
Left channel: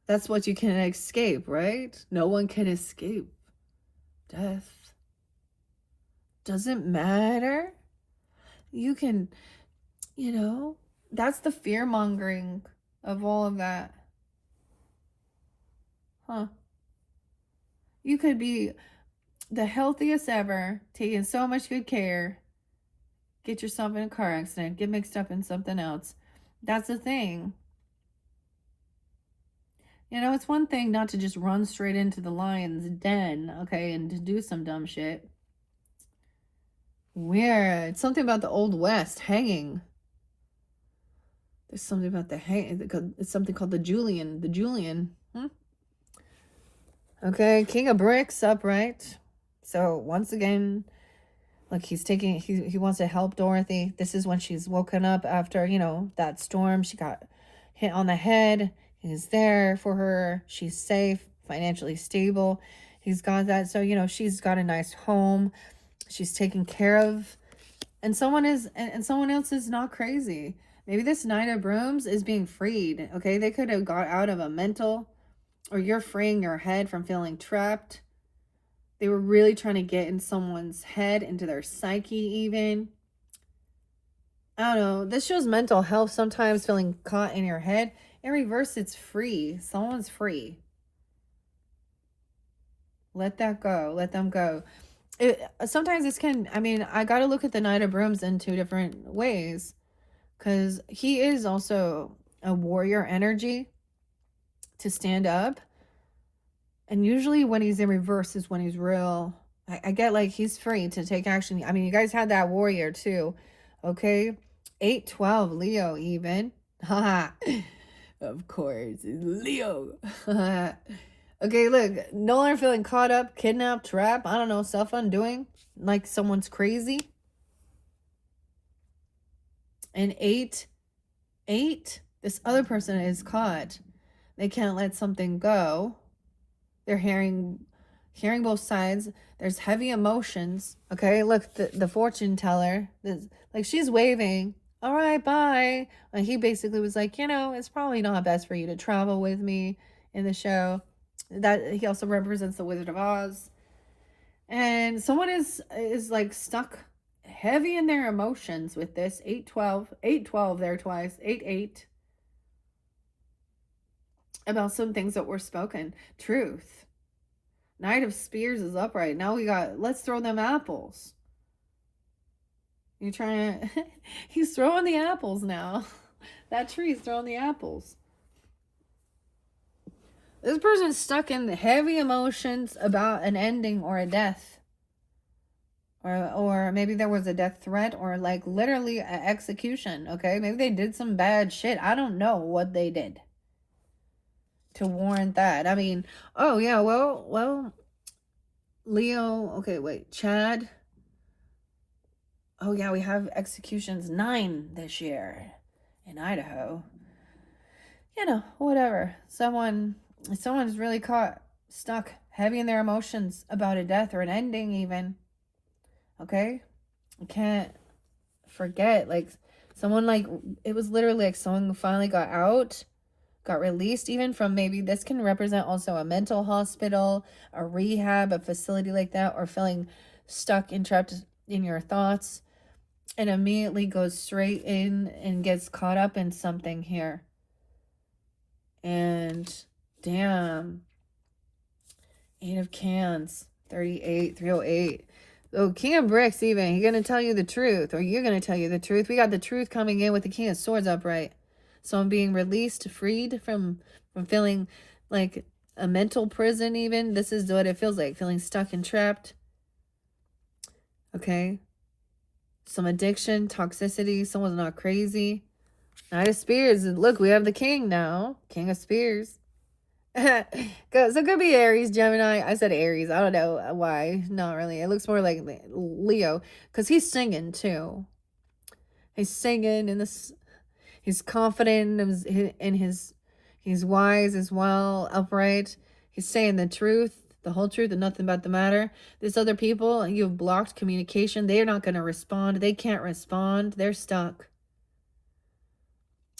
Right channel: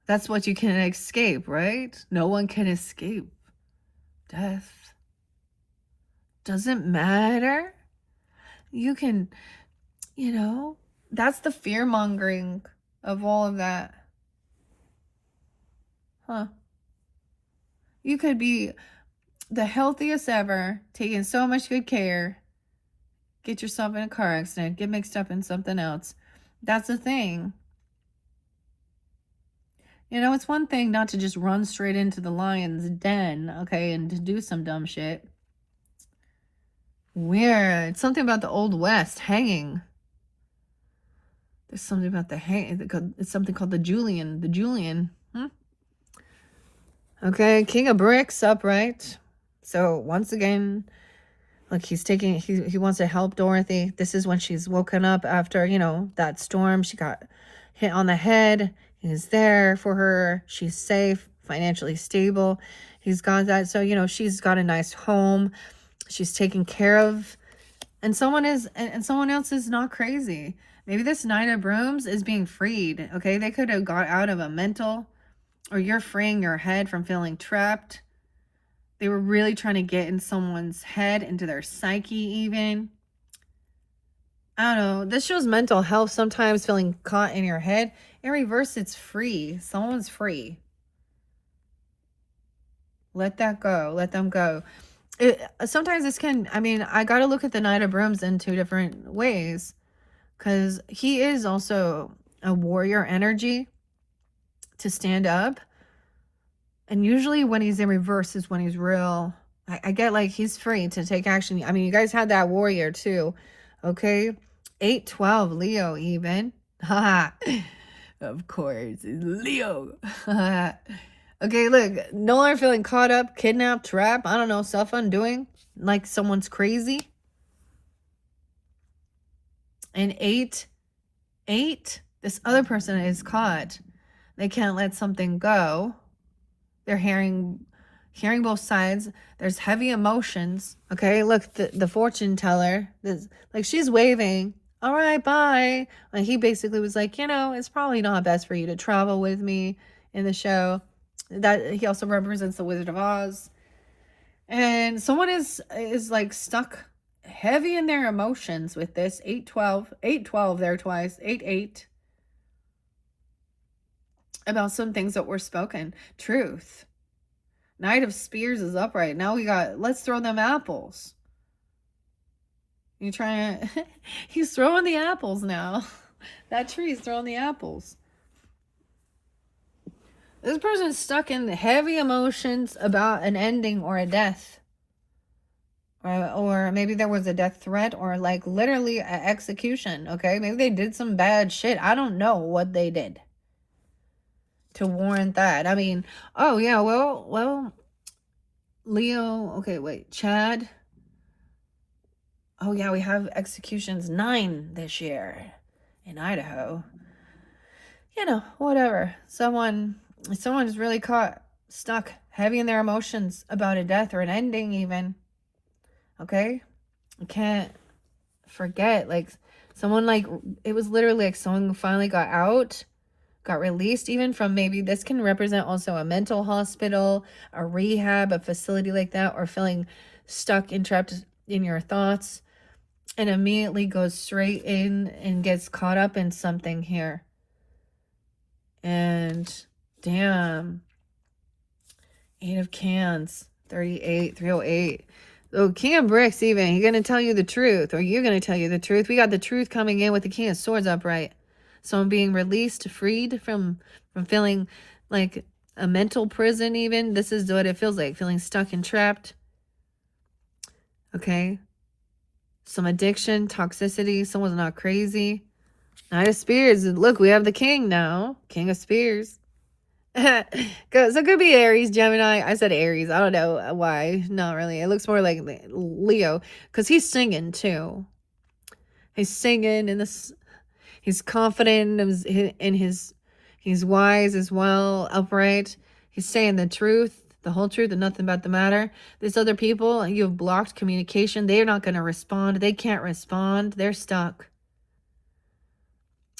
That's what you can escape, right? No one can escape death. Doesn't matter. You can, you know, that's the fear mongering of all of that. Huh. You could be the healthiest ever, taking so much good care, get yourself in a car accident, get mixed up in something else. That's the thing. You know, it's one thing not to just run straight into the lion's den, okay, and to do some dumb shit. Weird. It's something about the Old West hanging. There's something about the hang. It's something called the Julian. The Julian. Okay, King of Bricks upright. So once again, like he wants to help Dorothy. This is when she's woken up after, you know, that storm. She got hit on the head. He's there for her. She's safe, financially stable. He's got that. So, you know, she's got a nice home. She's taken care of. And someone else is not crazy. Maybe this Knight of Brooms is being freed. Okay, they could have got out of a mental, or you're freeing your head from feeling trapped. They were really trying to get in someone's head, into their psyche even. I don't know. This shows mental health, sometimes feeling caught in your head. In reverse, it's free. Someone's free. Let that go. Let them go. Sometimes this can, I mean, I got to look at the Knight of Brooms in two different ways. Because he is also a warrior energy to stand up. And usually when he's in reverse is when he's real. I get like he's free to take action. I mean, you guys had that warrior too. Okay. 8-12 Leo even. Of course. It's Leo. Okay, look. No longer feeling caught up, kidnapped, trapped. I don't know. Self-undoing. Like someone's crazy. And 8, this other person is caught. They can't let something go. They're hearing both sides. There's heavy emotions. Okay, look, the fortune teller, like she's waving. All right, bye. Like he basically was like, you know, it's probably not best for you to travel with me in the show. That he also represents the Wizard of Oz. And someone is like stuck heavy in their emotions with this. 8-12 there twice. 8-8. About some things that were spoken. Truth. Knight of Spears is upright. Now we got, let's throw them apples. You trying to, he's throwing the apples now. That tree's throwing the apples. This person's stuck in heavy emotions about an ending or a death. Or maybe there was a death threat, or like literally an execution, okay? Maybe they did some bad shit. I don't know what they did to warrant that. I mean, oh yeah, well, Leo, okay, wait, Chad. Oh yeah, we have executions 9 this year in Idaho. You know, whatever. Someone is really stuck heavy in their emotions about a death or an ending even. Okay? You can't forget, like, someone, like, it was literally like someone who finally got out, got released even from, maybe this can represent also a mental hospital, a rehab, a facility like that, or feeling stuck and trapped in your thoughts, and immediately goes straight in and gets caught up in something here. And damn, 8 of Cans, 38, 308. Oh, King of Bricks even, he's going to tell you the truth, or you're going to tell you the truth. We got the truth coming in with the King of Swords upright. So I'm being released, freed from feeling like a mental prison even. This is what it feels like, feeling stuck and trapped. Okay. Some addiction, toxicity, someone's not crazy. Knight of Spears. Look, we have the king now. King of Spears. So it could be Aries, Gemini. I said Aries. I don't know why. Not really. It looks more like Leo, because he's singing too. He's singing in this. He's confident in his. He's wise as well, upright. He's saying the truth, the whole truth, and nothing but the matter. These other people, you have blocked communication. They're not going to respond. They can't respond. They're stuck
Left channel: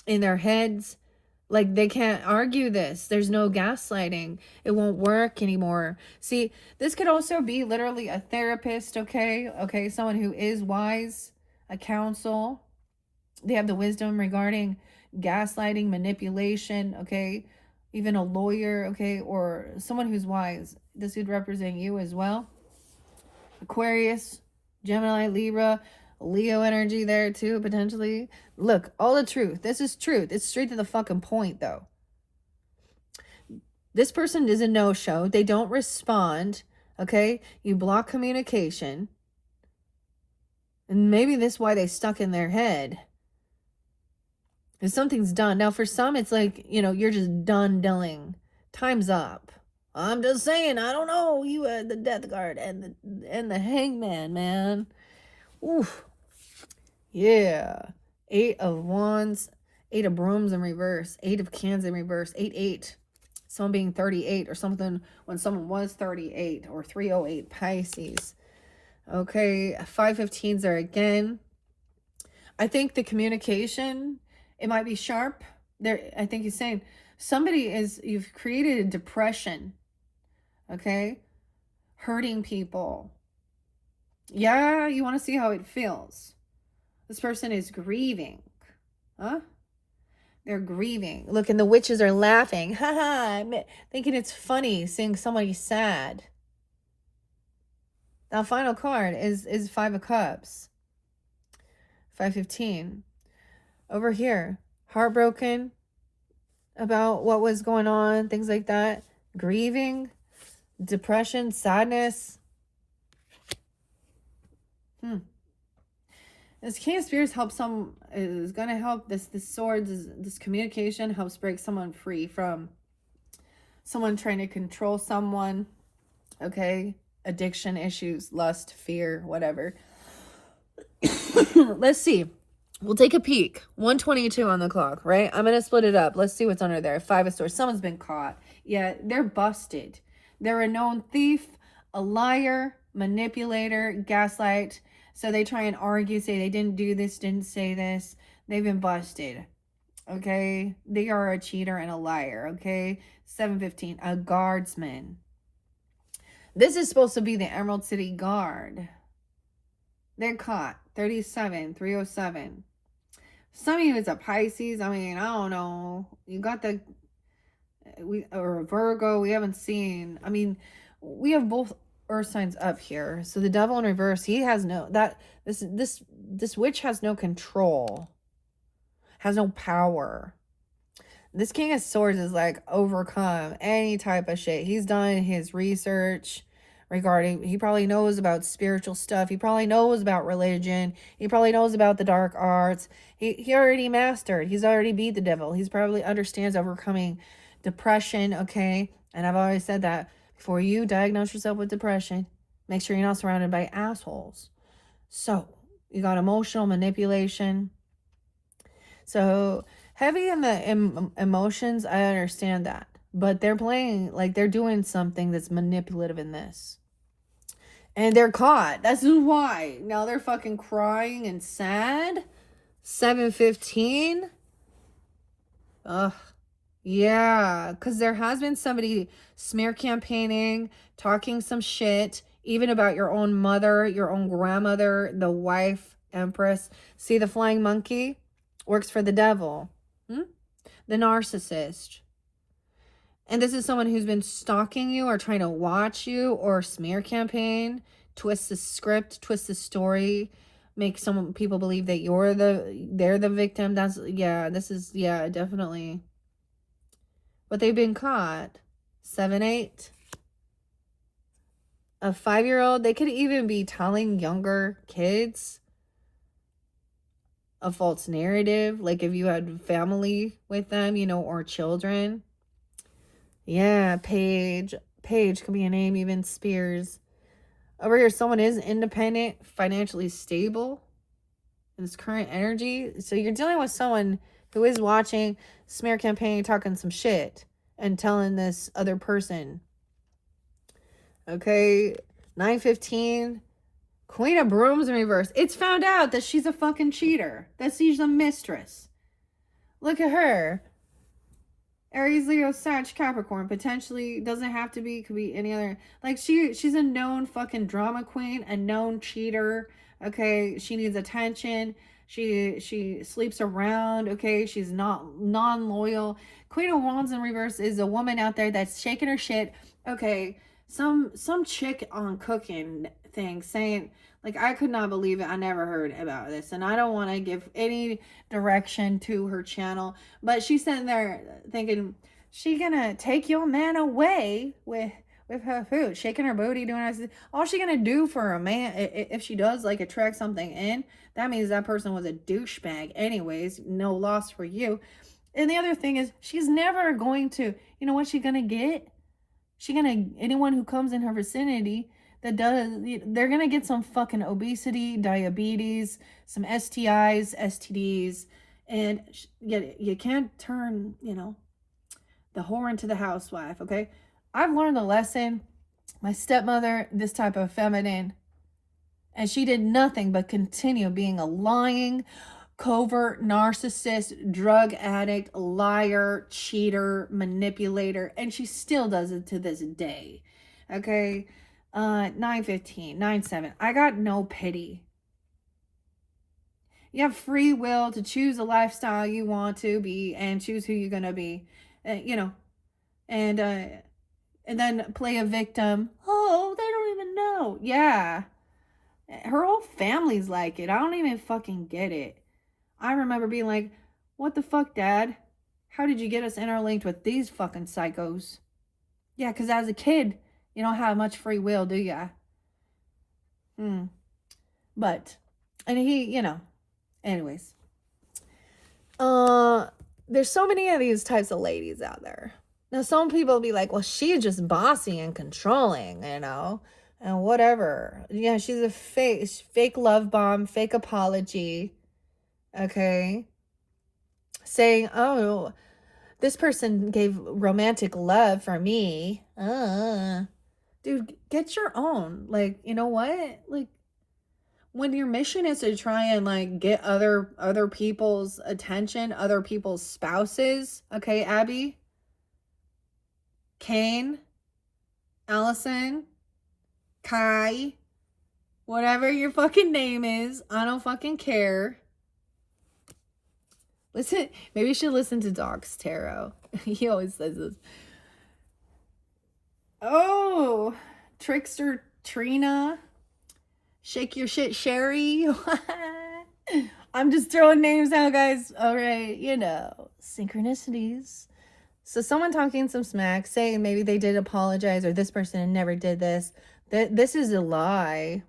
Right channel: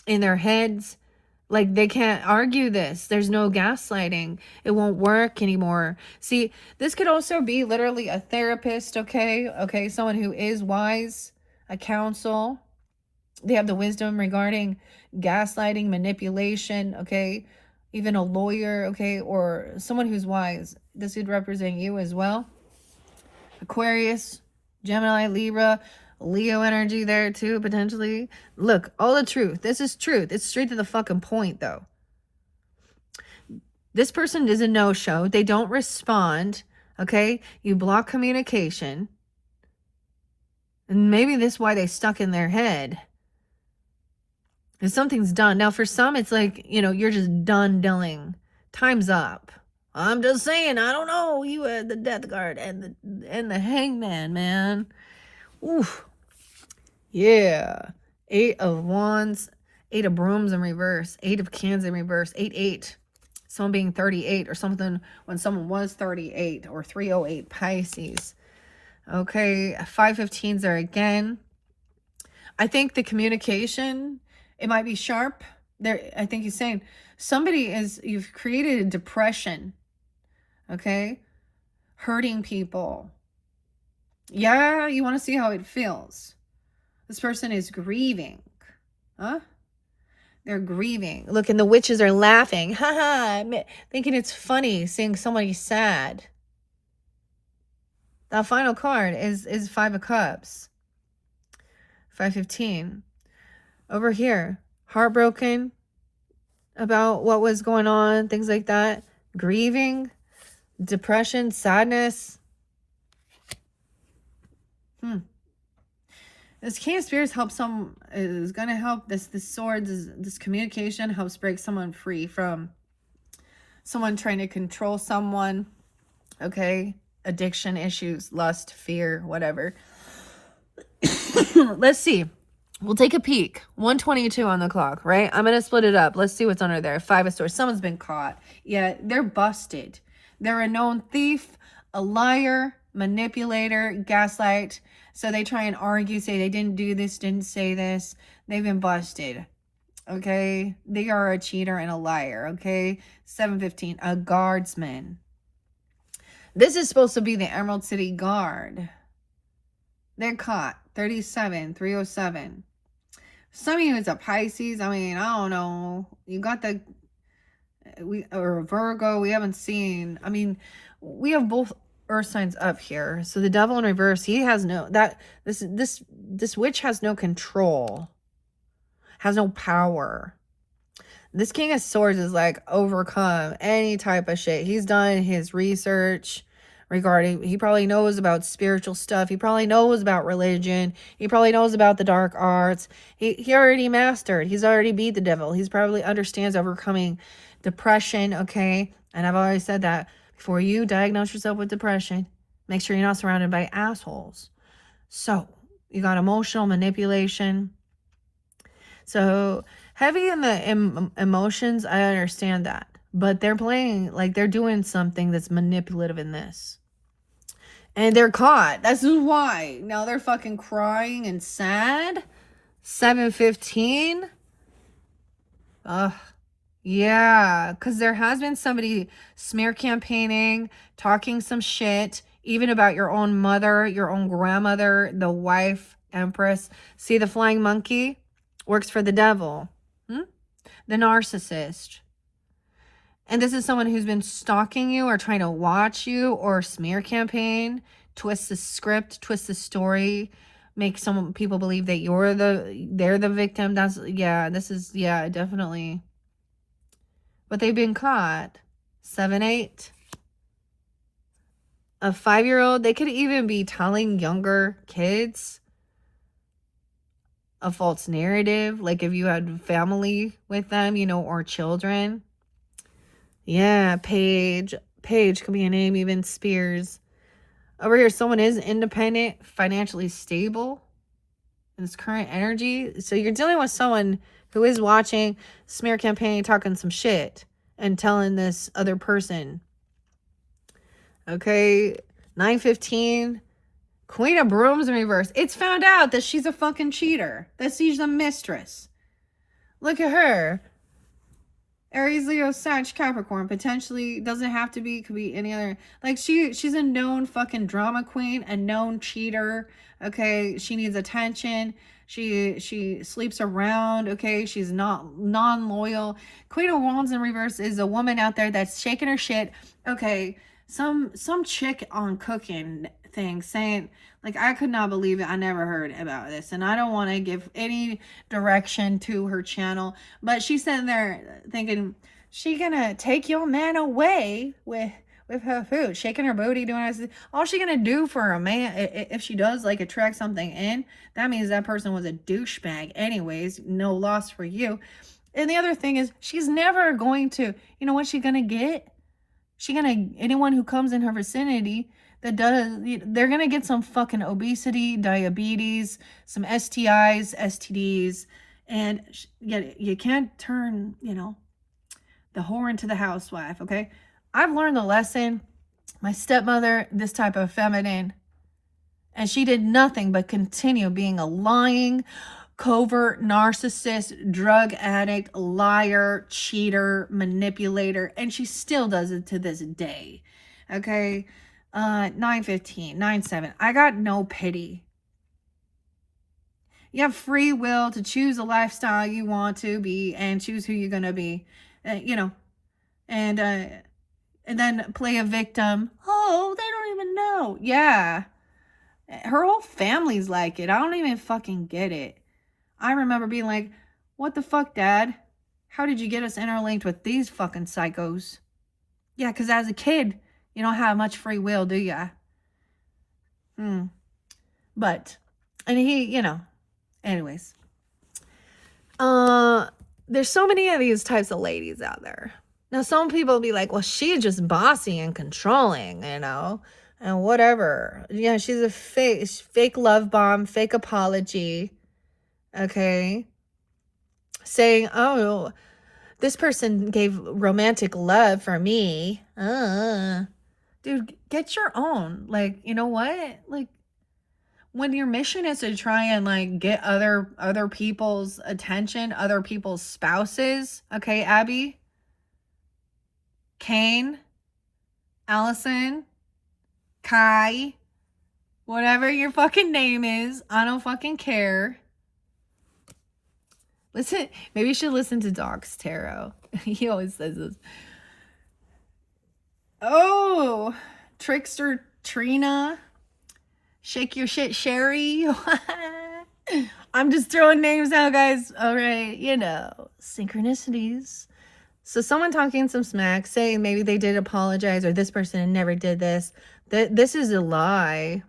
in their heads. Like, they can't argue this. There's no gaslighting. It won't work anymore. See, this could also be literally a therapist, okay? Okay, someone who is wise, a counsel. They have the wisdom regarding gaslighting, manipulation, okay? Even a lawyer, okay? Or someone who's wise. This would represent you as well. Aquarius, Gemini, Libra, Leo energy there too, potentially. Look, all the truth. This is truth. It's straight to the fucking point, though. This person is a no-show. They don't respond, okay? You block communication. And maybe this is why they stuck in their head. If something's done. Now, for some, it's like, you're just done dealing. Time's up. I'm just saying, I don't know. You had the death guard and the hangman, man. Oof. Yeah. 8 of wands, 8 of brooms in reverse, 8 of cans in reverse, 8. Someone being 38 or something when someone was 38, or 308 Pisces. Okay, 515s there again. I think the communication, it might be sharp. There, I think he's saying you've created a depression. Okay? Hurting people. Yeah, you want to see how it feels. This person is grieving. Huh? They're grieving. Look, and the witches are laughing. Haha, thinking it's funny seeing somebody sad. That final card is 5 of Cups. 515. Over here, heartbroken about what was going on, things like that. Grieving, depression, sadness. This King of Spirits is going to help this sword, this communication helps break someone free from someone trying to control someone. Okay? Addiction issues, lust, fear, whatever. Let's see. We'll take a peek. 1:22 on the clock, right? I'm going to split it up. Let's see what's under there. 5 of Swords. Someone's been caught. Yeah, they're busted. They're a known thief, a liar, manipulator, gaslight. So they try and argue, say they didn't do this, didn't say this. They've been busted. Okay? They are a cheater and a liar. Okay? 715. A guardsman. This is supposed to be the Emerald City Guard. They're caught. 37, 307. Some of you, it's a Pisces. I mean, I don't know. You got or Virgo. We haven't seen. I mean, we have both earth signs up here. So the Devil in reverse, he has this witch has no control, has no power. This King of Swords is like overcome any type of shit. He's done his research regarding, he probably knows about spiritual stuff. He probably knows about religion. He probably knows about the dark arts. He already mastered. He's already beat the devil. He's probably understands overcoming depression, okay? And I've always said that before you diagnose yourself with depression, make sure you're not surrounded by assholes. So, you got emotional manipulation. So, heavy in the emotions, I understand that. But they're playing, like they're doing something that's manipulative in this. And they're caught. That's why. Now they're fucking crying and sad. 715. Yeah. Because there has been somebody smear campaigning, talking some shit, even about your own mother, your own grandmother, the wife, Empress. See, the flying monkey works for the devil. The narcissist. And this is someone who's been stalking you or trying to watch you or smear campaign, twist the script, twist the story, make some people believe that they're the victim. Yeah, definitely. But they've been caught. 7-8. A 5-year-old, they could even be telling younger kids a false narrative, like if you had family with them, or children. Yeah, Paige could be a name, even Spears. Over here, someone is independent, financially stable. in this current energy. So you're dealing with someone who is watching smear campaign, talking some shit and telling this other person. Okay, 9:15, Queen of Brooms in reverse. It's found out that she's a fucking cheater, that she's a mistress. Look at her. Aries, Leo, Sag, Capricorn. Potentially doesn't have to be, could be any other. Like she's a known fucking drama queen, a known cheater. Okay, she needs attention. She sleeps around. Okay, she's not non-loyal. Queen of Wands in reverse is a woman out there that's shaking her shit. Okay, some chick on cooking thing saying, like, I could not believe it. I never heard about this. And I don't want to give any direction to her channel. But she's sitting there thinking, she gonna take your man away with her food, shaking her booty, doing this. All she gonna do for a man, if she does, like, attract something in, that means that person was a douchebag anyways. No loss for you. And the other thing is, she's never going to, you know what she's gonna get? Anyone who comes in her vicinity that does, they're gonna get some fucking obesity, diabetes, some STIs, STDs, and you can't turn, the whore into the housewife. Okay, I've learned the lesson. My stepmother, this type of feminine, and she did nothing but continue being a lying, covert narcissist, drug addict, liar, cheater, manipulator, and she still does it to this day. Okay, 9:15, 9:7. I got no pity. You have free will to choose a lifestyle you want to be and choose who you're gonna be, and then play a victim. Oh, they don't even know. Yeah, her whole family's like it. I don't even fucking get it. I remember being like, what the fuck, Dad? How did you get us interlinked with these fucking psychos? Yeah, because as a kid, you don't have much free will, do ya? But, and he, anyways. There's so many of these types of ladies out there. Now, some people will be like, well, she's just bossy and controlling, and whatever. Yeah, she's a fake love bomb, fake apology. Okay, saying, oh, this person gave romantic love for me. Dude, get your own. Like, you know what? Like, when your mission is to try and, like, get other people's attention, other people's spouses. Okay, Abby, Kane, Allison, Kai, whatever your fucking name is, I don't fucking care. Listen, maybe you should listen to Doc's tarot. He always says this. Oh, Trickster Trina. Shake your shit, Sherry. I'm just throwing names out, guys. All right, synchronicities. So someone talking some smack, saying maybe they did apologize or this person never did this. This is a lie.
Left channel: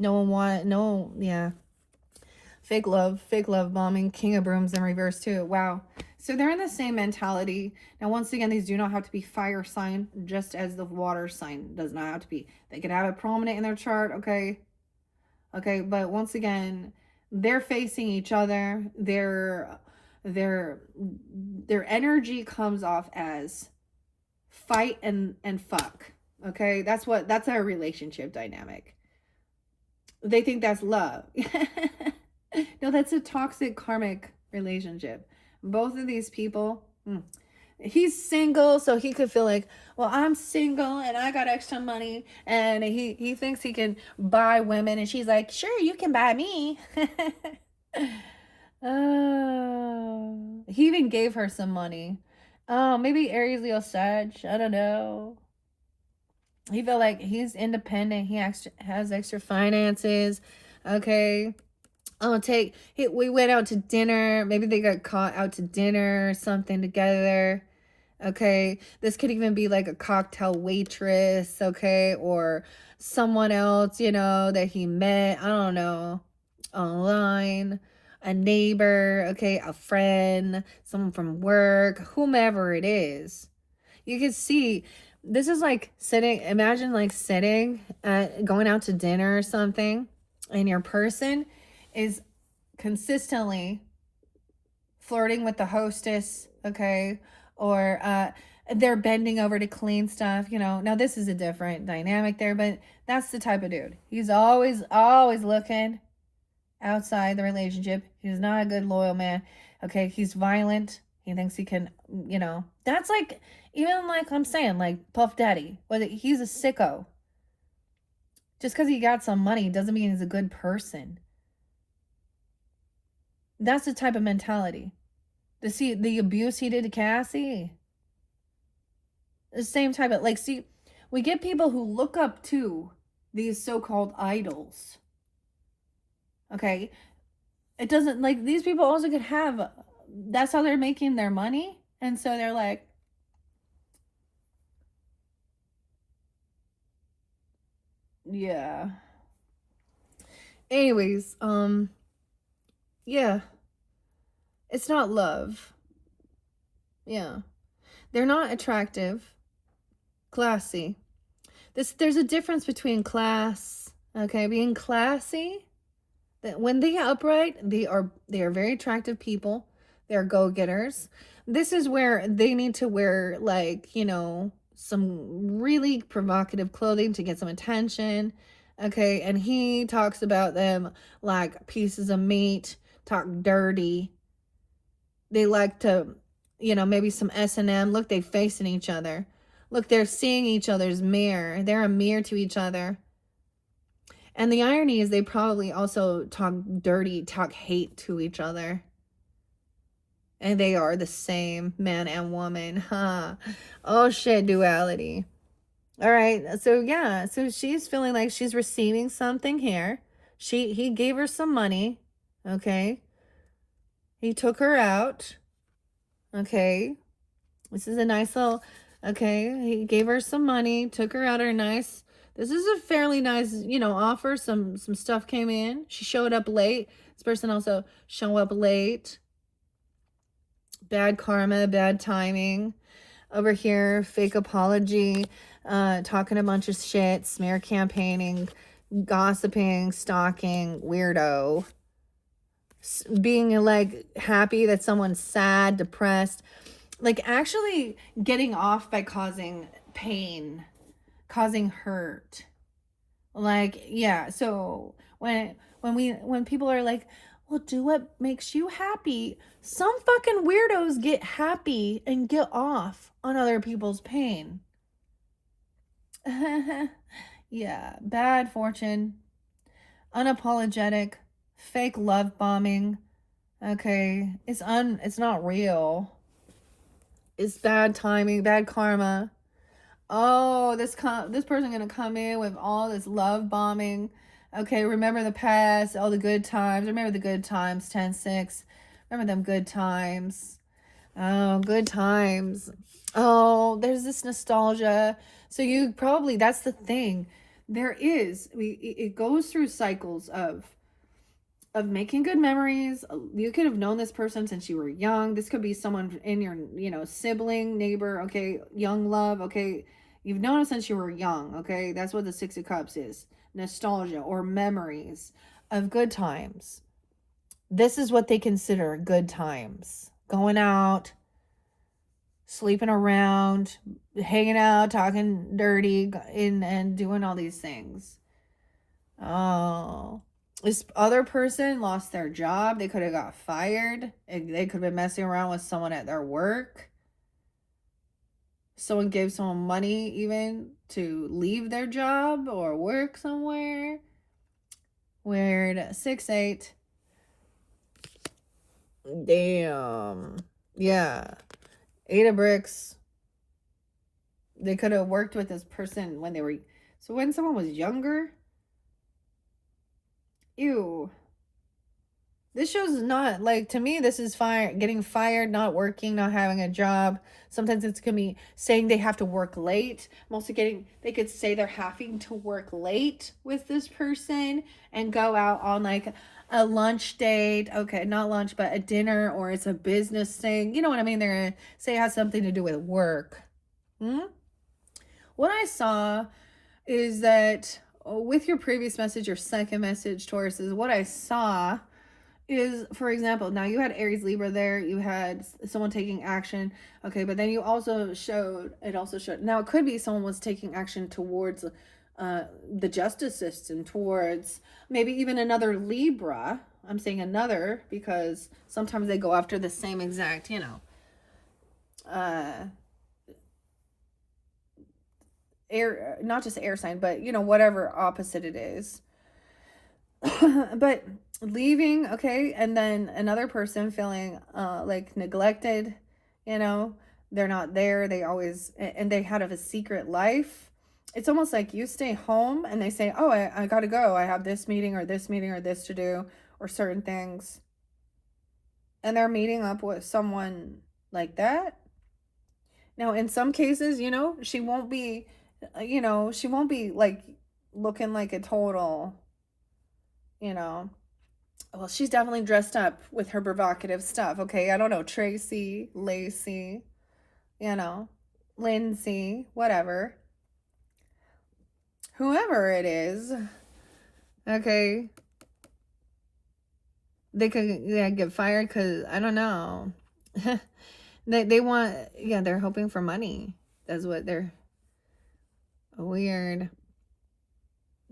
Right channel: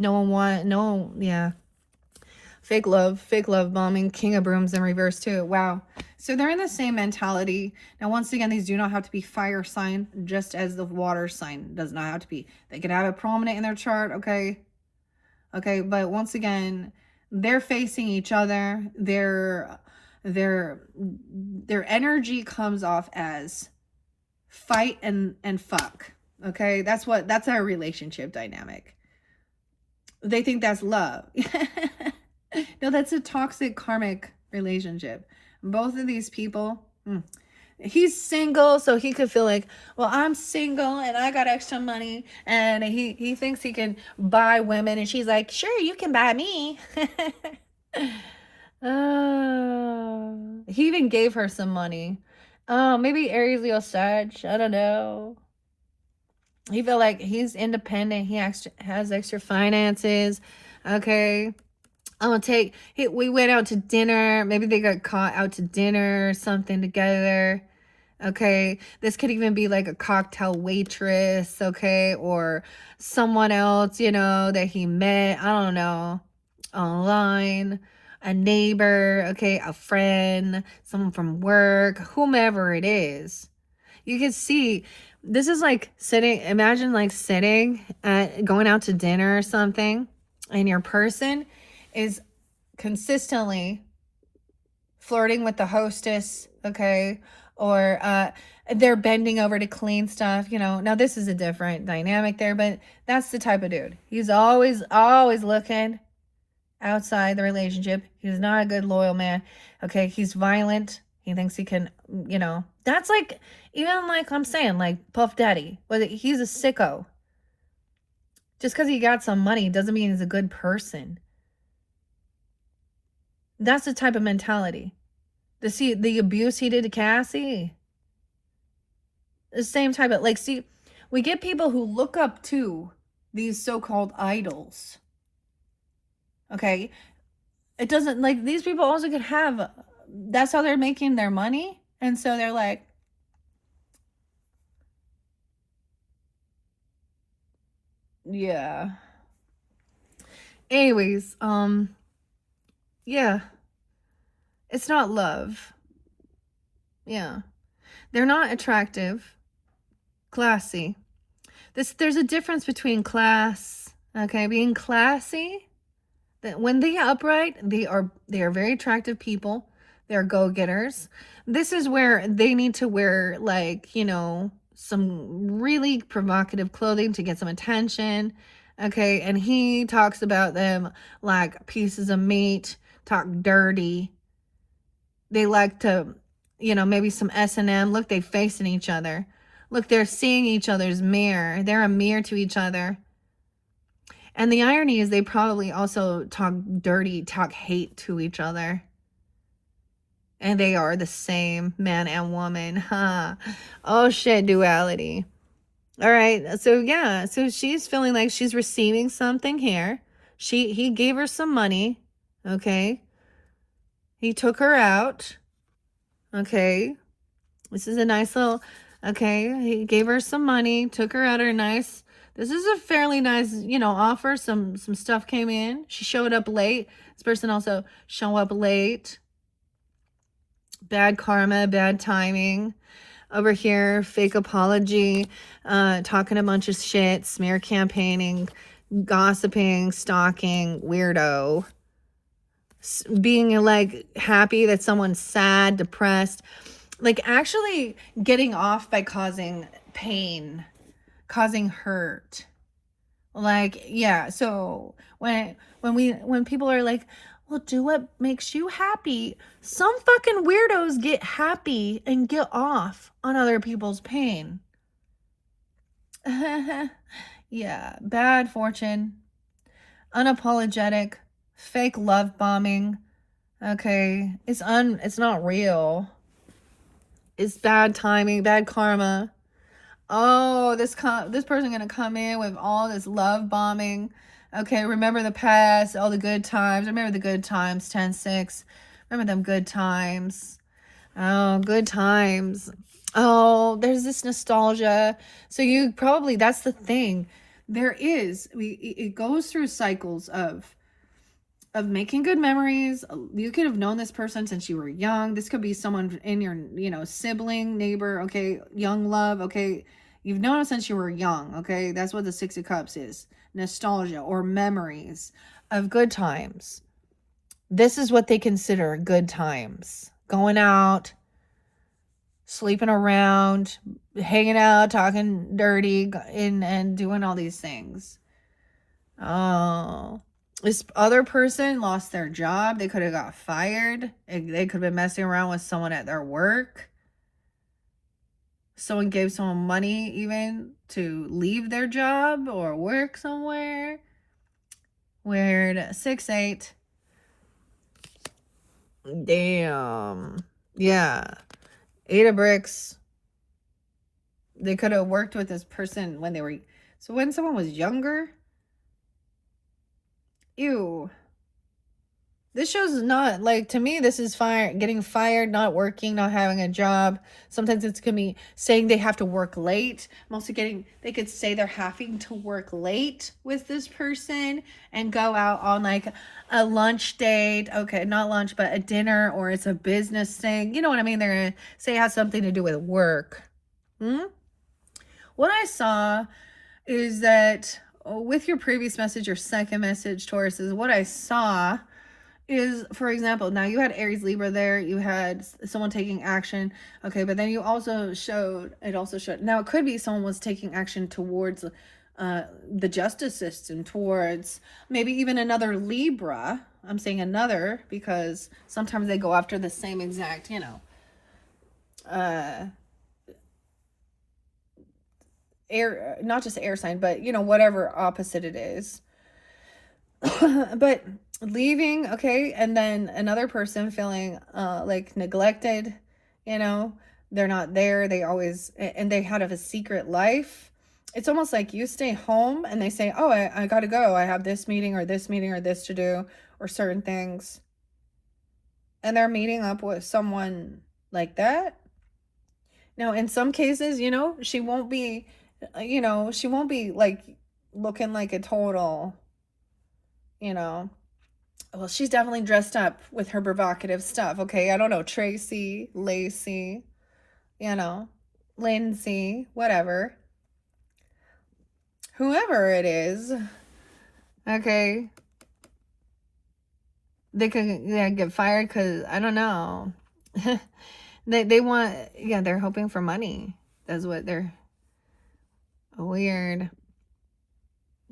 Yeah. Fake love bombing, King of Brooms in reverse too. Wow. So they're in the same mentality. Now, once again, these do not have to be fire sign, just as the water sign does not have to be. They could have it prominent in their chart, okay? Okay, but once again, they're facing each other. Their energy comes off as fight and fuck. Okay, that's our relationship dynamic. They think that's love. No, that's a toxic karmic relationship. Both of these people, he's single, so he could feel like, well, I'm single and I got extra money, and he thinks he can buy women, and she's like, sure, you can buy me. He even gave her some money. Maybe Aries, Leo, Sag, I don't know. He felt like he's independent. He has extra finances. Okay. We went out to dinner. Maybe they got caught out to dinner or something together. Okay. This could even be like a cocktail waitress. Okay. Or someone else, that he met. I don't know. Online. A neighbor. Okay. A friend. Someone from work. Whomever it is. You can see, this is like imagine like sitting going out to dinner or something, and your person is consistently flirting with the hostess, okay, or they're bending over to clean stuff, you know. Now this is a different dynamic there, but that's the type of dude. He's always looking outside the relationship. He's not a good loyal man. Okay, he's violent. He thinks he can, you know. That's like, even like I'm saying, like Puff Daddy. But he's a sicko. Just because he got some money doesn't mean he's a good person. That's the type of mentality. The abuse he did to Cassie. The same type of, like, see, we get people who look up to these so-called idols. Okay, it doesn't, like, these people also could have, that's how they're making their money, and so they're like, yeah. Anyways, yeah, it's not love. Yeah, they're not attractive, classy. There's a difference between class, okay, being classy. That when they are upright, they are very attractive people. They're go-getters. This is where they need to wear, like, you know, some really provocative clothing to get some attention. Okay, and he talks about them like pieces of meat, talk dirty. They like to, you know, maybe some S&M. Look, they facing each other. Look, they're seeing each other's mirror. They're a mirror to each other. And the irony is they probably also talk dirty, talk hate to each other. And they are the same, man and woman. Huh. Oh shit, duality. All right. So yeah, so she's feeling like she's receiving something here. He gave her some money. Okay. He took her out. Okay. This is a nice little, okay. He gave her some money, took her out, her nice. This is a fairly nice, you know, offer. Some stuff came in. She showed up late. This person also show up late. Bad karma, bad timing. Over here, fake apology, talking a bunch of shit, smear campaigning, gossiping, stalking, weirdo. Being like happy that someone's sad, depressed. Like actually getting off by causing pain, causing hurt. Like, yeah, so when people are like, well, do what makes you happy, some fucking weirdos get happy and get off on other people's pain. Yeah, bad fortune, unapologetic, fake love bombing. Okay, it's not real. It's bad timing, bad karma. Oh, this person gonna come in with all this love bombing. Okay, remember the past, all the good times. Remember the good times, 10-6. Remember them good times. Oh, good times. Oh, there's this nostalgia. So you probably, that's the thing. It goes through cycles of making good memories. You could have known this person since you were young. This could be someone in your, you know, sibling, neighbor, okay, young love, okay. You've known them since you were young, okay? That's what the Six of Cups is. Nostalgia or memories of good times. This is what they consider good times. Going out, sleeping around, hanging out, talking dirty, and doing all these things. Oh, this other person lost their job. They could have got fired. They could have been messing around with someone at their work. Someone gave someone money even to leave their job or work somewhere. Weird. 6-8. Damn. Yeah. 8 of bricks. They could have worked with this person when they were, so when someone was younger. Ew. This shows not, like, to me, this is getting fired, not working, not having a job. Sometimes it's gonna be saying they have to work late. I'm also they could say they're having to work late with this person and go out on like a lunch date. Okay, not lunch, but a dinner, or it's a business thing. You know what I mean? They're gonna say it has something to do with work. What I saw is that with your previous message, your second message, Taurus, is what I saw is, for example, now you had Aries Libra there, you had someone taking action, okay, but then you also showed, now it could be someone was taking action towards the justice system, towards maybe even another Libra. I'm saying another because sometimes they go after the same exact, air, not just air sign, but whatever opposite it is. But leaving, okay, and then another person feeling like neglected, they're not there, they always, and they had a secret life. It's almost like you stay home and they say, oh, I gotta go, I have this meeting or this meeting or this to do or certain things, and they're meeting up with someone like that. Now in some cases, she won't be, she won't be like looking like a total, well, she's definitely dressed up with her provocative stuff, okay? I don't know, Tracy, Lacey, Lindsay, whatever. Whoever it is, okay? They could get fired because, I don't know. they want, they're hoping for money. That's what they're, weird.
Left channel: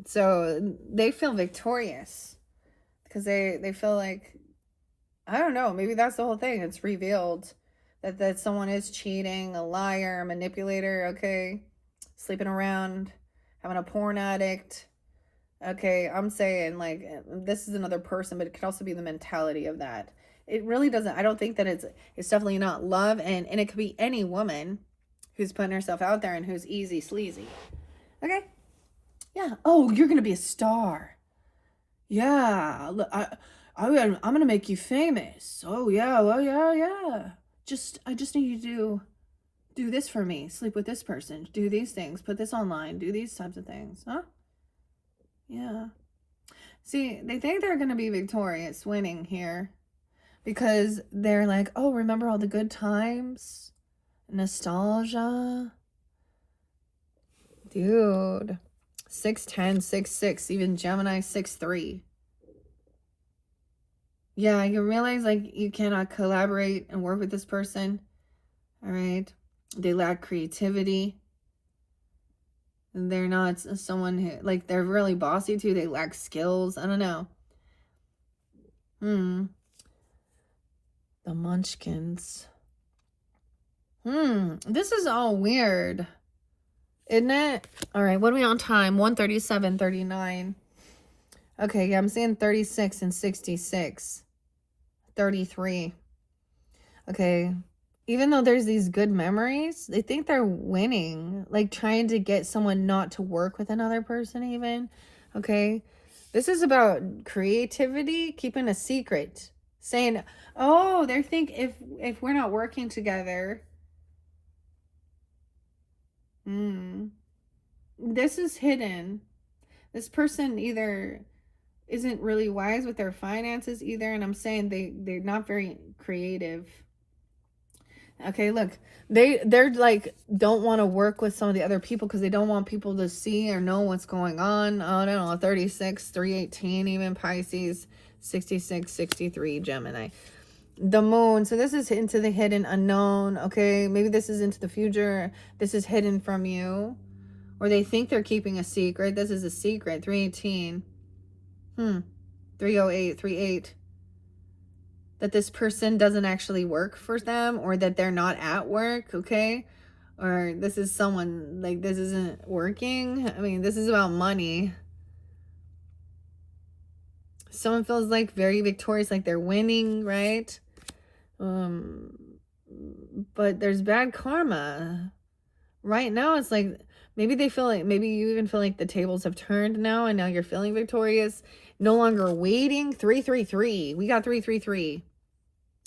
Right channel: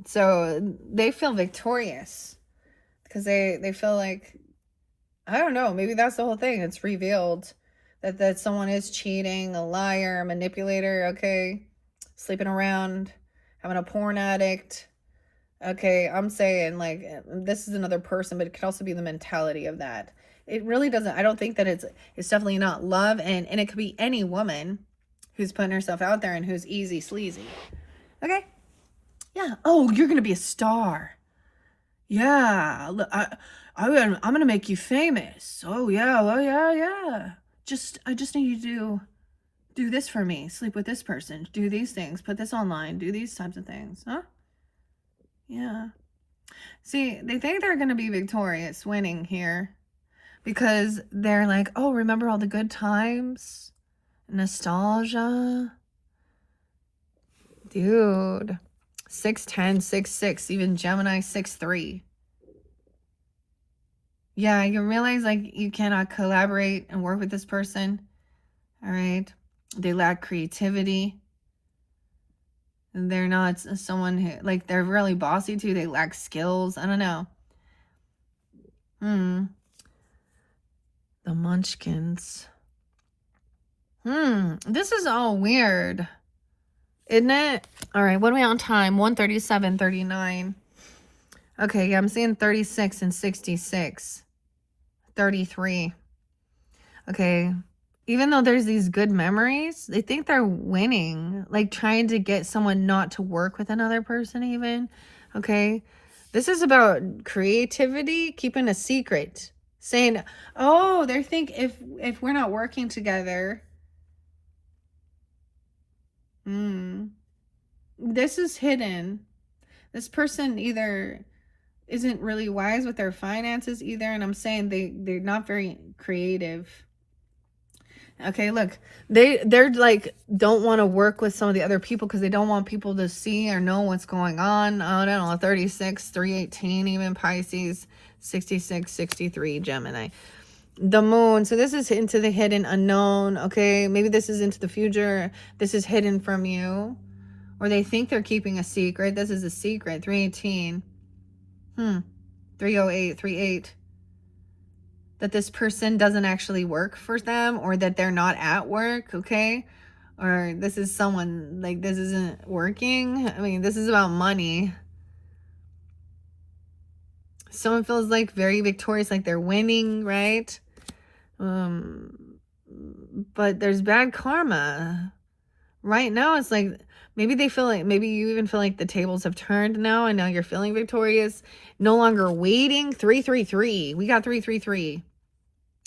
So they feel victorious because they feel like, I don't know, maybe that's the whole thing. It's revealed that someone is cheating, a liar, a manipulator, okay, sleeping around, having a porn addict. Okay, I'm saying like this is another person, but it could also be the mentality of that. It really doesn't, I don't think that it's definitely not love, and it could be any woman who's putting herself out there and who's easy sleazy. Okay? Yeah. Oh, you're gonna be a star. Yeah. I'm gonna make you famous. Oh yeah. Well, yeah. I just need you to do this for me. Sleep with this person. Do these things. Put this online. Do these types of things. Huh? Yeah. See, they think they're gonna be victorious, winning here, because they're like, oh, remember all the good times, nostalgia, dude. 6'10", 6'6", even Gemini 6'3". Yeah, you realize like you cannot collaborate and work with this person. All right. They lack creativity. They're not someone who, like, they're really bossy too. They lack skills. I don't know. The Munchkins. This is all weird, isn't it? All right, what are we on time? 1:37:39. Okay, yeah, I'm seeing 36 and 66. 33. Okay. Even though there's these good memories, they think they're winning, like trying to get someone not to work with another person even. Okay. This is about creativity, keeping a secret, saying, oh, they think if we're not working together, this is hidden. This person either isn't really wise with their finances either, and I'm saying they're not very creative. Okay, look, they're like don't want to work with some of the other people because they don't want people to see or know what's going on. I don't know, 36, 318, even Pisces, 66, 63, Gemini. The moon, so this is into the hidden unknown. Okay, maybe this is into the future. This is hidden from you, or they think they're keeping a secret. This is a secret. 318, 308, 38. That this person doesn't actually work for them, or that they're not at work, okay? Or this is someone, like, this isn't working. I mean, this is about money. Someone feels like very victorious, like they're winning, right? But there's bad karma. Right now, it's like, maybe they feel like, maybe you even feel like the tables have turned now, and now you're feeling victorious. No longer waiting. 333. We got 333.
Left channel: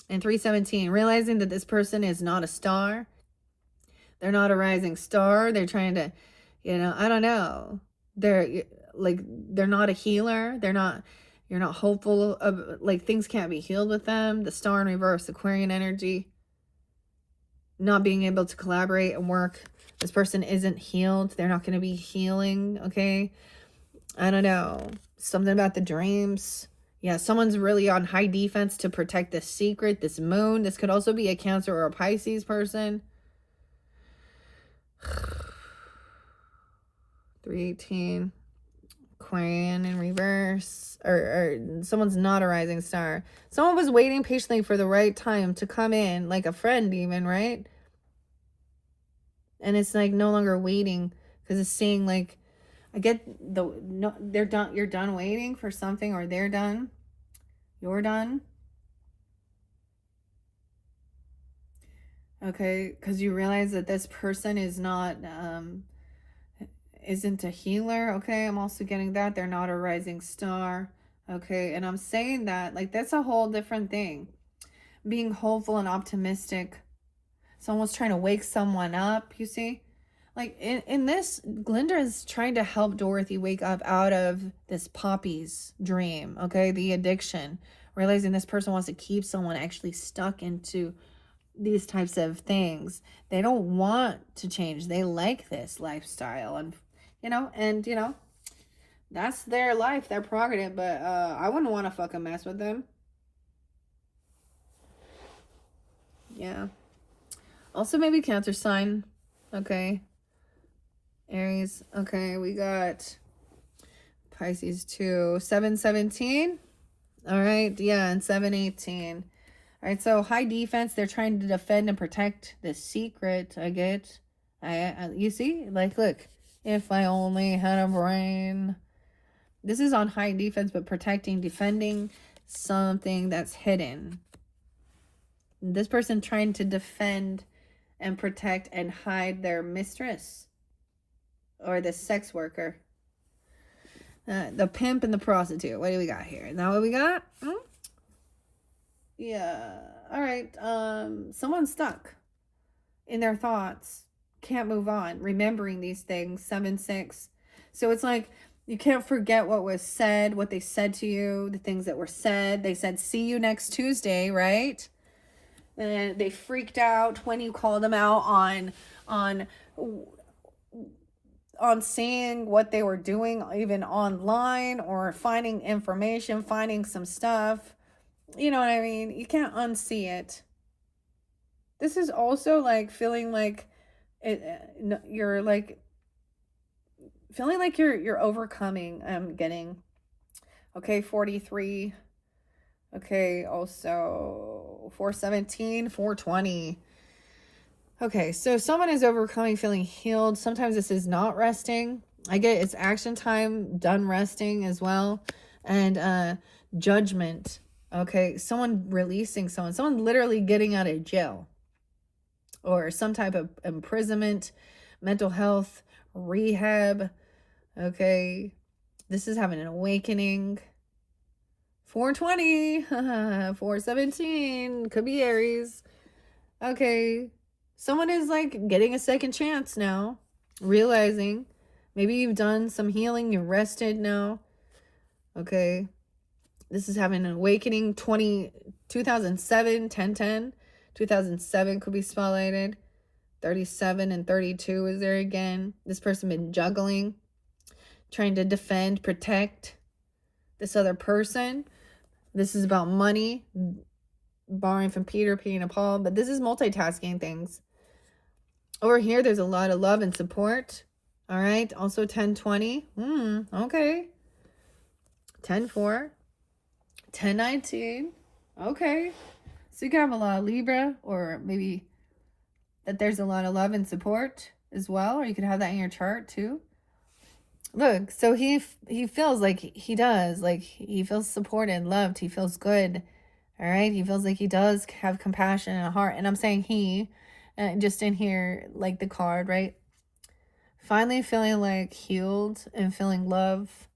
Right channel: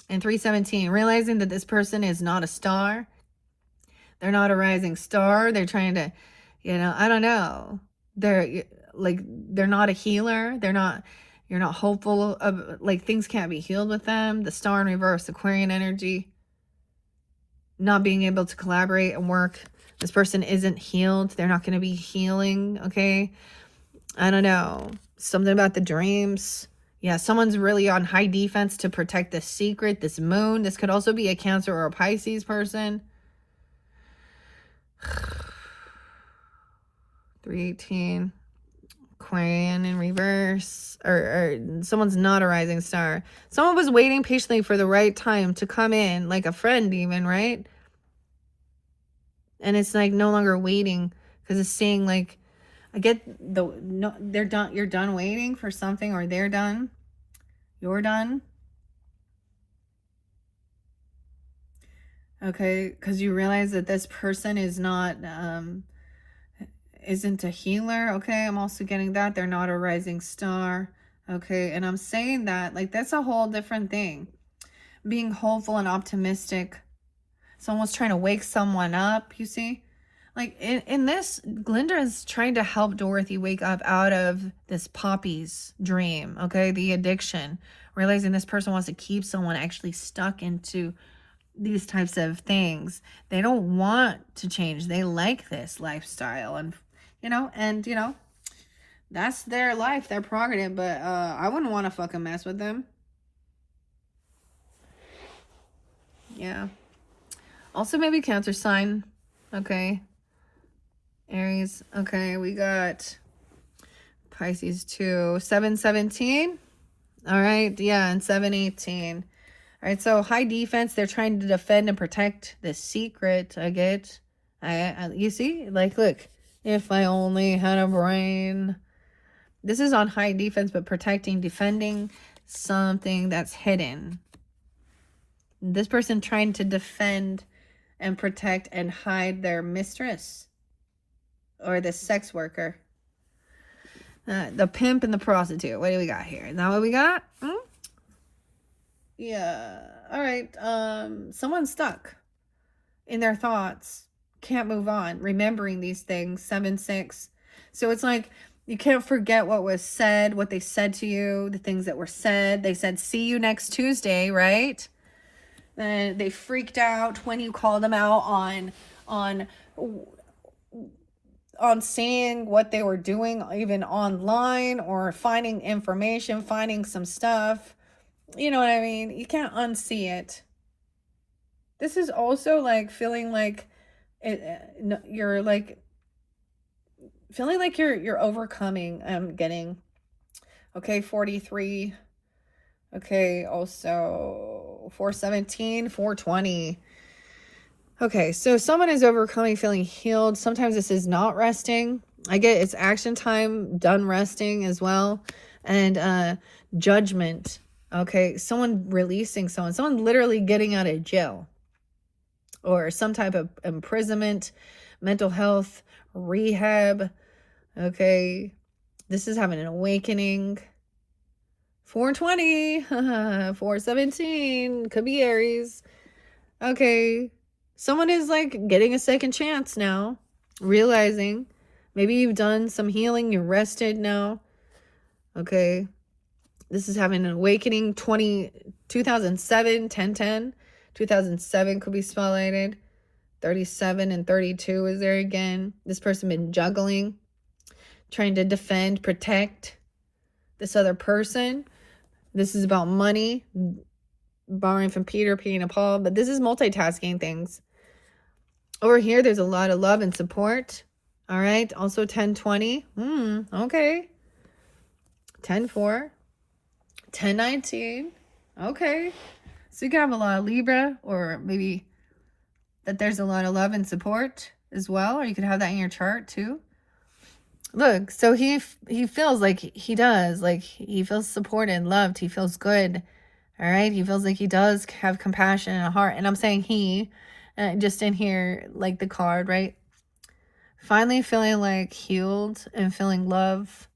And 317, realizing that this person is not a star. They're not a rising star. They're trying to, I don't know. They're not a healer. You're not hopeful of, like, things can't be healed with them. The star in reverse, Aquarian energy. Not being able to collaborate and work. This person isn't healed. They're not going to be healing, okay? I don't know. Something about the dreams. Yeah, someone's really on high defense to protect the secret, this moon. This could also be a Cancer or a Pisces person. 318. Queen in reverse. Or someone's not a rising star. Someone was waiting patiently for the right time to come in, like a friend even, right? And it's like no longer waiting, because it's saying like, I get no, they're done. You're done waiting for something, or they're done. You're done. Okay, because you realize that this person is not isn't a healer. Okay, I'm also getting that they're not a rising star. Okay, and I'm saying that like that's a whole different thing. Being hopeful and optimistic. Someone's trying to wake someone up, you see? Like in this, Glinda is trying to help Dorothy wake up out of this Poppy's dream, okay? The addiction. Realizing this person wants to keep someone actually stuck into these types of things. They don't want to change. They like this lifestyle. And, that's their life, their prerogative. But I wouldn't want to fucking mess with them. Yeah. Also maybe Cancer sign. Okay. Aries. Okay, we got Pisces too. 717. All right. Yeah, and 718. All right, so high defense. They're trying to defend and protect the secret. I get. You see? Like, look. If I only had a brain. This is on high defense, but protecting, defending something that's hidden. This person trying to defend and protect and hide their mistress. Or the sex worker. The pimp and the prostitute. What do we got here? Is that what we got? Yeah. All right. Someone's stuck in their thoughts. Can't move on. Remembering these things. 7-6. So it's like you can't forget what was said, what they said to you, the things that were said. They said, see you next Tuesday, right? They freaked out when you called them out on seeing what they were doing, even online, or finding information, finding some stuff. You know what I mean? You can't unsee it. This is also like feeling like you're like feeling like you're overcoming. I'm getting. Okay, 43. Okay, also 417, 420. Okay, so someone is overcoming, feeling healed. Sometimes this is not resting. I get it's action time, done resting as well. And judgment. Okay, someone releasing someone literally getting out of jail. Or some type of imprisonment, mental health, rehab. Okay, this is having an awakening. 420, 417, could be Aries. Okay, someone is like getting a second chance now, realizing maybe you've done some healing, you're rested now. Okay, this is having an awakening. 2007, 1010, 2007 could be spotlighted. 37 and 32 is there again. This person been juggling, trying to defend, protect this other person. This is about money, borrowing from Peter, paying to Paul, but this is multitasking things. Over here, there's a lot of love and support. All right. Also 1020. Okay. 10-4. 10-19. Okay. So you can have a lot of Libra, or maybe that there's a lot of love and support as well, or you could have that in your chart too. Look, so he feels like he does, like he feels supported, loved, he feels good. All right, he feels like he does have compassion and a heart. And I'm saying he, just in here, like the card, right? Finally feeling like healed and feeling love,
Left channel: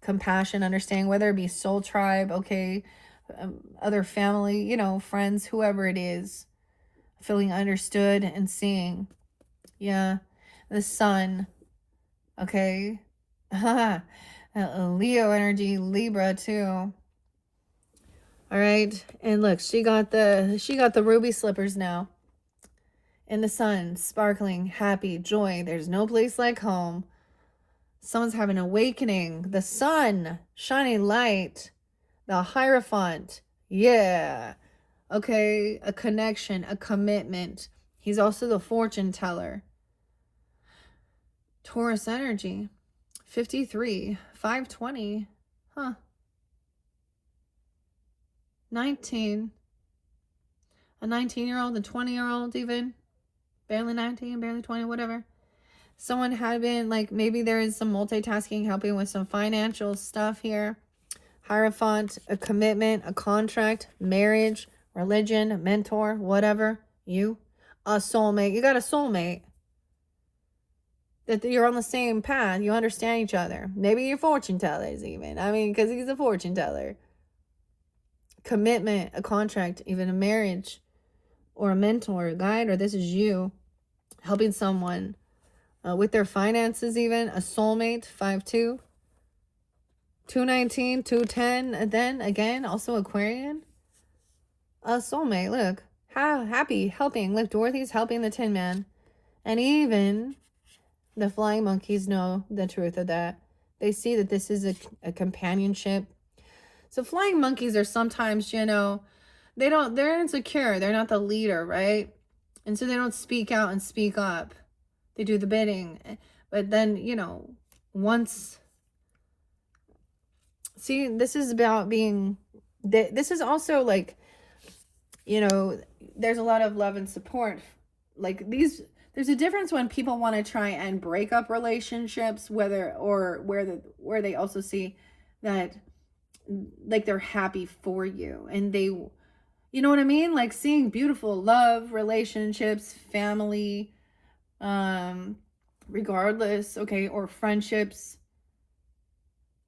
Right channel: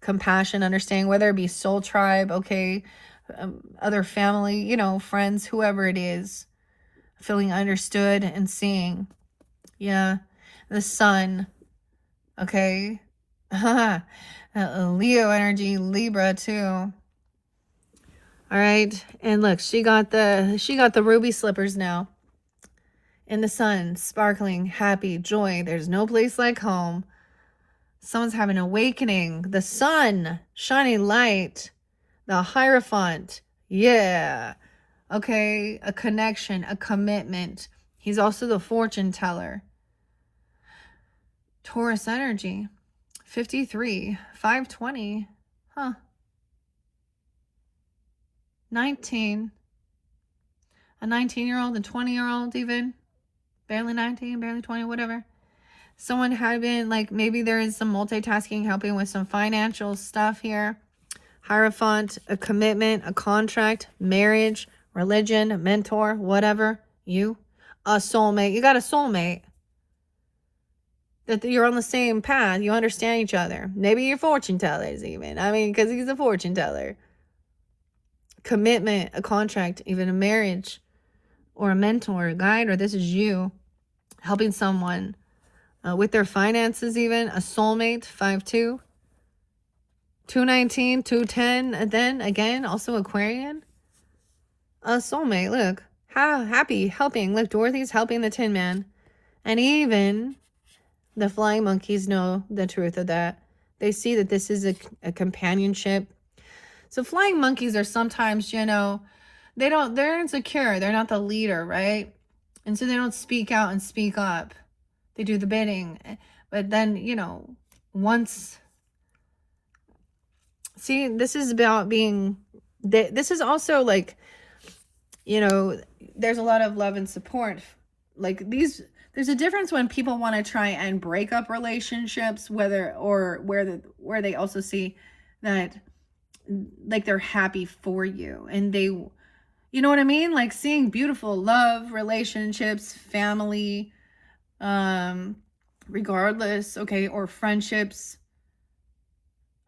compassion, understanding, whether it be soul tribe, okay, other family, friends, whoever it is, feeling understood and seeing. Yeah, the sun. Okay. Leo energy, Libra too. All right. And look, she got the ruby slippers now. In the sun, sparkling, happy, joy. There's no place like home. Someone's having an awakening. The sun, shining light. The Hierophant. Yeah. Okay. A connection, a commitment. He's also the fortune teller. Taurus energy. 53. 520. Huh. 19. A 19-year-old, a 20-year-old even. Barely 19, barely 20, whatever. Someone had been, like, maybe there is some multitasking, helping with some financial stuff here. Hierophant, a commitment, a contract, marriage, religion, mentor, whatever. You, a soulmate. You got a soulmate. That you're on the same path. You understand each other. Maybe you're fortune tellers even. I mean, because he's a fortune teller. Commitment, a contract, even a marriage, or a mentor, a guide, or this is you helping someone with their finances even. A soulmate, 5-2. 219, 210, and then again, also Aquarian. A soulmate, look. How happy, helping. Look, Dorothy's helping the Tin Man. And even the flying monkeys know the truth of that. They see that this is a companionship. So flying monkeys are sometimes, they're insecure. They're not the leader, right? And so they don't speak out and speak up. They do the bidding. But then, once... See, this is about being... This is also like, there's a lot of love and support. Like there's a difference when people want to try and break up relationships, where they also see that, like, they're happy for you. And they, you know what I mean? Like seeing beautiful love, relationships, family, regardless, okay, or friendships.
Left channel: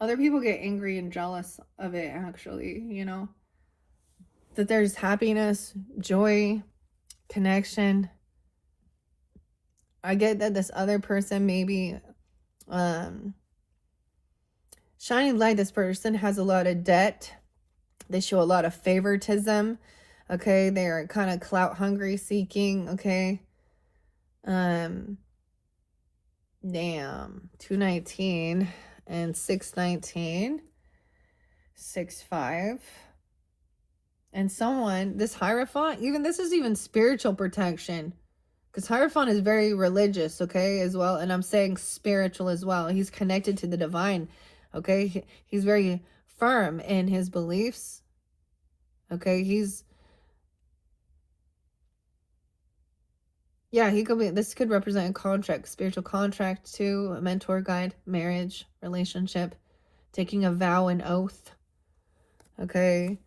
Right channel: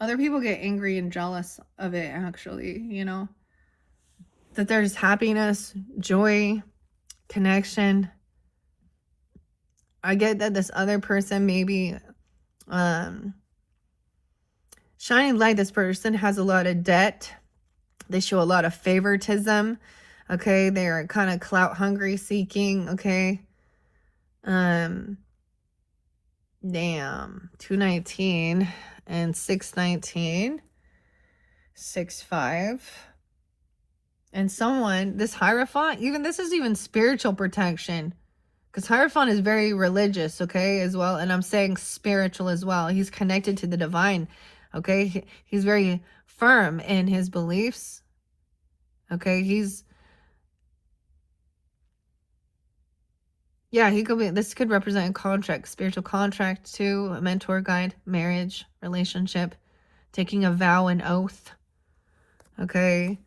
Other people get angry and jealous of it, actually, that there's happiness, joy, connection. I get that this other person maybe shining light. This person has a lot of debt. They show a lot of favoritism. Okay, they're kind of clout hungry, seeking. Okay, damn, 219 and 619, 6-5. And someone, this Hierophant, even this is even spiritual protection, because Hierophant is very religious, okay, as well. And I'm saying spiritual as well. He's connected to the divine, okay. He's very firm in his beliefs, okay. He could be, this could represent a contract, spiritual contract too, a mentor, guide, marriage, relationship, taking a vow, an oath, okay.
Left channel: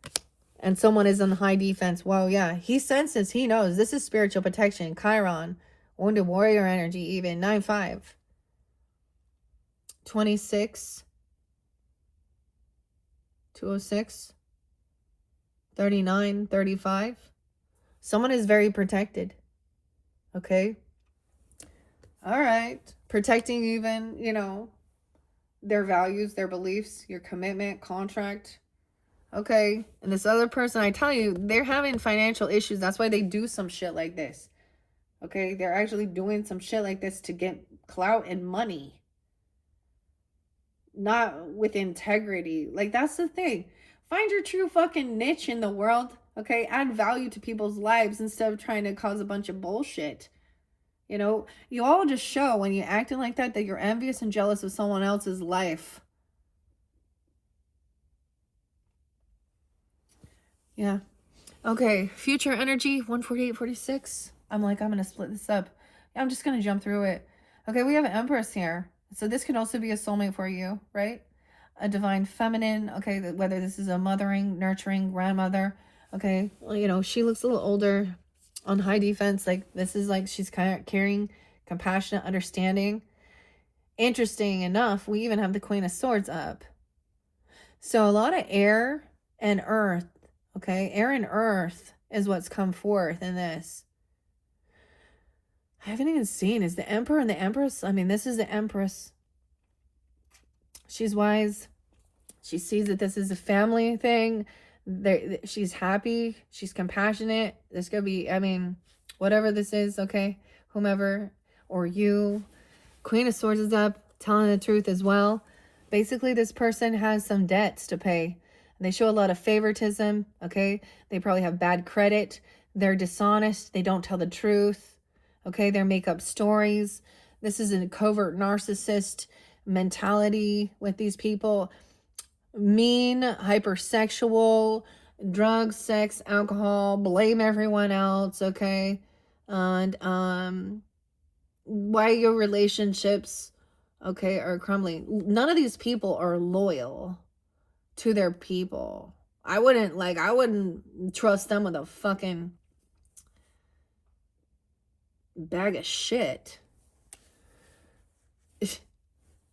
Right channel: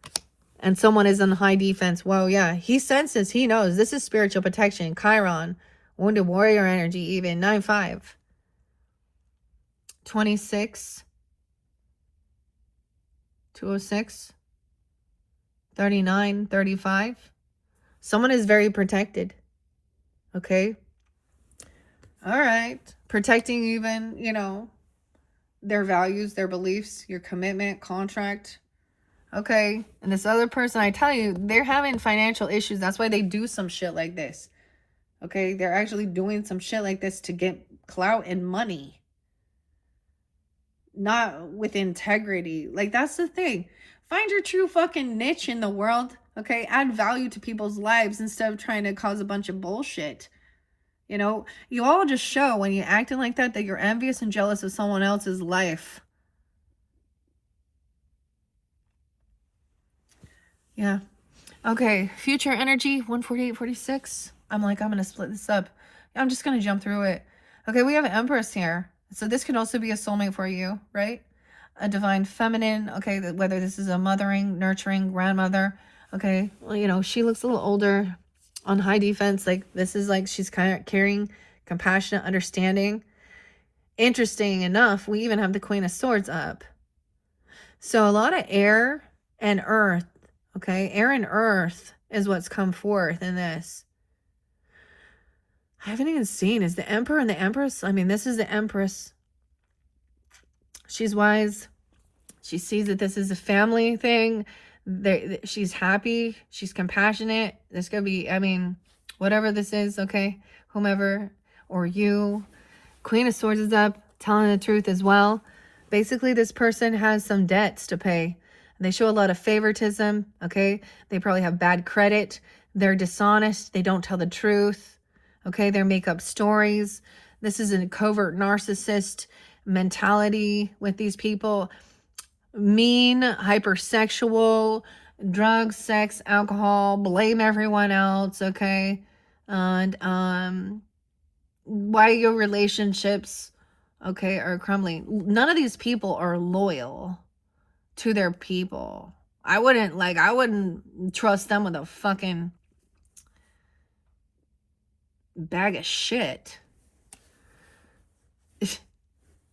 And someone is on high defense. Well, yeah, he senses, he knows this is spiritual protection. Chiron, wounded warrior energy, even 9-5, 26, 206, 39, 35. Someone is very protected. Okay. All right. Protecting even, their values, their beliefs, your commitment, contract. Okay. And this other person, I tell you, they're having financial issues. That's why they do some shit like this. Okay. They're actually doing some shit like this to get clout and money. Not with integrity. Like, that's the thing. Find your true fucking niche in the world. Okay. Add value to people's lives instead of trying to cause a bunch of bullshit. You all just show when you're acting like that you're envious and jealous of someone else's life. Yeah. Okay. Future energy, 148, 46. I'm going to split this up. I'm just going to jump through it. Okay. We have an Empress here. So this could also be a soulmate for you, right? A divine feminine. Okay. Whether this is a mothering, nurturing grandmother. Okay. Well, she looks a little older, on high defense. Like, this is like she's kind of caring, compassionate, understanding. Interesting enough, we even have the Queen of Swords up. So a lot of air and earth. Okay, air and earth is what's come forth in this. I haven't even seen, is the Emperor and the Empress? I mean, this is the Empress. She's wise. She sees that this is a family thing. She's happy. She's compassionate. This could be, whatever this is, okay? Whomever, or you. Queen of Swords is up, telling the truth as well. Basically, this person has some debts to pay. They show a lot of favoritism, okay? They probably have bad credit. They're dishonest. They don't tell the truth, okay? They make up stories. This is a covert narcissist mentality with these people. Mean, hypersexual, drugs, sex, alcohol, blame everyone else, okay? And why your relationships, okay, are crumbling. None of these people are loyal to their people. I wouldn't trust them with a fucking bag of shit.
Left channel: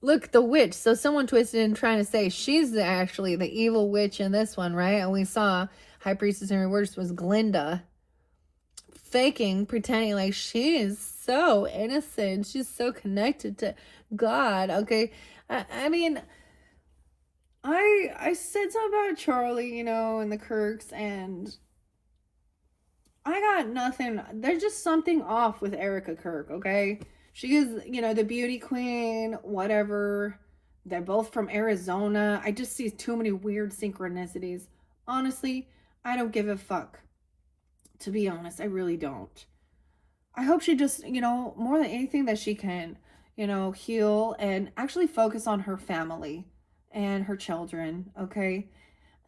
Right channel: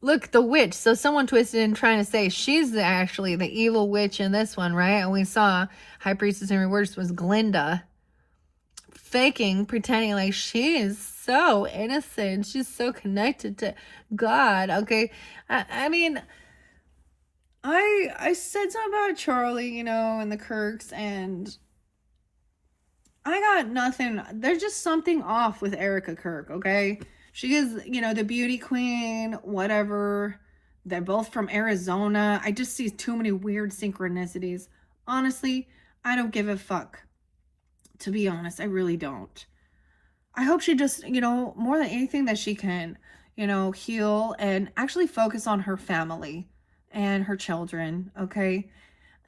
Look, the witch. So someone twisted in trying to say she's actually the evil witch in this one, right? And we saw High Priestess in reverse was Glinda. Faking, pretending like she is so innocent. She's so connected to God, okay? I mean, I said something about Charlie, you know, and the Kirks, and I got nothing. There's just something off with Erica Kirk, okay? She is, you know, the beauty queen, whatever. They're both from Arizona. I just see too many weird synchronicities. Honestly, I don't give a fuck. To be honest, I really don't. I hope she just, you know, more than anything that she can, you know, heal and actually focus on her family and her children, okay?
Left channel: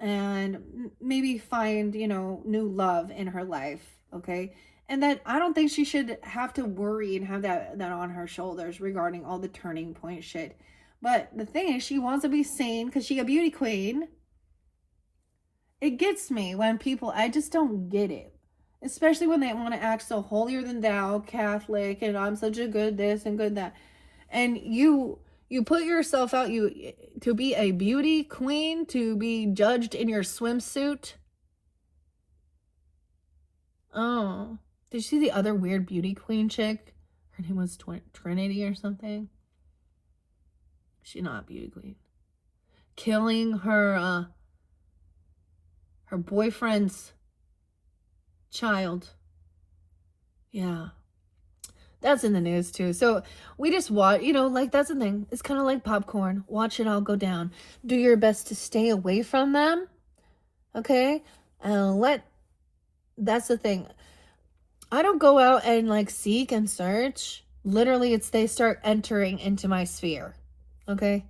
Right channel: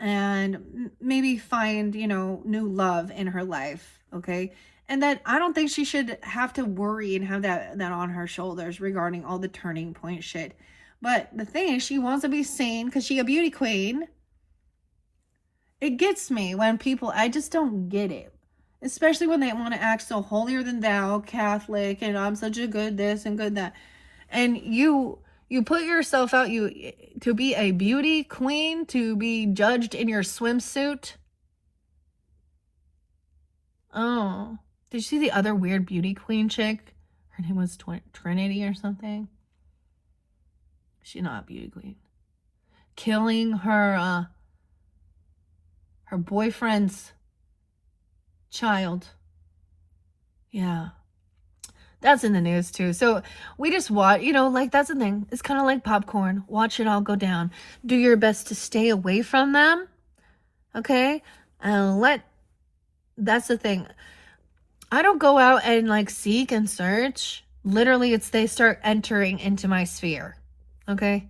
And maybe find, you know, new love in her life, okay? And that I don't think she should have to worry and have that on her shoulders regarding all the turning point shit. But the thing is, she wants to be sane because she's a beauty queen. It gets me when people, I just don't get it. Especially when they want to act so holier than thou, Catholic, and I'm such a good this and good that. And you put yourself out to be a beauty queen, to be judged in your swimsuit. Oh, did you see the other weird beauty queen chick? Her name was Trinity or something. She's not a beauty queen. Killing her boyfriend's child. Yeah. That's in the news too. So we just watch, you know, like that's the thing. It's kind of like popcorn. Watch it all go down. Do your best to stay away from them. Okay? And that's the thing. I don't go out and like seek and search. Literally, they start entering into my sphere. Okay?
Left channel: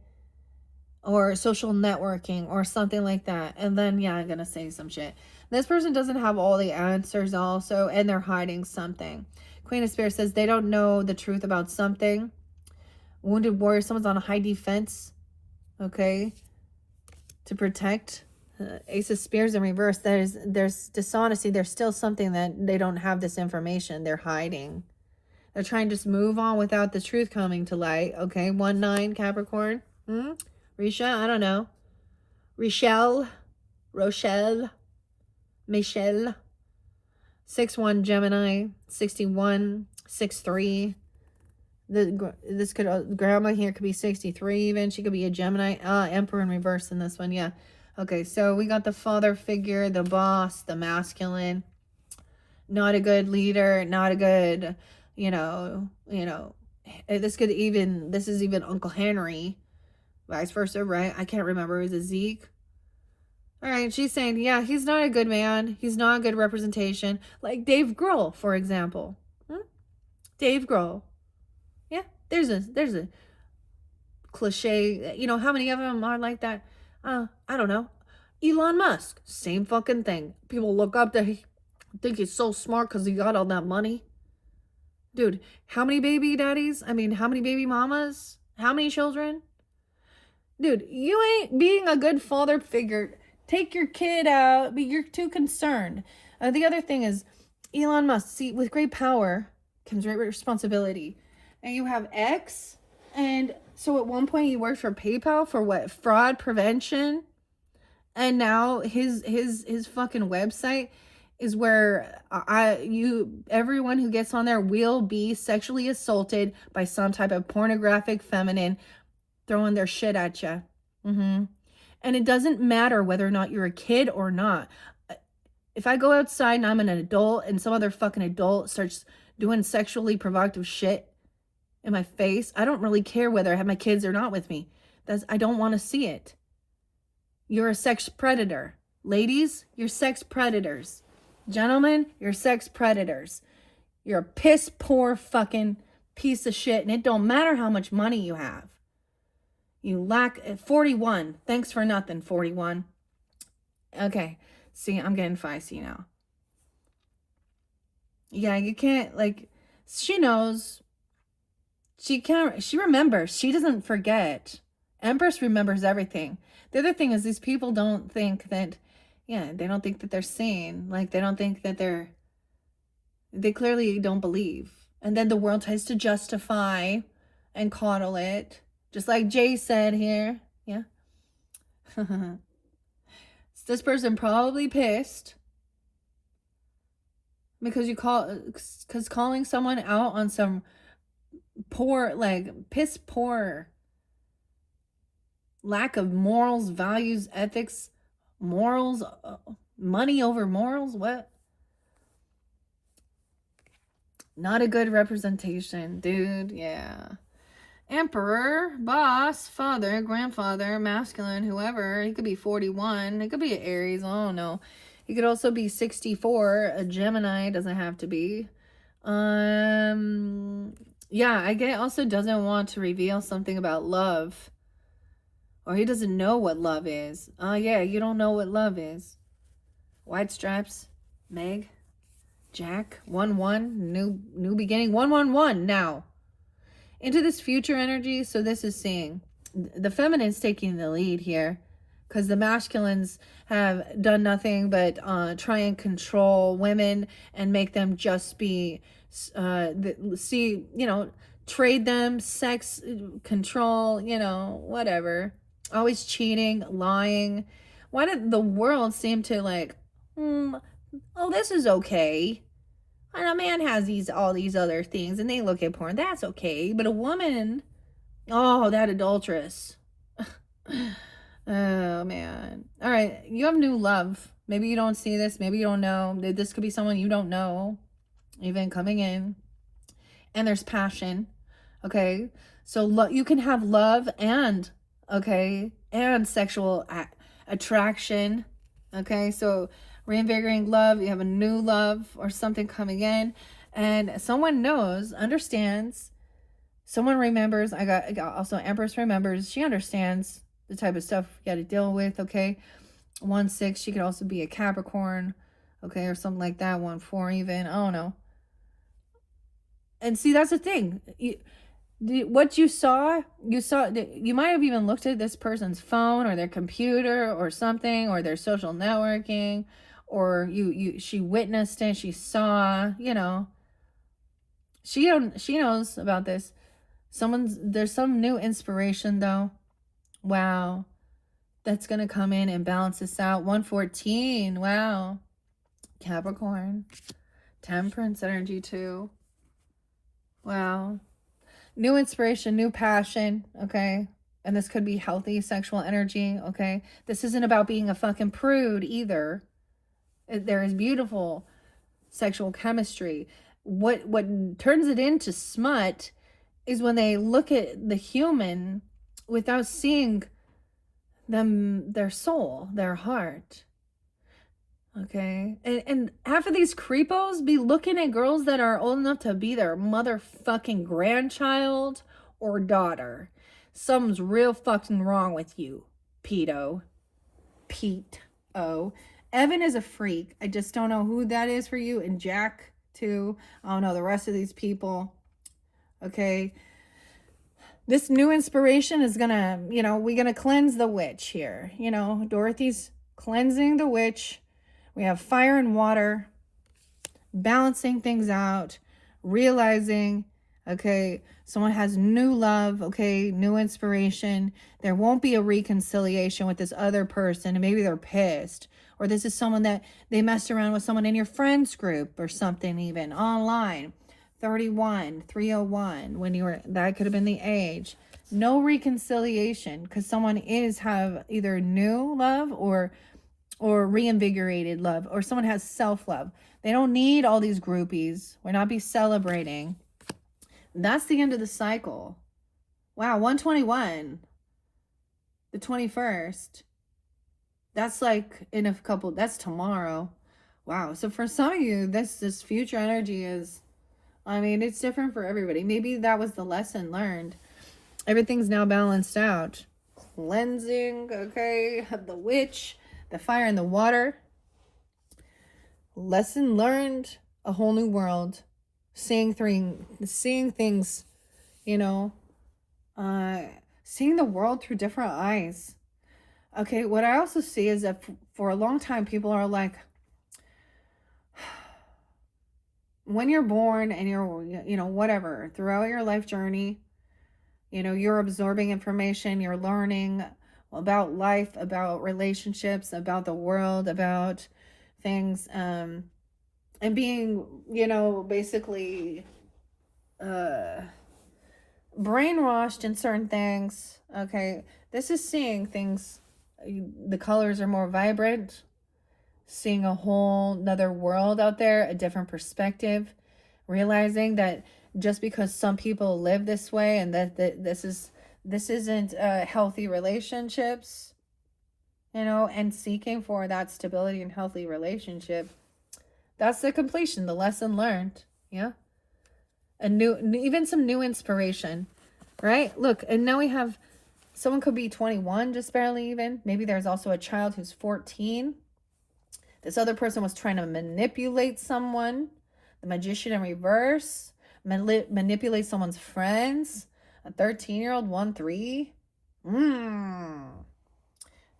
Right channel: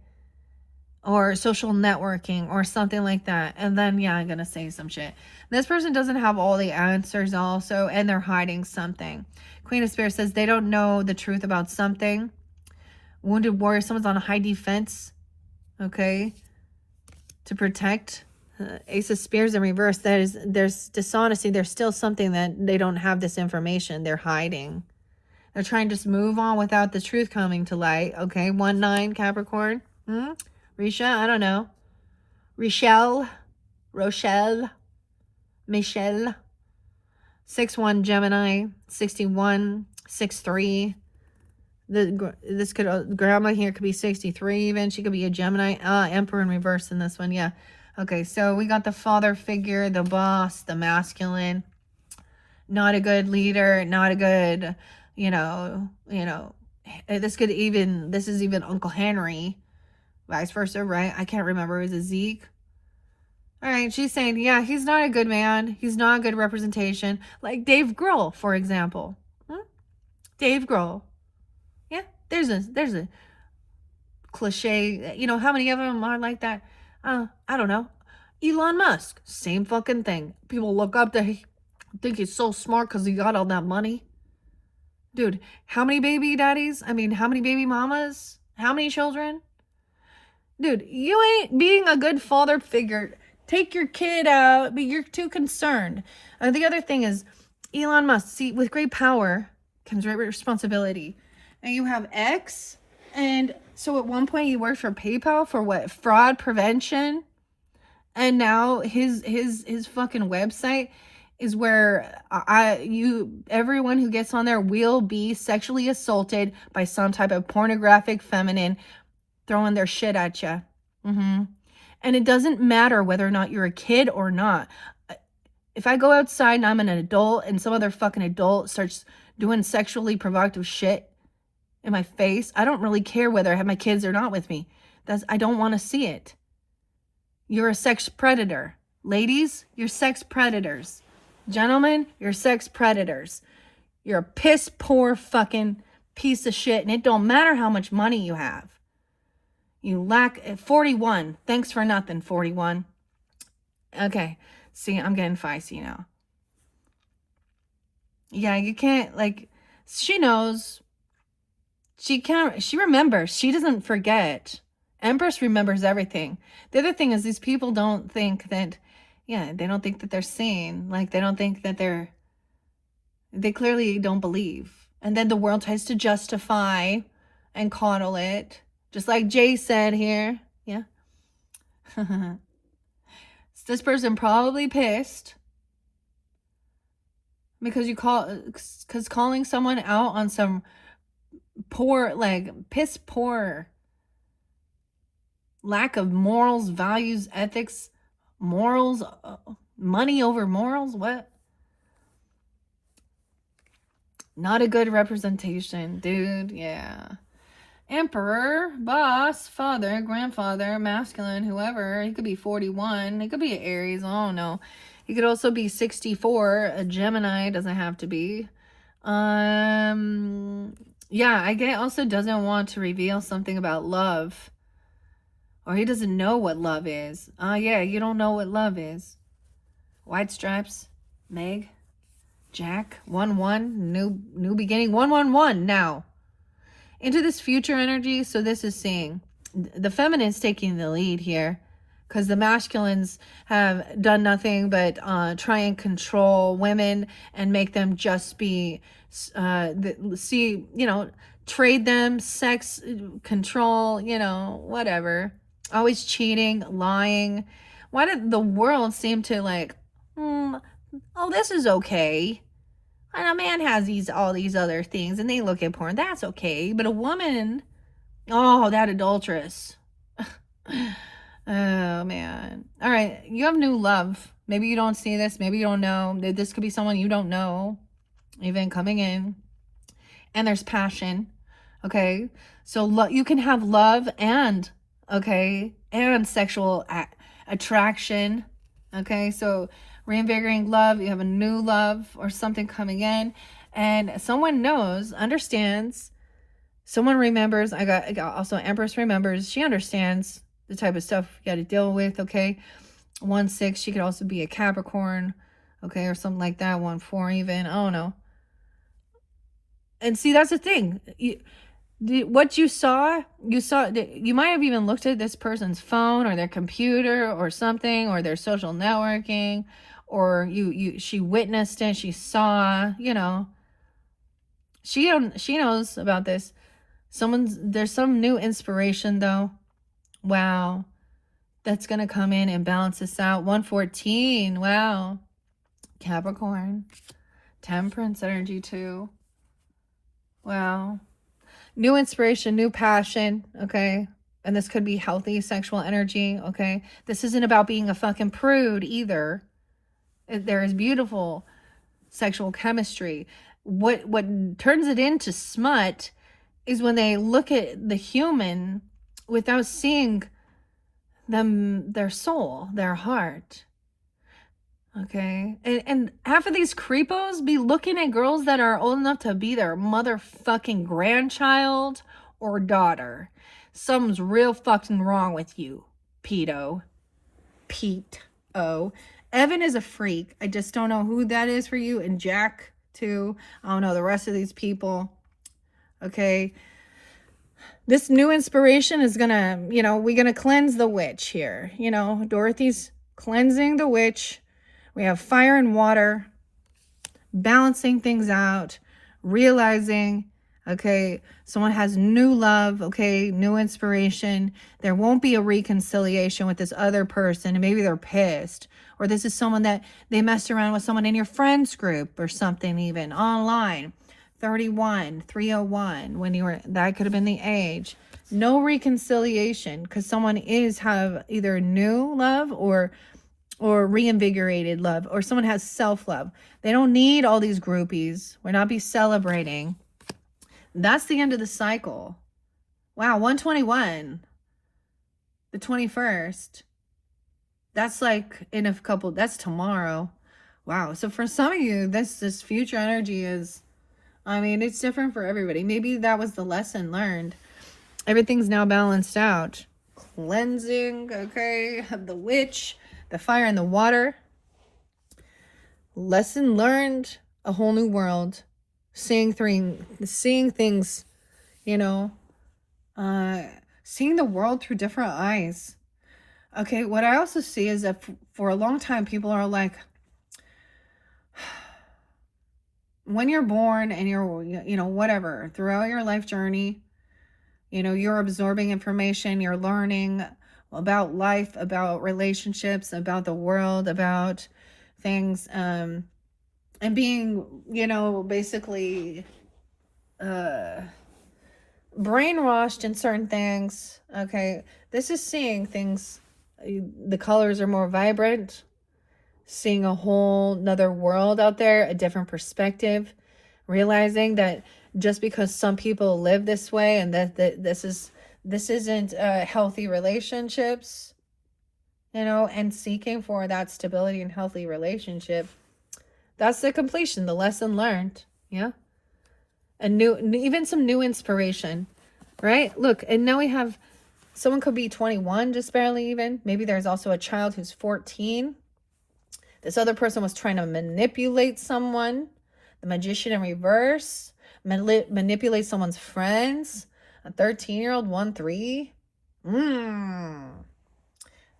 Or social networking or something like that. And then, yeah, I'm going to say some shit. This person doesn't have all the answers also, and they're hiding something. Queen of Spirits says they don't know the truth about something. Wounded warrior, someone's on a high defense. Okay? To protect. Ace of Spears in reverse. There's dishonesty. There's still something that they don't have this information. They're hiding. They're trying to just move on without the truth coming to light. Okay? 1-9 Capricorn. Risha, I don't know. Rochelle, Michelle. 6-1 Gemini, 61, 6-3. This could, grandma here could be 63 even. She could be a Gemini. Emperor in reverse in this one, yeah. Okay, so we got the father figure, the boss, the masculine. Not a good leader, not a good, you know, this is even Uncle Henry. Vice versa, right? I can't remember. Is it Zeke? All right, she's saying, yeah, he's not a good man. He's not a good representation. Like Dave Grohl, for example. Dave Grohl. Yeah, there's a cliche. You know, how many of them are like that? I don't know. Elon Musk, same fucking thing. People look up to think he's so smart because he got all that money. Dude, how many baby daddies? I mean, how many baby mamas? How many children? Dude, you ain't being a good father figure. Take your kid out, but you're too concerned. The other thing is, Elon Musk, see, with great power comes great responsibility. And you have X, and so at one point he worked for PayPal for what? Fraud prevention. And now his fucking website is where everyone who gets on there will be sexually assaulted by some type of pornographic feminine throwing their shit at you. And it doesn't matter whether or not you're a kid or not. If I go outside and I'm an adult and some other fucking adult starts doing sexually provocative shit in my face, I don't really care whether I have my kids or not with me. I don't want to see it. You're a sex predator. Ladies, you're sex predators. Gentlemen, you're sex predators. You're a piss poor fucking piece of shit, and it don't matter how much money you have. You lack 41. Thanks for nothing, 41. Okay. See, I'm getting feisty now. Yeah, you can't, like, she knows. She remembers. She doesn't forget. Empress remembers everything. The other thing is these people don't think that, they don't think that they're sane. Like, they don't think that they clearly don't believe. And then the world tries to justify and coddle it. Just like Jay said here. Yeah. This person probably pissed because calling someone out on some poor, like, piss poor lack of morals, values, ethics, morals, money over morals. What? Not a good representation, dude. Yeah. Emperor, boss, father, grandfather, masculine, whoever. He could be 41. He could be an Aries. I don't know. He could also be 64. A Gemini. Doesn't have to be. Yeah, I get also doesn't want to reveal something about love. Or he doesn't know what love is. Oh, yeah, you don't know what love is. White stripes, Meg, Jack, 1-1, new beginning, 1-1-1 now. Into this future energy, so this is saying the feminine's taking the lead here because the masculines have done nothing but try and control women and make them just be, trade them, sex, control, whatever. Always cheating, lying. Why did the world seem to like, this is okay. And a man has all these other things and they look at porn. That's okay. But a woman, that adulteress. Oh, man. All right. You have new love. Maybe you don't see this. Maybe you don't know. This could be someone you don't know even coming in. And there's passion. Okay. So you can have love and sexual attraction. Okay. So reinvigorating love, you have a new love or something coming in, and someone knows, understands, someone remembers. I got also Empress remembers. She understands the type of stuff you got to deal with. Okay, 1-6. She could also be a Capricorn, okay, or something like that. 1-4 even. I don't know. And see, that's the thing. What you saw, you might have even looked at this person's phone or their computer or something, or their social networking, or she witnessed it, she saw, she knows about this. There's some new inspiration though. Wow. That's going to come in and balance this out. 114. Wow. Capricorn. Temperance energy too. Wow. New inspiration, new passion, okay? And this could be healthy sexual energy, okay? This isn't about being a fucking prude either. There is beautiful sexual chemistry. What turns it into smut is when they look at the human without seeing them, their soul, their heart. Okay, and half of these creepos be looking at girls that are old enough to be their motherfucking grandchild or daughter. Something's real fucking wrong with you, pedo. Pete-o. Evan is a freak. I just don't know who that is for you. And Jack, too. I don't know the rest of these people. Okay. This new inspiration is gonna, we're gonna cleanse the witch here. Dorothy's cleansing the witch. We have fire and water, balancing things out, realizing, okay, someone has new love, okay, new inspiration. There won't be a reconciliation with this other person, and maybe they're pissed. Or this is someone that they messed around with someone in your friends group or something, even online. 31, 301, that could have been the age. No reconciliation, because someone have either new love or reinvigorated love, or someone has self-love. They don't need all these groupies. We're not be celebrating. That's the end of the cycle. Wow, 121. The 21st. That's like in a couple, that's tomorrow. Wow. So for some of you, this future energy is, I mean, it's different for everybody. Maybe that was the lesson learned. Everything's now balanced out. Cleansing, okay, of the witch, the fire and the water. Lesson learned, a whole new world. Seeing things, you know, seeing the world through different eyes. Okay, what I also see is that for a long time, people are like, when you're born and you're, you know, whatever, throughout your life journey, you know, you're absorbing information, you're learning about life, about relationships, about the world, about things, and being, you know, basically brainwashed in certain things. Okay, this is seeing things, the colors are more vibrant, seeing a whole nother world out there, a different perspective, realizing that just because some people live this way and that this isn't healthy relationships, you know, and seeking for that stability and healthy relationship, that's the completion, the lesson learned. Yeah. And even some new inspiration, right? Look, and now we have, someone could be 21, just barely even. Maybe there's also a child who's 14. This other person was trying to manipulate someone. The magician in reverse. Manipulate someone's friends. A 13-year-old, 1-3.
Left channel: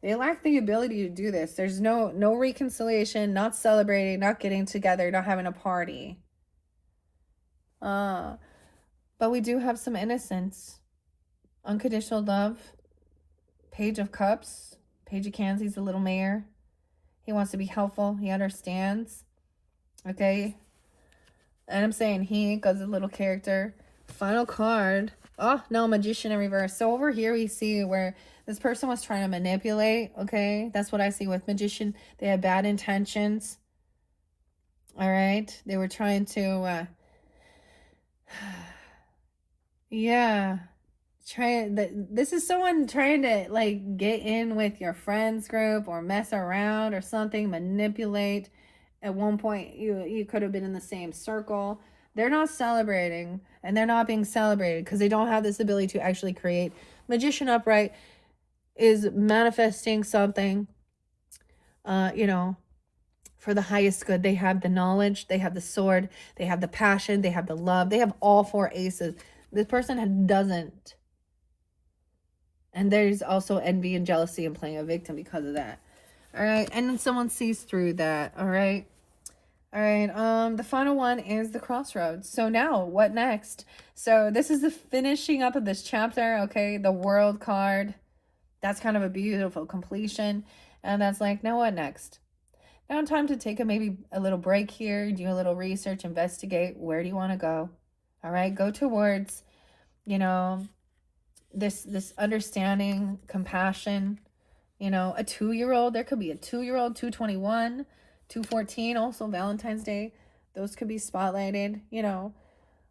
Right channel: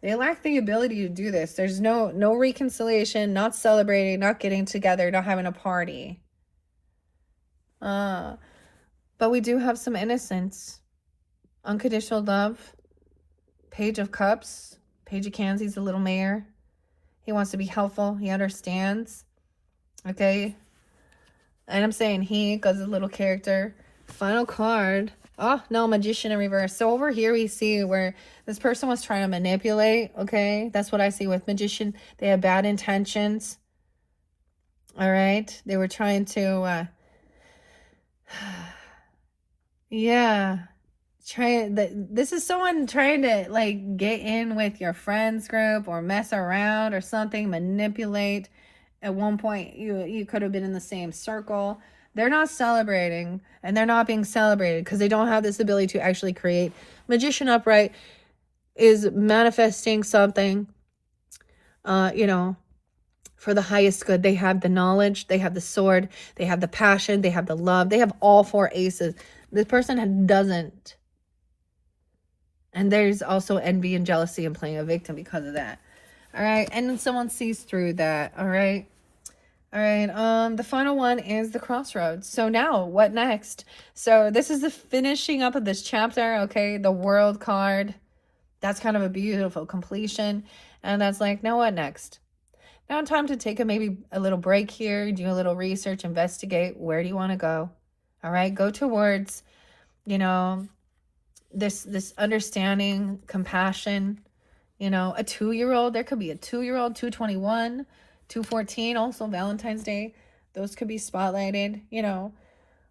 They lack the ability to do this. There's no reconciliation, not celebrating, not getting together, not having a party. But we do have some innocence. Unconditional love. Page of Cups. Page of Cans, he's a little mayor. He wants to be helpful. He understands. Okay. And I'm saying he, because a little character. Final card. Oh, no, Magician in reverse. So over here we see where this person was trying to manipulate. Okay. That's what I see with Magician. They have bad intentions. All right. They were trying to, yeah. This is someone trying to like get in with your friends group or mess around or something, manipulate. At one point you could have been in the same circle. They're not celebrating, and they're not being celebrated because they don't have this ability to actually create. Magician upright is manifesting something, you know, for the highest good. They have the knowledge, they have the sword, they have the passion, they have the love, they have all 4 aces. This person doesn't. And there's also envy and jealousy and playing a victim because of that. All right. And then someone sees through that. All right. All right. The final one is the crossroads. So now what next? So this is the finishing up of this chapter. Okay. The world card. That's kind of a beautiful completion. And that's like, now what next? Now time to take maybe a little break here. Do a little research, investigate. Where do you want to go? All right. Go towards, you know, this understanding, compassion, you know, a 2-year-old, there could be a 2-year-old, 221, 214, also Valentine's Day. Those could be spotlighted, you know,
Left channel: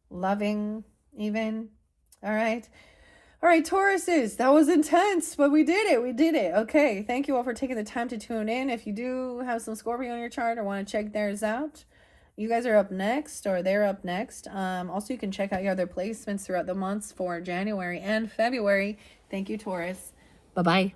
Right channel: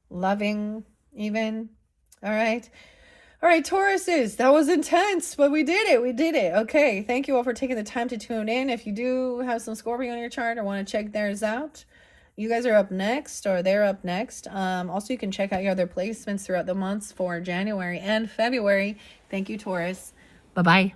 loving even. All right. All right, Tauruses, that was intense, but we did it. We did it. Okay. Thank you all for taking the time to tune in. If you do have some Scorpio on your chart or want to check theirs out, you guys are up next, or they're up next. Also, you can check out your other placements throughout the months for January and February. Thank you, Taurus. Bye-bye.